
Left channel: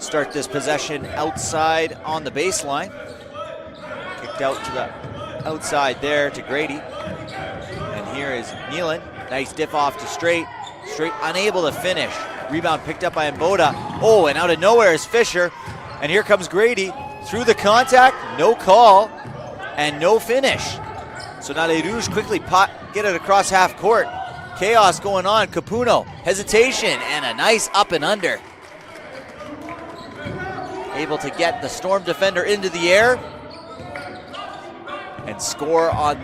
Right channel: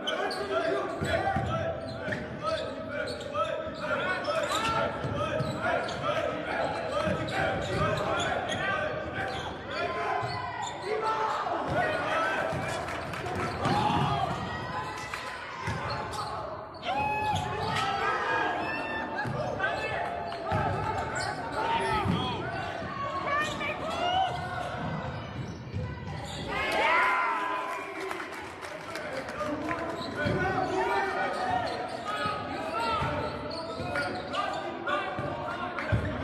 start this possession outside on the baseline. Kicked out to the outside there to Grady. And here is Nealon. Nice dip off to Straight. Straight unable to finish. Rebound picked up by Mboda. Oh, and out of nowhere is Fisher. And here comes Grady. Through the contact, no call, and no finish. So now Les Rouges quickly get it across half court. Chaos going on. Capuno, hesitation, and a nice up and under. Able to get the Storm defender into the air and score on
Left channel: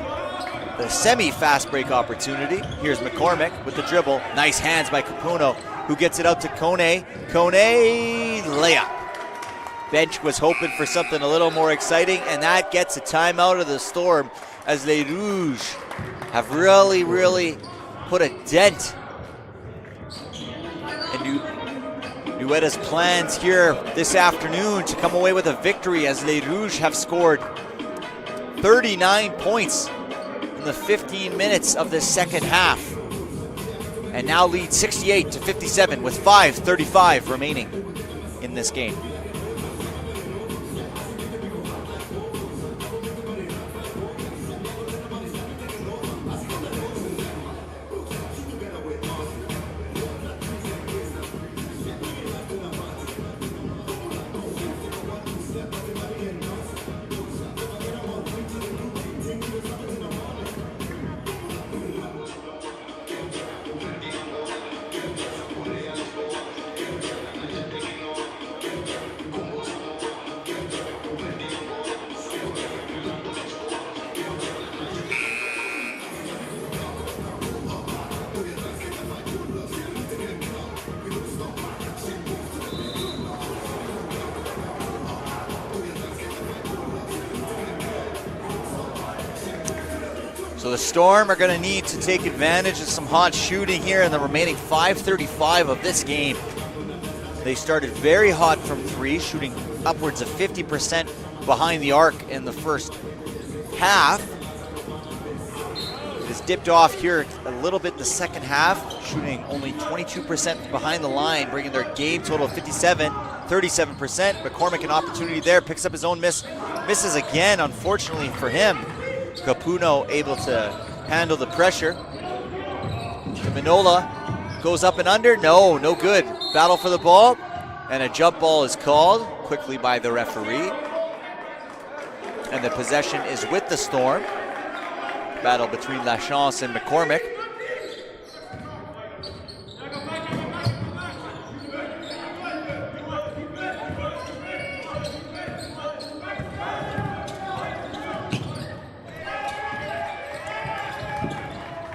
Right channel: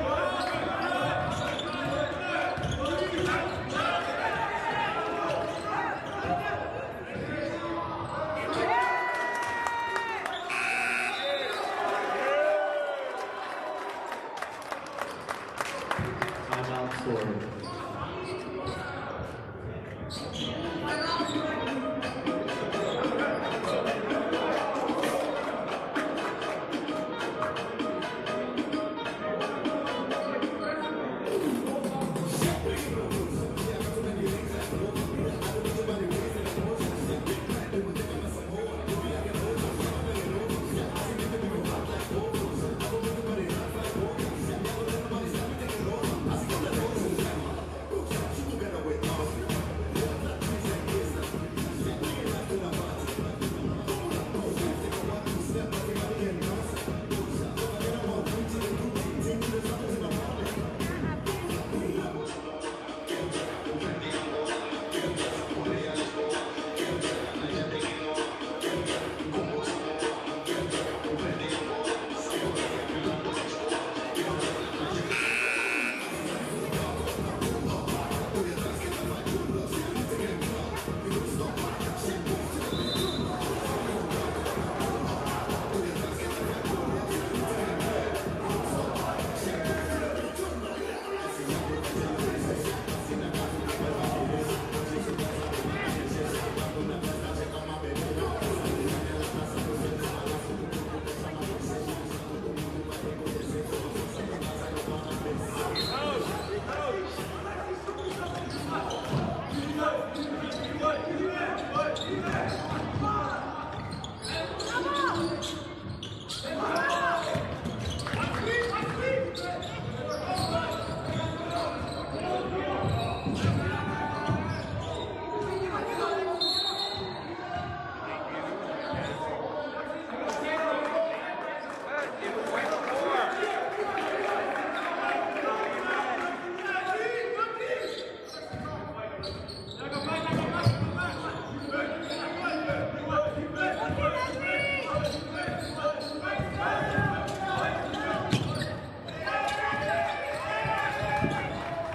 the semi-fast break opportunity. Here's McCormick with the dribble. Nice hands by Capuno, who gets it out to Kone. Kone, layup. Bench was hoping for something a little more exciting, and that gets a timeout of the Storm as Les Rouges have really put a dent in Nueda's plans here this afternoon to come away with a victory, as Les Rouges have scored 39 points in the 15 minutes of the second half, and now lead 68-57 with 5:35 remaining in this game. Storm are going to need to take advantage of some hot shooting here in the remaining 5:35 of this game. They started very hot from three, shooting upwards of 50% behind the arc in the first half. It's dipped off here a little bit the second half, shooting only 22% behind the line, bringing their game total 37%. McCormick, an opportunity there, picks up his own miss, misses again, unfortunately for him. Capuno able to handle the pressure. Minola goes up and under. No good. Battle for the ball, and a jump ball is called quickly by the referee. And the possession is with the Storm. Battle between Lachance and McCormick.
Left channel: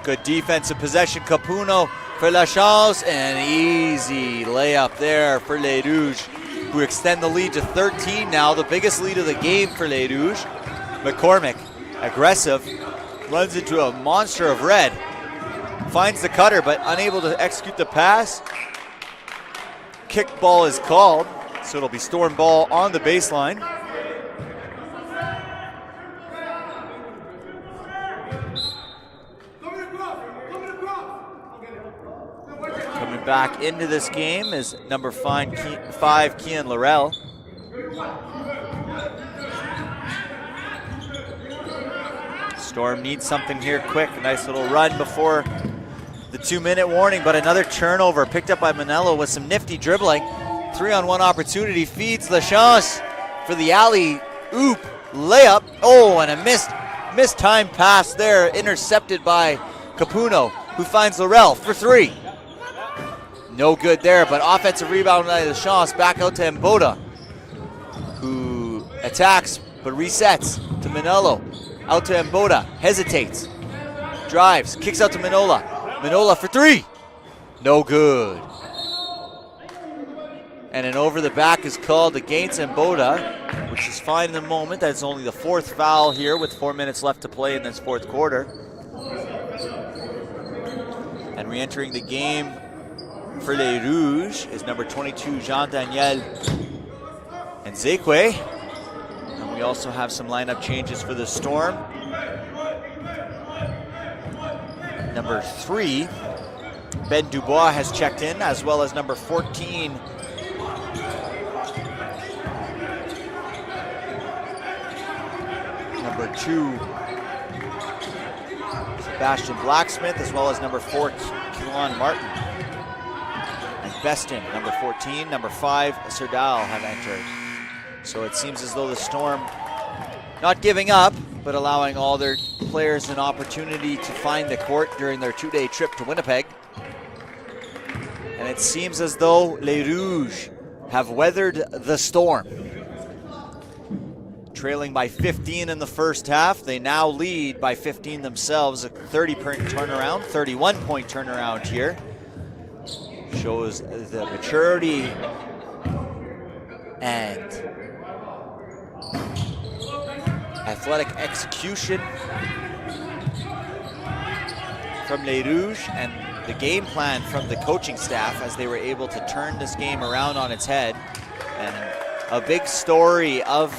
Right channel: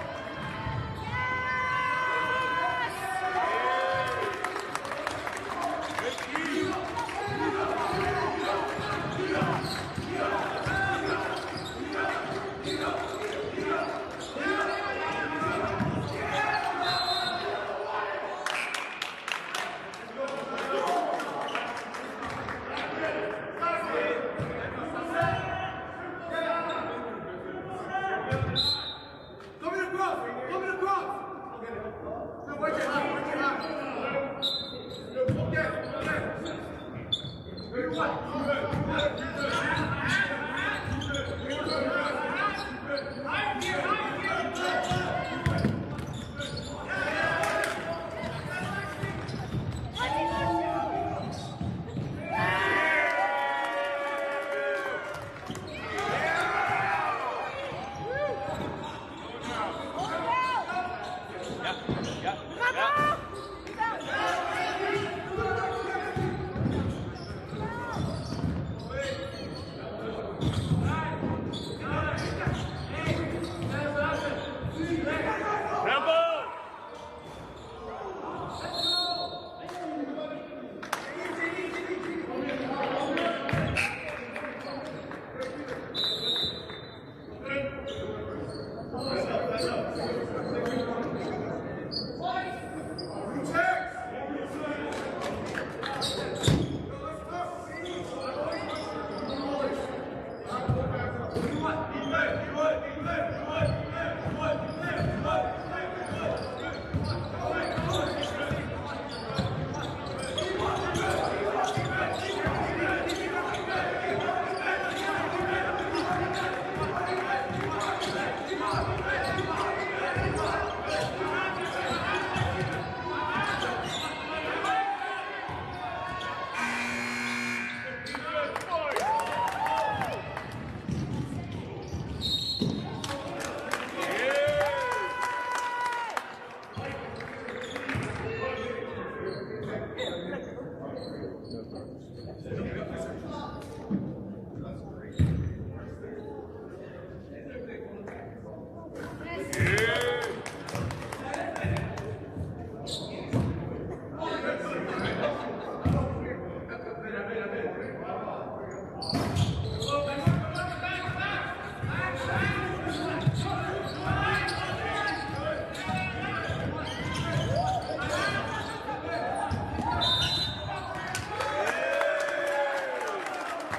Good defensive possession, Capuno for Lachance, and easy layup there for Les Rouges, who extend the lead to 13 now, the biggest lead of the game for Les Rouges. McCormick, aggressive, runs into a monster of red, finds the cutter but unable to execute the pass. Kick ball is called, so it'll be Storm ball on the baseline. Back into this game is number 5, Kian Laurel. Storm needs something here quick. Nice little run before the 2-minute warning, but another turnover picked up by Manello with some nifty dribbling. 3-on-1 opportunity, feeds Lachance for the alley-oop layup. Oh, and a missed time pass there, intercepted by Capuno, who finds Laurel for three. No good there, but offensive rebound by Lachance, back out to Mboda, who attacks but resets to Manello. Out to Mboda, hesitates, drives, kicks out to Manola. Manola for three. No good. And an over the back is called against Mboda. This is fine in the moment. That's only the 4th foul here with 4 minutes left to play in this 4th quarter. And re-entering the game for Les Rouges is number 22, Jean-Daniel and Zekwe. We also have some lineup changes for the Storm. Number 3, Ben Dubois has checked in, as well as number 14, number 2, Sebastian Blacksmith, as well as number 4, Kevon Martin. Beston, number 14, number 5, Serdal have entered. So it seems as though the Storm not giving up, but allowing all their players an opportunity to find the court during their 2-day trip to Winnipeg. And it seems as though Les Rouges have weathered the storm. Trailing by 15 in the first half, they now lead by 15 themselves, a 30-point turnaround, 31-point turnaround here. Shows the maturity and athletic execution from Les Rouges and the game plan from the coaching staff as they were able to turn this game around on its head. And a big story of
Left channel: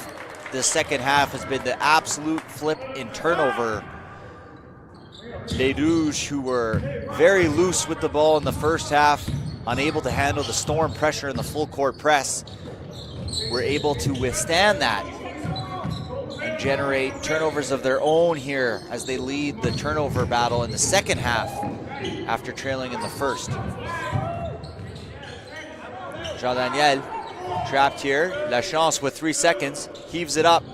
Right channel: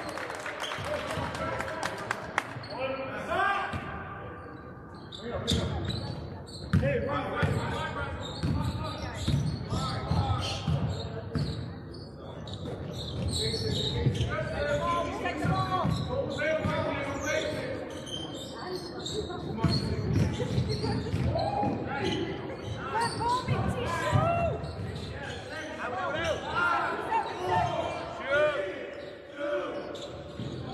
the second half has been the absolute flip in turnover. Les Rouges, who were very loose with the ball in the first half, unable to handle the Storm pressure in the full court press, were able to withstand that and generate turnovers of their own here as they lead the turnover battle in the second half after trailing in the first. Jean-Daniel trapped here. Lachance with 3 seconds, heaves it up.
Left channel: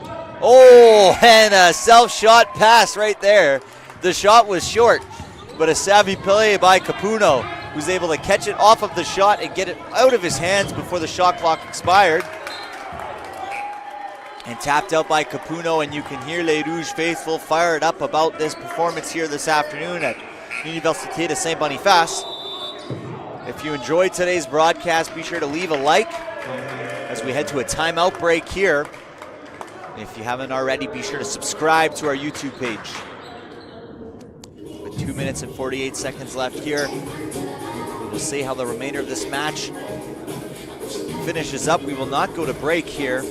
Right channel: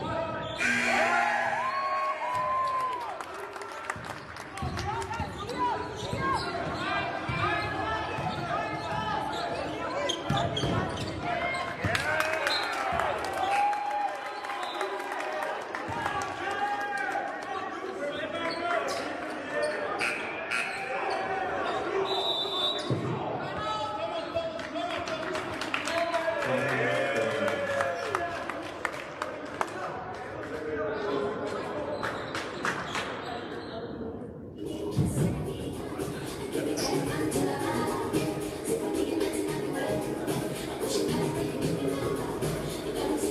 Oh, and a self-shot pass right there. The shot was short, but a savvy play by Capuno, who's able to catch it off of the shot and get it out of his hands before the shot clock expired. And tapped out by Capuno, and you can hear Les Rouges faithful fired up about this performance here this afternoon at Université de Saint-Boniface. If you enjoyed today's broadcast, be sure to leave a like as we head to a timeout break here. If you haven't already, be sure to subscribe to our YouTube page. 2 minutes and 48 seconds left here. We'll see how the remainder of this match finishes up. We will not go to break here.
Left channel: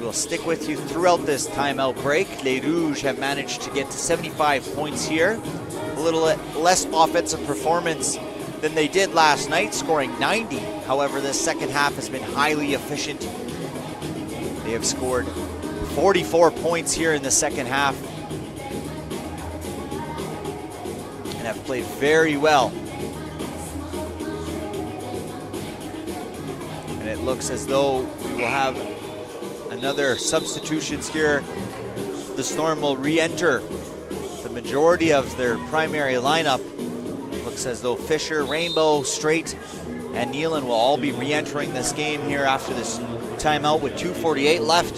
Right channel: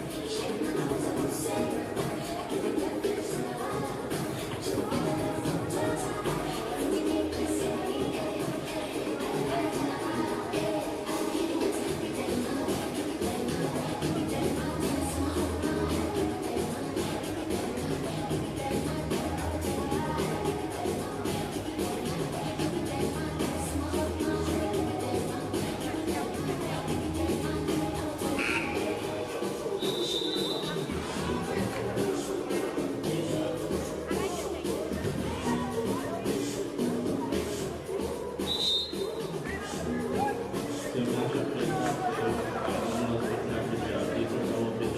We'll stick with you throughout this timeout break. Les Rouges have managed to get to 75 points here. A little less offensive performance than they did last night, scoring 90. However, this second half has been highly efficient. They have scored 44 points here in the second half and have played very well. And it looks as though we'll have another substitutions here. The Storm will re-enter the majority of their primary lineup. Looks as though Fisher, Rainbow, Strait, and Nealon will all be re-entering this game here after this timeout with 2:48 left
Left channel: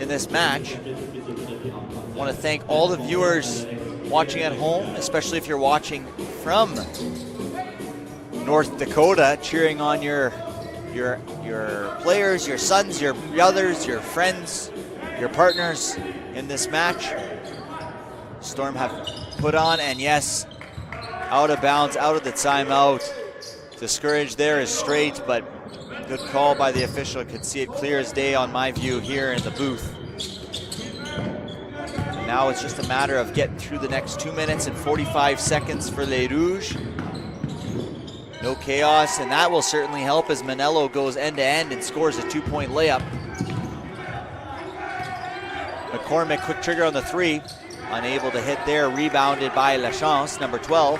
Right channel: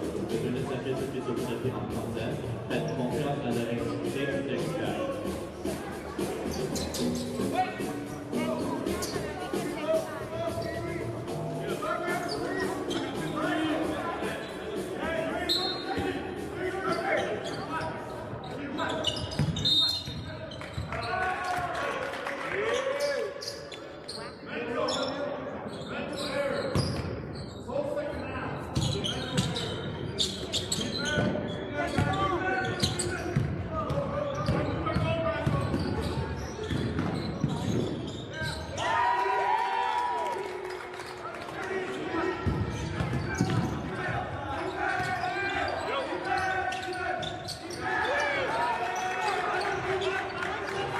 in this match. I want to thank all the viewers watching at home, especially if you're watching from North Dakota, cheering on your players, your sons, your brothers, your friends, your partners in this match. Storm have put on, and yes, out of bounds, out of the timeout. Discouraged there is Strait, but good call by the official. Could see it clear as day on my view here in the booth. Now it's just a matter of getting through the next 2 minutes and 45 seconds for Les Rouges. No chaos, and that will certainly help as Manello goes end-to-end and scores a 2-point layup. McCormick, quick trigger on the 3. Unable to hit there, rebounded by Lachance, number 12.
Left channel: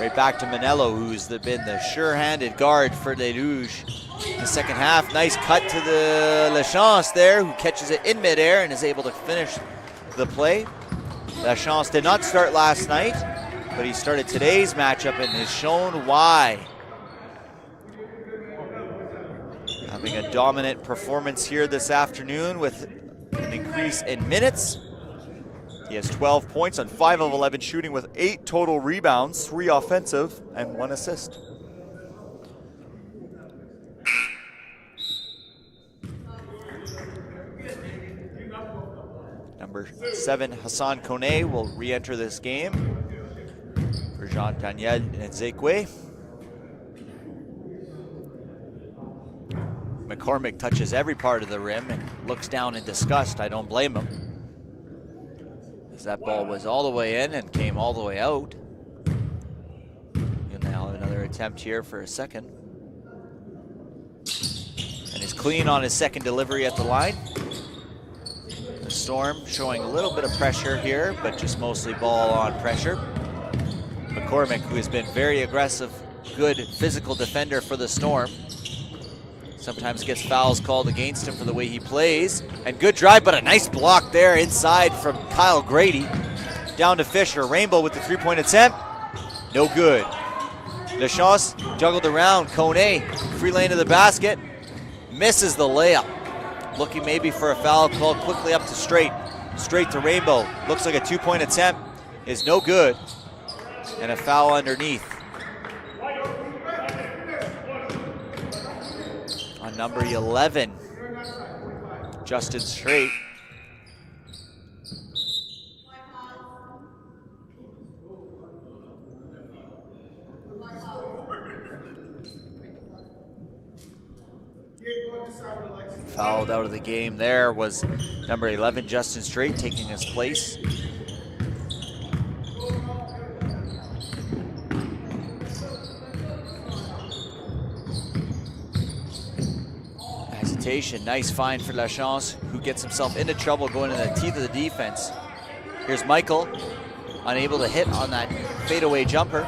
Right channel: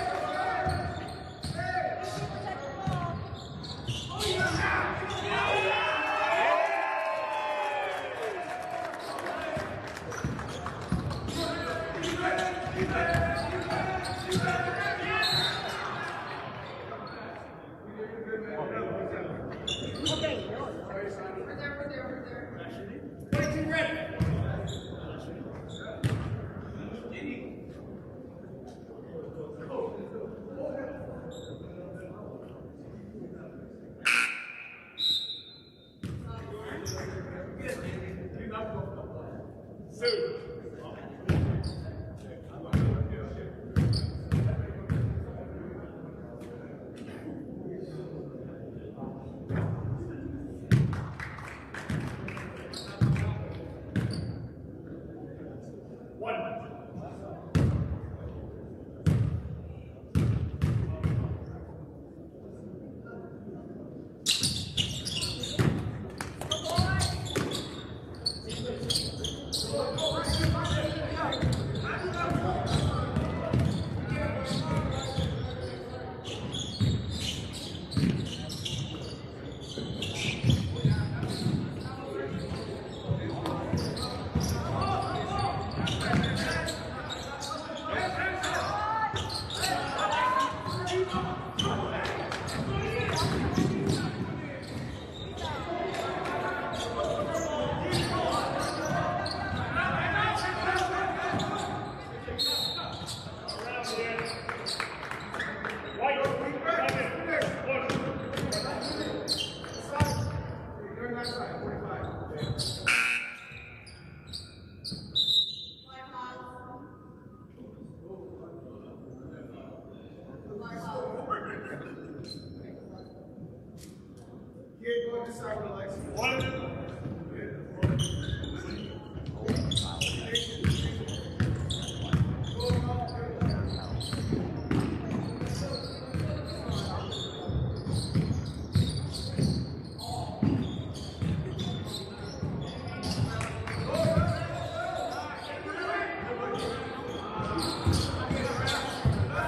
Right back to Manello, who's been the sure-handed guard for Les Rouges in the second half. Nice cut to the Lachance there, who catches it in midair and is able to finish the play. Lachance did not start last night, but he started today's matchup and has shown why. Having a dominant performance here this afternoon with an increase in minutes. He has 12 points on 5 of 11 shooting with 8 total rebounds, 3 offensive and 1 assist. number 7, Hassan Kone, will re-enter this game for Jean-Daniel Nzekwe. McCormick touches every part of the rim and looks down in disgust. I don't blame him, as that ball was all the way in and came all the way out. And now another attempt here for a second. And he's clean on his second delivery at the line. The Storm showing a little bit of pressure here, but just mostly ball on pressure. McCormick, who has been very aggressive, good physical defender for the Storm, sometimes gets fouls called against him for the way he plays. And good drive, but a nice block there inside from Kyle Grady. Down to Fisher. Rainbow with the three-point attempt. No good. Lachance juggled around. Kone, free lane to the basket. Misses the layup. Looking maybe for a foul called quickly up to straight. Straight to Rainbow. Looks like a two-point attempt. Is no good. And a foul underneath. Number 11, Justin Straight. Fouled out of the game there was number 11, Justin Straight, taking his place. Nice find for Lachance, who gets himself into trouble going to the teeth of the defense. Here's Michael, unable to hit on that fadeaway jumper.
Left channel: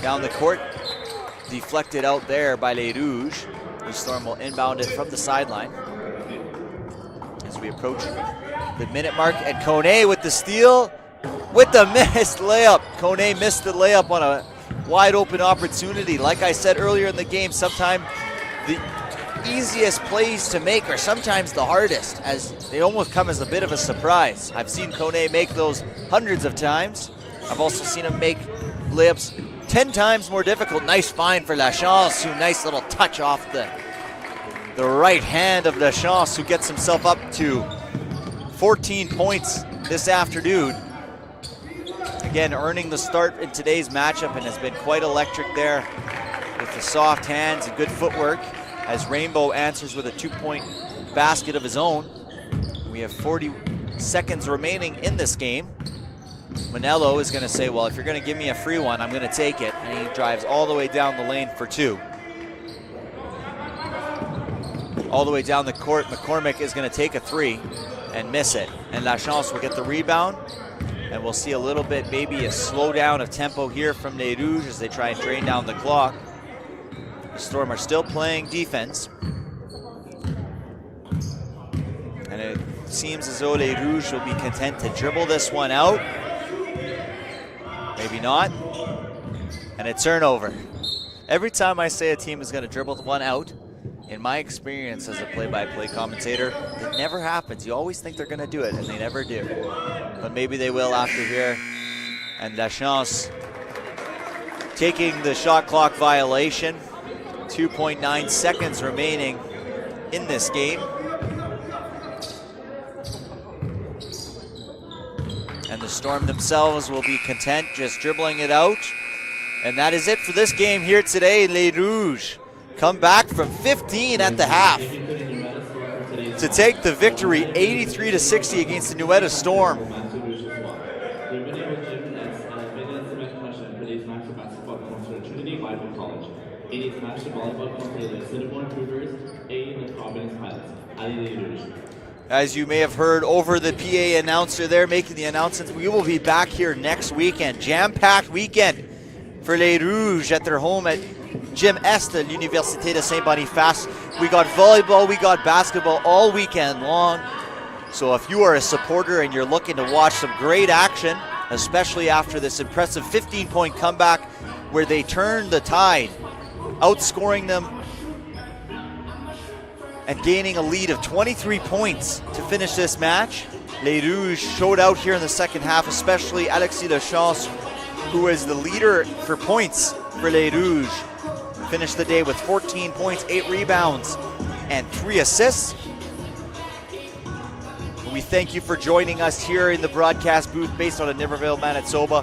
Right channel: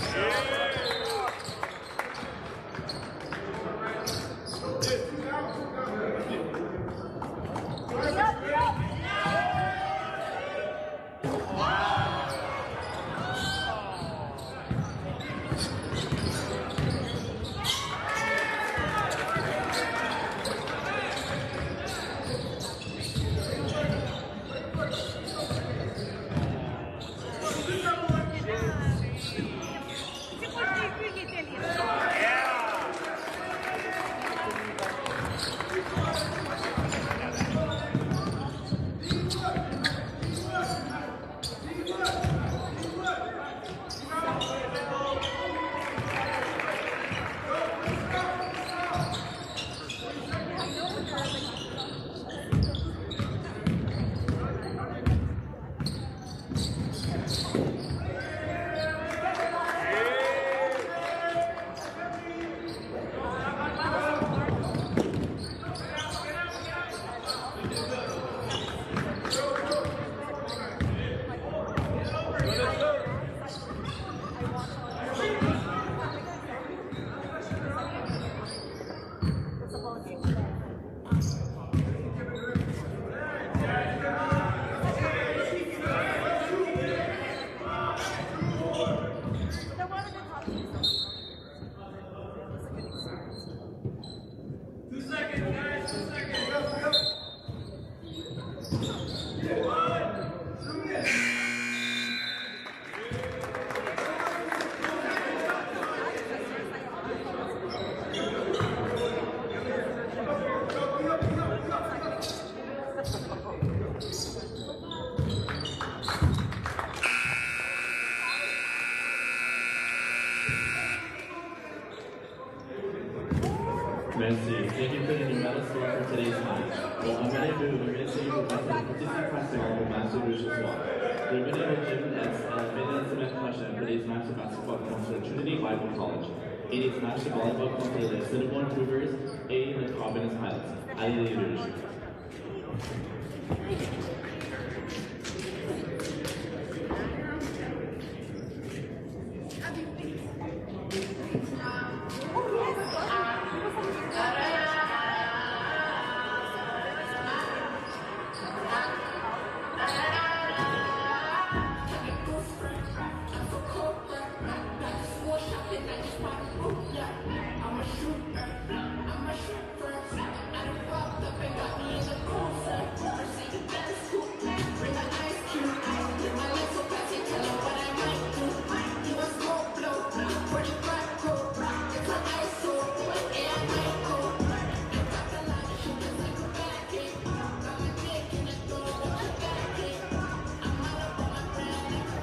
Down the court, deflected out there by Les Rouges. The Storm will inbound it from the sideline. As we approach the minute mark, and Kone with the steal, with the missed layup. Kone missed the layup on a wide open opportunity. Like I said earlier in the game, sometimes the easiest plays to make are sometimes the hardest, as they almost come as a bit of a surprise. I've seen Kone make those hundreds of times. I've also seen him make layups 10 times more difficult. Nice find for Lachance, who nice little touch off the right hand of Lachance, who gets himself up to 14 points this afternoon. Again, earning the start in today's matchup, and has been quite electric there with the soft hands and good footwork, as Rainbow answers with a two-point basket of his own. We have 40 seconds remaining in this game. Manello is gonna say, well, if you're gonna give me a free one, I'm gonna take it. And he drives all the way down the lane for two. All the way down the court, McCormick is gonna take a three and miss it. And Lachance will get the rebound. And we'll see a little bit, maybe a slowdown of tempo here from Les Rouges as they try and drain down the clock. Storm are still playing defense. And it seems as though Les Rouges will be content to dribble this one out. Maybe not. And a turnover. Every time I say a team is going to dribble one out, in my experience as a play-by-play commentator, it never happens. You always think they're going to do it, and they never do. But maybe they will after here. And Lachance taking the shot clock violation. 2.9 seconds remaining in this game. And the Storm themselves will be content just dribbling it out. And that is it for this game here today. Les Rouges come back from 15 at the half to take the victory 83-60 against the Nuetta Storm. As you may have heard over the PA announcer there making the announcements, we will be back here next weekend. Jam-packed weekend for Les Rouges at their home at Gym Est at Université de Saint-Boniface. We got volleyball, we got basketball all weekend long. So if you are a supporter and you're looking to watch some great action, especially after this impressive 15-point comeback where they turned the tide, outscoring them and gaining a lead of 23 points to finish this match. Les Rouges showed out here in the second half, especially Alexis Lachance, who is the leader for points for Les Rouges. Finished the day with 14 points, 8 rebounds, and 3 assists. We thank you for joining us here in the broadcast booth based out of Niverville, Manitoba.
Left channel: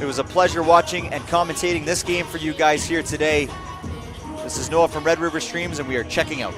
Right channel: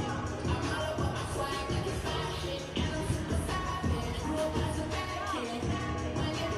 It was a pleasure watching and commentating this game for you guys here today. This is Noah from Red River Streams, and we are checking out.